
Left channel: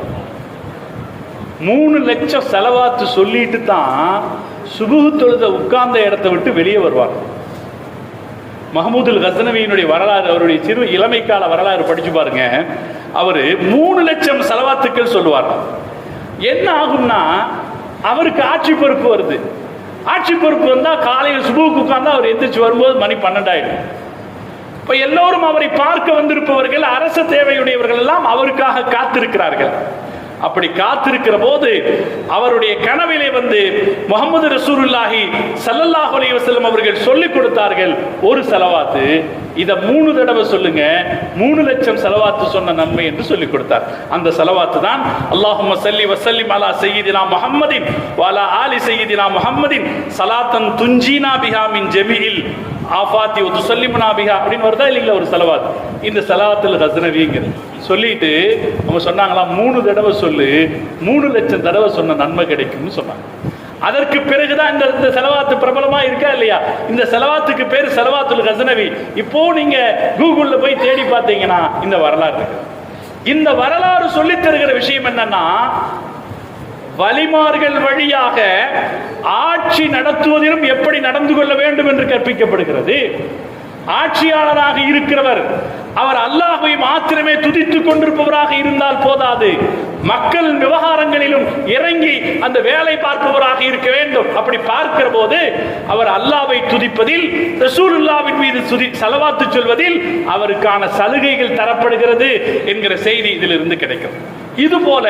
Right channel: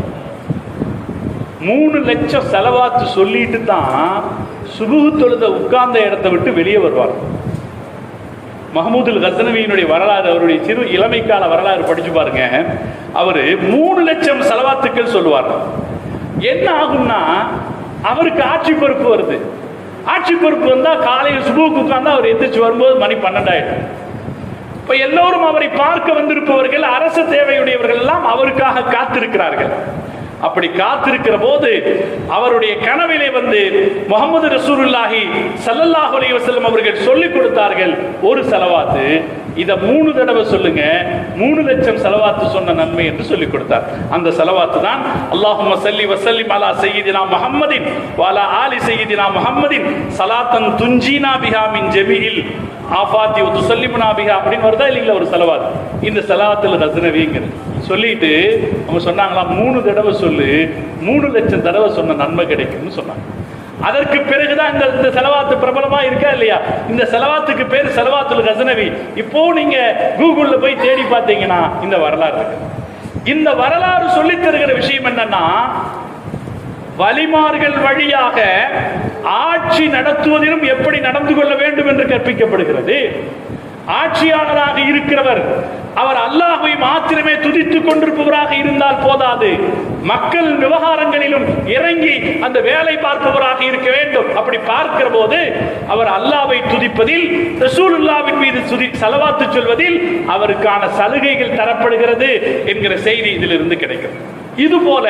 3 லட்சம் சலவாத்து சொல்லிட்டு தான் சுபுஹ் தொழுத உட்கார்ந்த இடத்தை விட்டு வெளியே வருவார். மஹமூதுல் கஸ்னவியினுடைய வரலாறு, அவருடைய சிறு இளமைக்கால வரலாறு படிச்சு பாருங்க. அவரு 3 லட்சம் சலவாத்துக்கள் சொல்லுவார். என்ன ஆகும்னா, அவருக்கு ஆட்சி பொறுப்பு வருது. ஆட்சி பொறுப்பு வந்தா காலையில் சுபுக்கு உட்கார்ந்தா அவர் எந்திரிச்சு வரும்போது மணி 12 ஆயிடும். இப்ப எல்லோரும் அவரை பார்க்க வந்திருப்பவர்கள், அரசு தேவையுடையவர்கள் எல்லாம் அவருக்காக காத்திருக்கிறார்கள். அப்படி காத்திருக்கிற போது அவருடைய கனவிலே முஹம்மது ரசூலுல்லாஹி ஸல்லல்லாஹு அலைஹி வஸல்லம் அவர்கள் சொல்லிக் கொடுத்தார்கள், ஒரு சலவாத்து இத 3 தடவை சொல்லுங்க, 3 லட்சம் சலவாத்து சொன்ன நன்மை என்று சொல்லிக் கொடுத்தார். அந்த சலவாத்து தான் அல்லாஹும்ம ஸல்லி வஸல்லிம் அலா சய்யிதினா முஹம்மதின் வ அலா ஆலி சய்யிதினா முஹம்மதின் ஸலாத்தன் துன்ஜீனா பிஹா மின் ஜமீஇல் ஆஃபாத்தி வ துஸல்லிமுனா பிஹா அப்படின்னு வருதா இல்லைங்களா ஒரு சலவாத். இந்த சலவாத்துல் கஸ்னவிங்கிறது சொல்லிட்டு அவங்க சொன்னாங்களா, 3 தடவை சொல்லு, 3 லட்சம் தடவை சொன்ன நன்மை கிடைக்கும்னு சொன்னாங்க. அதற்கு பிறகுதான் இந்த செலவாத்து பிரபலமா இருக்கா இல்லையா. இந்த செலவாத்துக்கு பேர் செலவாத்துல் கஸ்னவி. இப்போ நீங்க கூகுள்ல போய் தேடி பார்த்தீங்கன்னா இந்த வரலாறு இருக்கு. இந்த வரலாறு சொல்லித் தருகிற விஷயம் என்னன்னா, வலிமார்கள் வழியாக ஆட்சி நடத்துவதிலும் எப்படி நடந்து கொள்ள வேண்டும் என்று கற்பிக்கப்படுகிறது. ஆட்சியாளராக இருக்கிறவர் அவர் அல்லாஹ்வை மாத்திரமே துதித்துக் கொண்டிருப்பவராக இருந்தால் போதாது, மக்கள் விவகாரங்களிலும் இறங்கி அந்த வேலை பார்ப்பவராக இருக்க வேண்டும். அப்படி பார்க்கிற போது அவர் அல்லாஹ்வை துதிப்பதில், ரசூலுல்லாஹ்வின் மீது ஸலவாத்து சொல்வதில் அவருக்கான சலுகைகள் தரப்படுகிறது என்கிற செய்தி இதிலிருந்து கிடைக்கும். இதுபோல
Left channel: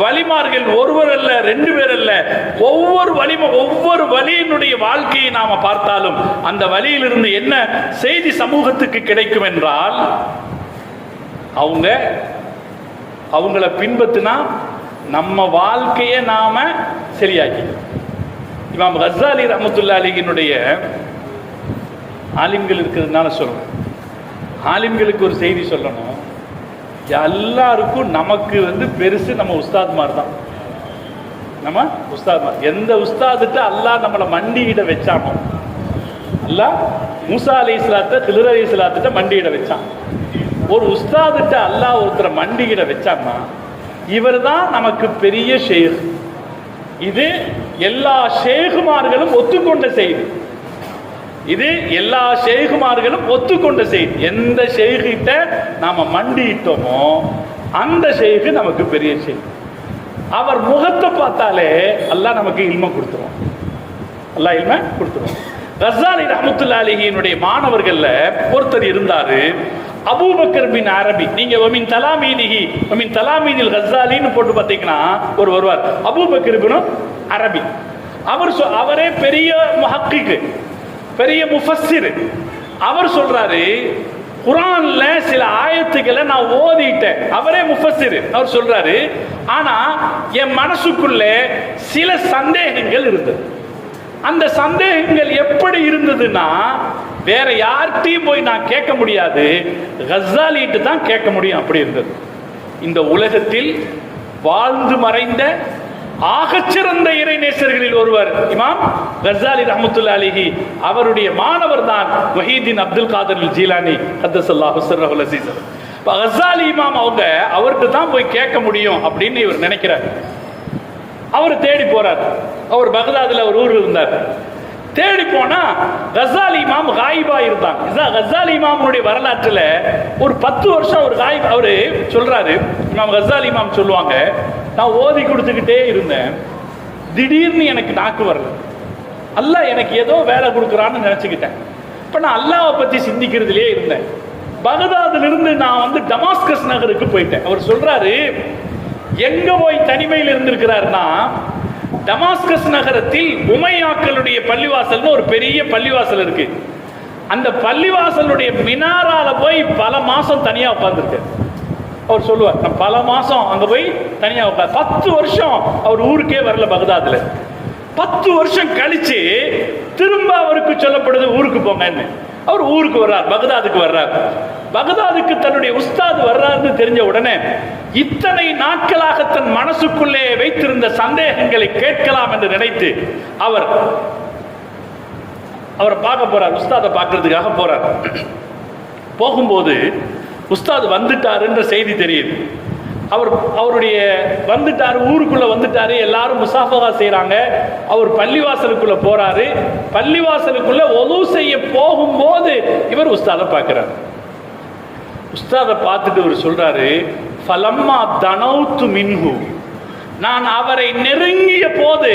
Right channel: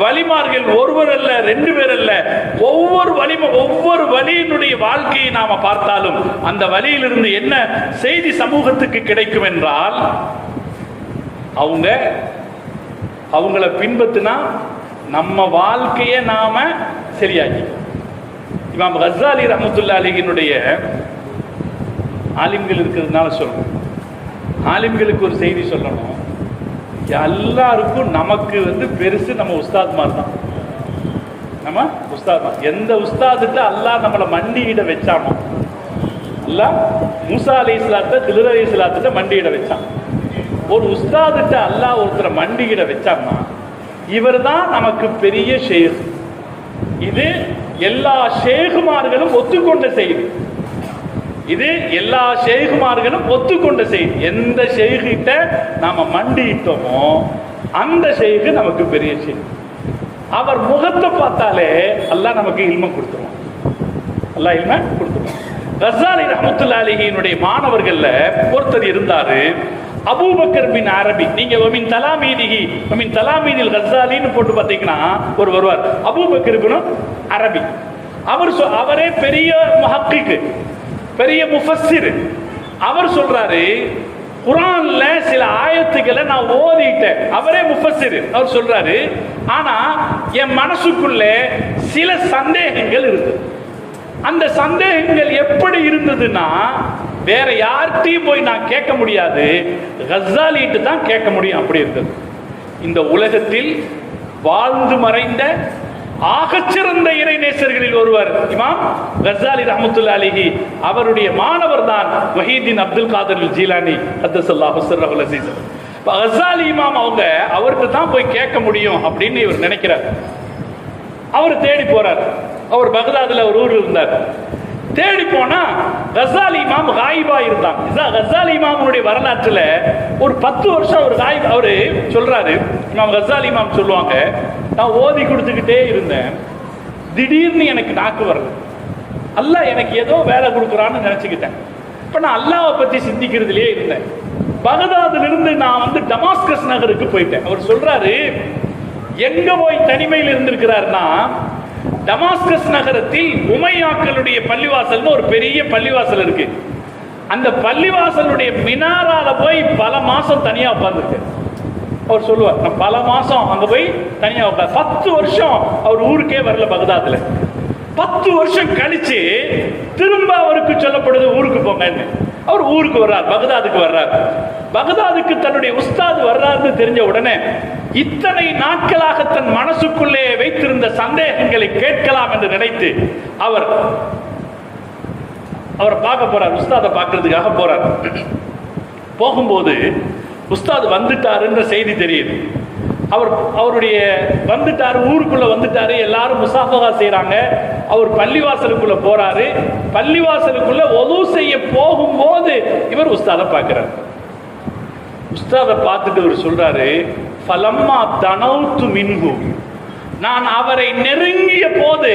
வலிமார்கள் ஒருவர் அல்ல, 2 பேர் அல்ல, ஒவ்வொரு வலியினுடைய வாழ்க்கையை நாம பார்த்தாலும் அந்த வலியிலிருந்து என்ன செய்தி சமூகத்துக்கு கிடைக்கும் என்றால், அவங்கள பின்பற்றினா நம்ம வாழ்க்கையை நாம சரியாக்கி. இமாம் கஸ்ஸாலி ரஹ்மத்துல்லாஹி அலைஹினுடைய ஆலிம்கள் இருக்கிறதுனால சொல்றேன். ஆலிம்களுக்கு ஒரு செய்தி சொல்லணும். எல்லாருக்கும் நமக்கு பெருசு நம்ம உஸ்தாத்மார் தான். நம்ம உஸ்தாத்மார். எந்த உஸ்தாதுட்ட அல்லாஹ் நம்மளை மண்டியிட வச்சானோ, அல்லாஹ் மூசா அலைஹிஸ்ஸலாத்தை கில்ர் அலைஹிஸ்ஸலாத்திட்ட மண்டியிட வச்சான். ஒரு உஸ்தாதுட்ட அல்லாஹ் ஒருத்தரை மண்டியிட வச்சான்னா இவர் தான் நமக்கு பெரிய ஷேக். இது எல்லா ஷேகுமார்களும் ஒத்துக்கொண்ட செய்தி. இது எல்லா ஷேகுமார்களும் ஒத்துக்கொண்ட செய்தி. எந்த ஷேகிட்ட நாம மண்டியிட்டோமோ அந்த ஷேகு நமக்கு பெரிய ஷேக். அவர் முகத்தை பார்த்தாலே அல்லாஹ் நமக்கு இல்ம கொடுத்துரும். அல்லாஹ் இல்ம கொடுத்துரும். கஸாலி ரஹ்மத்துல்லாஹி அலைஹினுடைய மாணவர்கள்ல ஒருத்தர் இருந்தாரு, அபூபக்கர் பின் அரபி. நீங்க ஒமின் தலாமீதிஹி ஒமின் தலாமீதில் கஸாலின்னு போட்டு பார்த்தீங்கன்னா ஒரு வருவார், அபூபக்கர் பின் அரபி. அவரே பெரிய முஹக்கிக், பெரிய முஃபஸ்ஸிர். அவர் சொல்றாரு, குர்ஆன்ல சில ஆயத்துக்களை நான் ஓதிட்டேன். அவரே முஃபஸ்ஸிர். அவர் சொல்றாரு, ஆனா என் மனசுக்குள்ள சில சந்தேகங்கள் இருந்தது. அந்த சந்தேகங்கள் எப்படி இருந்ததுன்னா வேற யார்கிட்டையும் போய் நான் கேட்க முடியாது, கஸாலிட்டு தான் கேட்க முடியும். அப்படி இருந்தது. இந்த உலகத்தில் வாழ்ந்து மறைந்த ஆகச்சிறந்த இறைநேசர்களில் ஒருவர் இமாம் கஸாலி ரஹ்மத்துல்லாஹி அலைஹி. அவருடைய மாணவர் தான் வஹீதீன் அப்துல் காதர் ஜீலானி கத்தஸல்லாஹு சிர்ரஹுல் அஸீஸ். கஸாலி இமாம் அவங்க அவர்கிட்ட தான் போய் கேட்க முடியும் அப்படின்னு இவர் நினைக்கிறார். அவர் தேடி போறார். அவர் பகதாதுல ஒரு ஊர் இருந்தார். தேடி போனா கஸாலி இமாம் காயிபா இருந்தாங்க. கஸாலி இமாமுடைய வரலாற்றுல ஒரு 10 வருஷம் ஒரு காயிப். அவரு சொல்றாரு, இமாம் கஸாலி இமாம் சொல்லுவாங்க, நான் ஓதி கொடுத்துக்கிட்டே இருந்தேன், திடீர்னு எனக்கு நாக்கு வரல. அல்லாஹ் எனக்கு ஏதோ வேலை கொடுக்குறான்னு நினைச்சுக்கிட்டேன். இப்ப நான் அல்லாஹ்வை பத்தி சிந்திக்கிறதுலயே இருந்தேன். பகதாதுல இருந்து நான் டமாஸ்கஸ் நகருக்கு போயிட்டேன். அவர் சொல்றாரு, எங்க போய் தனிமையில் இருந்திருக்கிறார்னா, டமாஸ்கஸ் நகரத்தில் உமையாக்களுடைய பள்ளிவாசல்னு ஒரு பெரிய பள்ளிவாசல் இருக்கு. அந்த பள்ளிவாசலுடைய மினாரால போய் பல மாசம் தனியா உட்கார்ந்துருக்கார். அவர் சொல்லுவார், நான் பல மாசம் அங்க போய் தனியா உட்கார். 10 வருஷம் அவர் ஊருக்கே வரல பகதாதுல. 10 வருஷம் கழிச்சு திரும்ப அவருக்கு சொல்லப்படுது ஊருக்கு போங்கன்னு. அவர் ஊருக்கு வர்றார், பகதாதுக்கு வர்றார். பகதாதுக்கு தன்னுடைய உஸ்தாத் வர்றாருன்னு தெரிஞ்ச உடனே இத்தனை நாட்களாக தன் மனசுக்குள்ளே வைத்திருந்த சந்தேகங்களை கேட்கலாம் என்று நினைத்து அவரை பார்க்க போறார். உஸ்தாதை பார்க்கறதுக்காக போறார். போகும்போது உஸ்தாத் வந்துட்டாருன்ற செய்தி தெரியுது. அவருடைய வந்துட்டாரு, ஊருக்குள்ள வந்துட்டாரு, எல்லாரும் முசாஃபகா செய்யறாங்க. அவர் பள்ளிவாசலுக்குள்ள போறாரு. பள்ளிவாசலுக்குள்ள ஒது செய்ய போகும்போது இவர் உஸ்தாதை பார்க்கிறார். உஸ்தாதை பார்த்துட்டு அவர் சொல்றாரு, ஃபலம்மா தனௌத்து மின்ஹு, நான் அவரை நெருங்கிய போது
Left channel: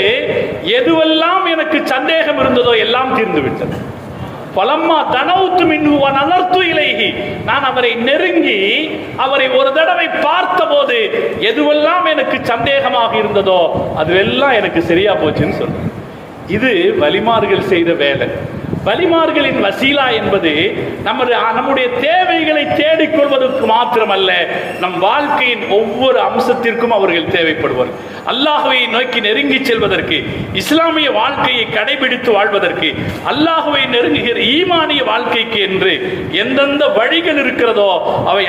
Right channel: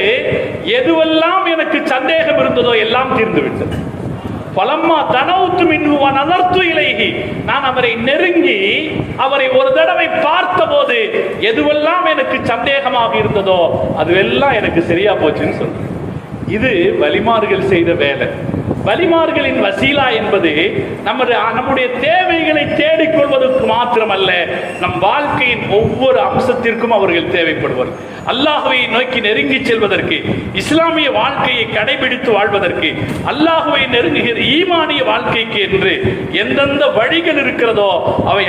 எதுவெல்லாம் எனக்கு சந்தேகம் இருந்ததோ எல்லாம் தீர்ந்து விட்டது. பலம்மா தனவுத்து மின்ஹு வ நஸர்து இலைஹி, நான் அவரை நெருங்கி அவரை ஒரு தடவை பார்த்த போது எதுவெல்லாம் எனக்கு சந்தேகமாக இருந்ததோ அதுவெல்லாம் எனக்கு சரியா போச்சுன்னு சொல்றேன். இது வலிமார்கள் செய்த வேலை. வலிமார்களின் வசீலா என்பது நம்முடைய தேவைகளை தேடிக்கொள்வதற்கு மாத்திரமல்ல, நம் வாழ்க்கையின் ஒவ்வொரு அம்சத்திற்கும் அவர்கள் தேவைப்படுவார். அல்லாஹ்வை நோக்கி நெருங்கி செல்வதற்கு, இஸ்லாமிய வாழ்க்கையை கடைபிடித்து வாழ்வதற்கு, அல்லாஹ்வை நெருங்குகிற ஈமானிய வாழ்க்கைக்கு என்று எந்தெந்த வழிகள் இருக்கிறதோ அவை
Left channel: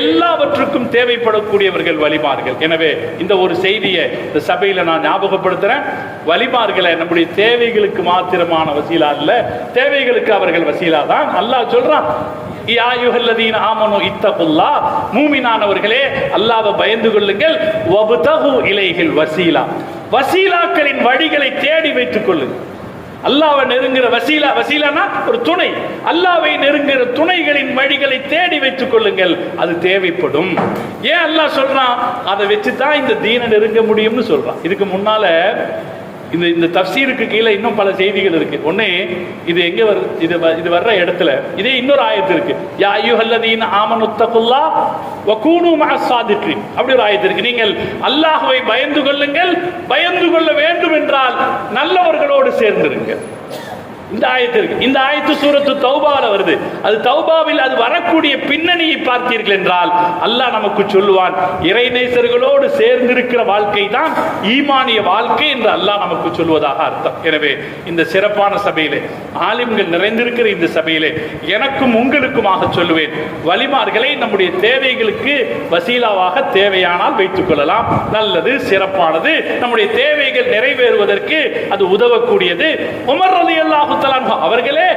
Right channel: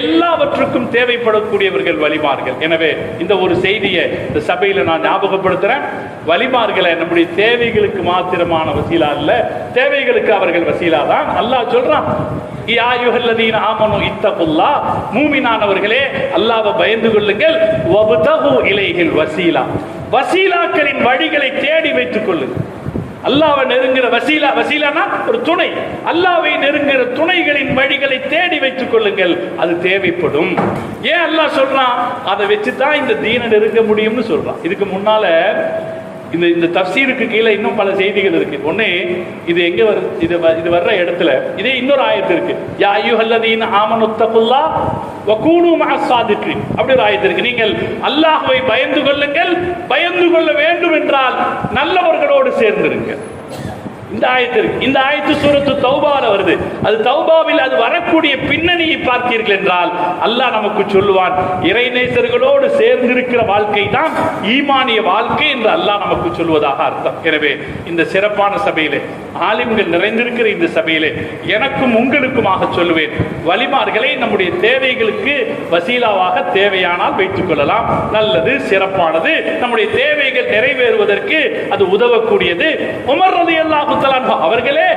எல்லாவற்றுக்கும் தேவைப்படக்கூடியவர்கள் வலிமார்கள். எனவே இந்த ஒரு செய்தியை இந்த சபையில நான் ஞாபகப்படுத்துறேன். வலிமார்களை நம்முடைய தேவைகளுக்கு மாத்திரமான வசீலா இல்ல, தேவைகளுக்கு அவர்கள் வசீலா தான். அல்லாஹ் சொல்றான், யா அய்யுஹல்லதீன ஆமனு இத்தகுல்லாஹ், மூமினானவர்களே அல்லாஹ்வை பயந்து கொள்ளுங்கள், வப்தகு இலைஹில் வசீலா, வசீலாக்களின் வழிகளை தேடி வைத்துக் கொள்ளுங்கள். அல்லாஹ்வை நெருங்குற வசீலா, வசீலானா ஒரு துணை, அல்லாஹ்வை நெருங்குற துணைகளின் வழிகளை தேடி வைத்துக் கொள்ளுங்கள், அது தேவைப்படும். ஏன் அல்லாஹ் சொல்றான்? அதை வச்சுதான் இந்த தீனை நெருங்க முடியும்னு சொல்றான். இதுக்கு முன்னால இந்த தஃப்சீருக்கு கீழே இன்னும் பல செய்திகள் இருக்கு. ஒண்ணு, இது எங்க வருது? இது வர்ற இடத்துல இதே இன்னொரு ஆயத்து இருக்கு, யா அய்யுஹல்லதீன ஆமனு தகுல்லாஹ் வ கூனு மஅஸ் ஸாதிகீன், அப்படி ஒரு ஆயத்து இருக்கு. நீங்கள் அல்லாஹ்வை பயந்து கொள்ளுங்கள், பயந்து கொள்ள வேண்டும் என்றால் நல்லவர்களோடு சேர்ந்திருங்கள். இந்த ஆயத்து இருக்கு. இந்த ஆயத்து சூரத்து தௌபால வருது. அது தௌபாவில் அது வரக்கூடிய பின்னணியை பார்த்தீர்கள் என்றால் அல்லாஹ் நமக்கு சொல்லுவான், இறைநேசர்களோடு சேர்ந்திருக்கிற வாழ்க்கை தான் ஈமானிய வாழ்க்கை என்று அல்லாஹ் நமக்கு சொல்வதாக அர்த்தம். எனவே இந்த சிறப்பான சபையிலே, ஆலிம்கள் நிறைந்திருக்கிற இந்த சபையிலே எனக்கும் உங்களுக்குமாக சொல்லுவேன், வலிமார்களை நம்முடைய தேவைகளுக்கு வசீலாவாக தேவையானால் வைத்துக் கொள்ளலாம். நல்லது, சிறப்பானது, நம்முடைய தேவைகள் நிறைவேறுவதற்கு அது உதவக்கூடியது. உமர் ரலியல்லாஹு தஆலா அவர்களே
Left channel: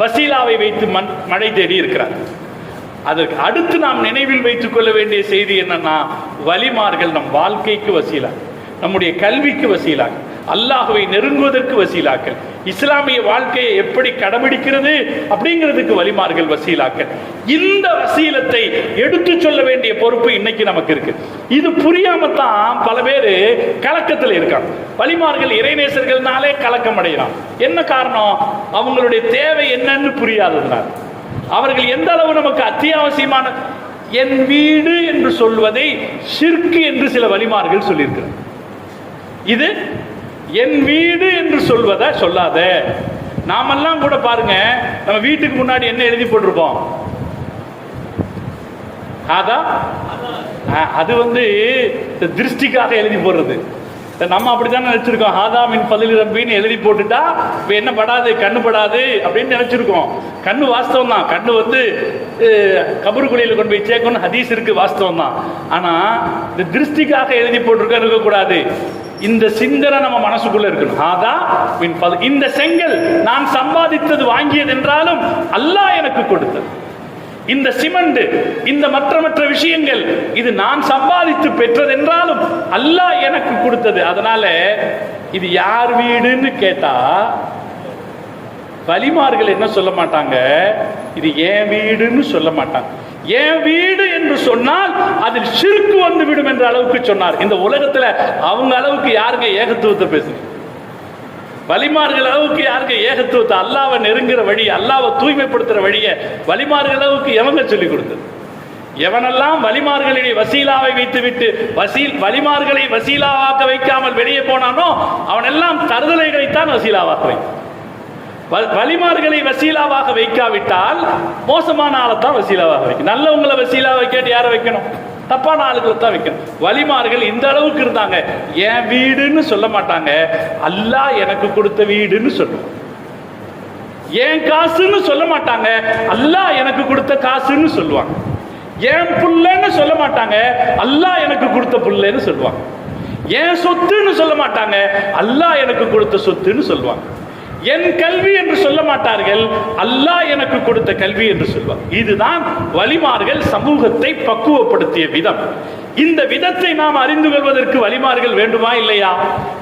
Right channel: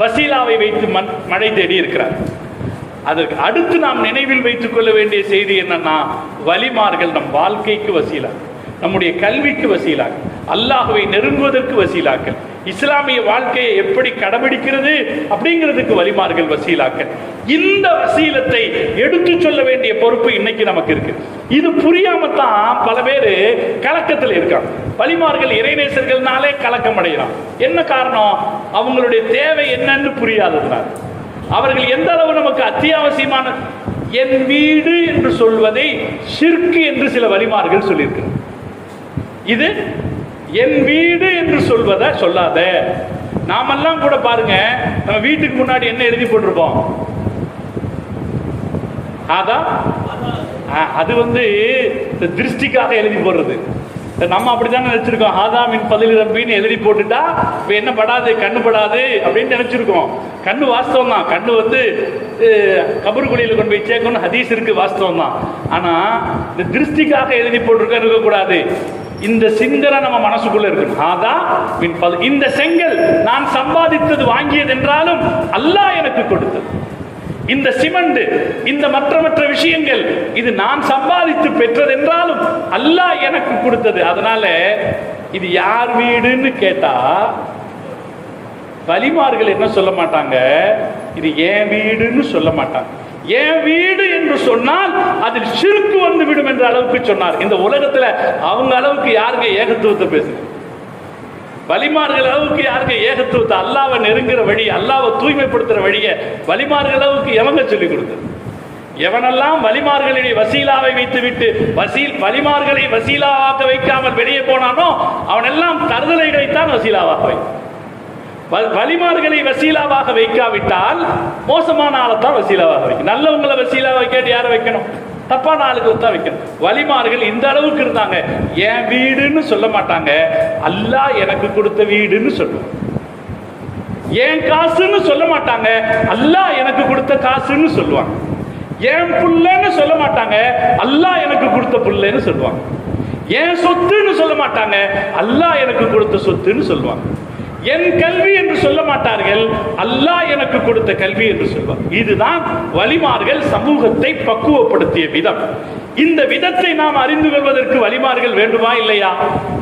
வசீலாவை வைத்து மழை தேடி இருக்கிறார். அதற்கு அடுத்து நாம் நினைவில் வைத்துக் கொள்ள வேண்டிய செய்தி என்னன்னா, வலிமார்கள் நம் வாழ்க்கைக்கு வசீலா, நம்முடைய கல்விக்கு வசீலா, அல்லாஹ்வை நெருங்குவதற்கு வசீலாக்கள், இஸ்லாமிய வாழ்க்கையை எப்படி கடைபிடிக்கிறது அப்படிங்கிறதுக்கு வலிமார்கள் வசீலாக்கள். இந்த வசீலத்தை எடுத்து சொல்ல வேண்டிய பொறுப்பு இன்னைக்கு நமக்கு இருக்கு. இது புரியாம தான் பல பேர் கலக்கத்தில் இருக்காங்க. வலிமார்கள் இறைநேசர்கள்னாலே கலக்கம் அடையலாம். என்ன காரணம்? அவங்களுடைய தேவை என்னன்னு புரியாததுனால. அவர்கள் எந்த அளவு நமக்கு அத்தியாவசியமான, என் வீடு என்று சொல்வதை ஷிர்க் என்று சில வலிமார்கள் சொல்லியிருக்கிறார். இது என் வீடு என்று சொல்வதை சொல்லாத. நாமெல்லாம் கூட பாருங்க, நம்ம வீட்டுக்கு முன்னாடி என்ன எழுதி போட்டிருப்போம்? அது திருஷ்டிக்காக எழுதி போடுறது. நம்ம அப்படித்தான் நினைச்சிருக்கோம். ஆதாமின் பதில் ரப்பின்னு எழுதி போட்டுட்டா என்ன படாது, கண்ணு படாது அப்படின்னு நினைச்சிருக்கோம். கண்ணு வாஸ்தவம் தான். கண்ணு கபருக்குழியில கொண்டு போய் சேர்க்கணும் ஹதீஸ் இருக்கு, வாஸ்தவம் தான். ஆனா இந்த திருஷ்டிக்காக எழுதி போட்டிருக்க இருக்கக்கூடாது. இந்த சிந்தனை நம்ம மனசுக்குள்ள இருக்கு. இந்த செங்கல் நான் சம்பாதித்தது வாங்கியது என்றாலும் அல்லாஹ் எனக்கு கொடுத்தது. இந்த சிமெண்ட், இந்த மற்ற விஷயங்கள் இது நான் சம்பாதித்து பெற்றது என்றாலும் அல்லாஹ் எனக்கு கொடுத்தது. அதனால இது யார் வீடுன்னு கேட்டா வலிமார்கள் என்ன சொல்ல மாட்டாங்க, இது என் வீடுன்னு சொல்ல மாட்டாங்க. என் வீடு என்று சொன்னால் அதில் ஷிர்க் வந்து விடும் என்ற அளவுக்கு சொன்னார். இந்த உலகத்துல அவங்க அளவுக்கு யாருங்க ஏகத்துவத்தை பேசுறது? வலிமார்கள் அளவுக்கு யாருங்க ஏகத்துவத்தை, அல்லாஹ்வை நெருங்குற வழி, அல்லாஹ்வை தூய்மைப்படுத்துற வழிய வலிமார்கள் அளவுக்கு எவங்க சொல்லிக் கொடுத்தது? எவனெல்லாம் வலிமார்களிடையே வசீலாவை வைத்துவிட்டு வலிமார்களை வசீலாவாக்க வைக்காமல் வெளியே போனானோ அவனெல்லாம் தருதலைகளைத்தான் வசீலாவாக்க வைத்தான். வலிமார்களை வசீலாவாக வைக்காவிட்டால் மோசமான ஆளைத்தான் வசீலாவாக வைக்கணும். நல்லவங்களை வசீலா வைக்காட்டி யாரை வைக்கணும்? தப்பான ஆளுக்கு தான் வைக்கணும். வலிமார்கள் இந்த அளவுக்கு இருந்தாங்க. என் வீடுன்னு சொல்ல மாட்டாங்க, அல்லாஹ் எனக்கு கொடுத்த வீடுன்னு சொல்லுவாங்க. என் காசுன்னு சொல்ல மாட்டாங்க, அல்லாஹ் எனக்கு கொடுத்த காசுன்னு சொல்லுவாங்க. என் புள்ளன்னு சொல்ல மாட்டாங்க, அல்லாஹ் எனக்கு கொடுத்த புள்ளன்னு சொல்லுவாங்க. என் சொத்துன்னு சொல்ல மாட்டாங்க, அல்லாஹ் எனக்கு கொடுத்த சொத்துன்னு சொல்லுவாங்க. என் கல்வி என்று சொல்ல மாட்டார்கள், அல்லாஹ் எனக்கு கொடுத்த கல்வி என்று சொல்வார். இதுதான் வலிமார்கள் சமூகத்தை பக்குவப்படுத்திய விதம். இந்த விதத்தை நாம் அறிந்து கொள்வதற்கு வலிமார்கள் வேண்டுமா இல்லையா?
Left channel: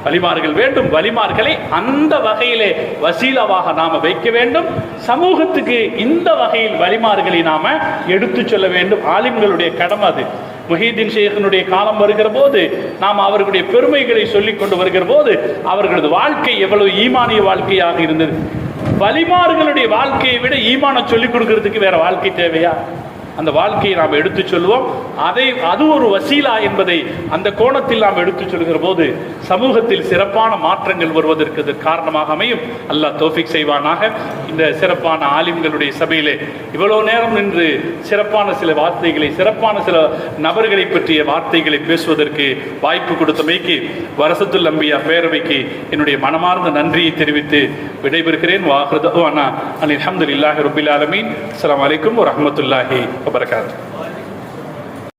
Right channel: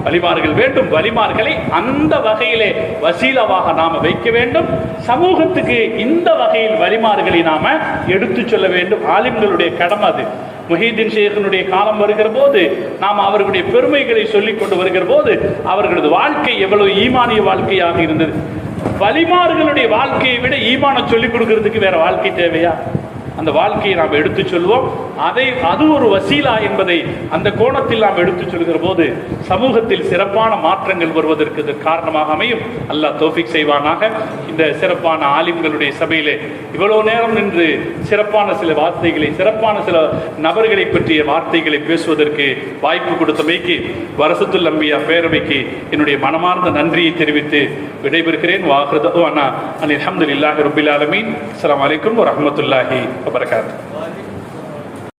வலிமார்கள் வேண்டும். வலிமார்களை அந்த வகையிலே வசீலாவாக நாம வைக்க வேண்டும். சமூகத்துக்கு இந்த வகையில் வலிமார்களை நாம எடுத்து சொல்ல வேண்டும். ஆலிம்களுடைய கடமை அது. முஹிதீன் ஷேഖினுடைய காலம் வருகிற போது நாம் அவர்களுடைய பெருமைகளை சொல்லிக் கொண்டு வருகிற போது அவர்களது வாழ்க்கை எவ்வளவு ஈமானிய வாழ்க்கையாக இருந்தது. வலிமார்களுடைய வாழ்க்கையை விட ஈமான சொல்லிக் கொடுக்கிறதுக்கு வேற வாழ்க்கை தேவையா? அந்த வாழ்க்கையை நாம் எடுத்து சொல்லுவோம். அது ஒரு வசீலா என்பதை அந்த கோணத்தில் நாம் எடுத்து சொல்கிற போது சமூகத்தில் சிறப்பான மாற்றங்கள் வருவதற்கு காரணமாக அமையும். அல்லாஹ் தௌஃபீக் செய்வானாக. இந்த சிறப்பான ஆலிம்களுடைய சபையிலே இவ்வளவு நேரம் நின்று சிறப்பான சில வார்த்தைகளை, சிறப்பான சில நபர்களை பற்றிய வார்த்தைகளை பேசுவதற்கு வாய்ப்பு கொடுத்தமைக்கு வரசத்துல் அம்பியா பேரவைக்கு என்னுடைய மனமார்ந்த நன்றியை தெரிவித்து விடைபெறுகிறேன். வாஹிரு தஅவானா அல்ஹம்துலில்லாஹி ரப்பில் ஆலமீன். அஸ்ஸலாமு அலைக்கும் வரஹ்மத்துல்லாஹி வபரகாத்துஹு.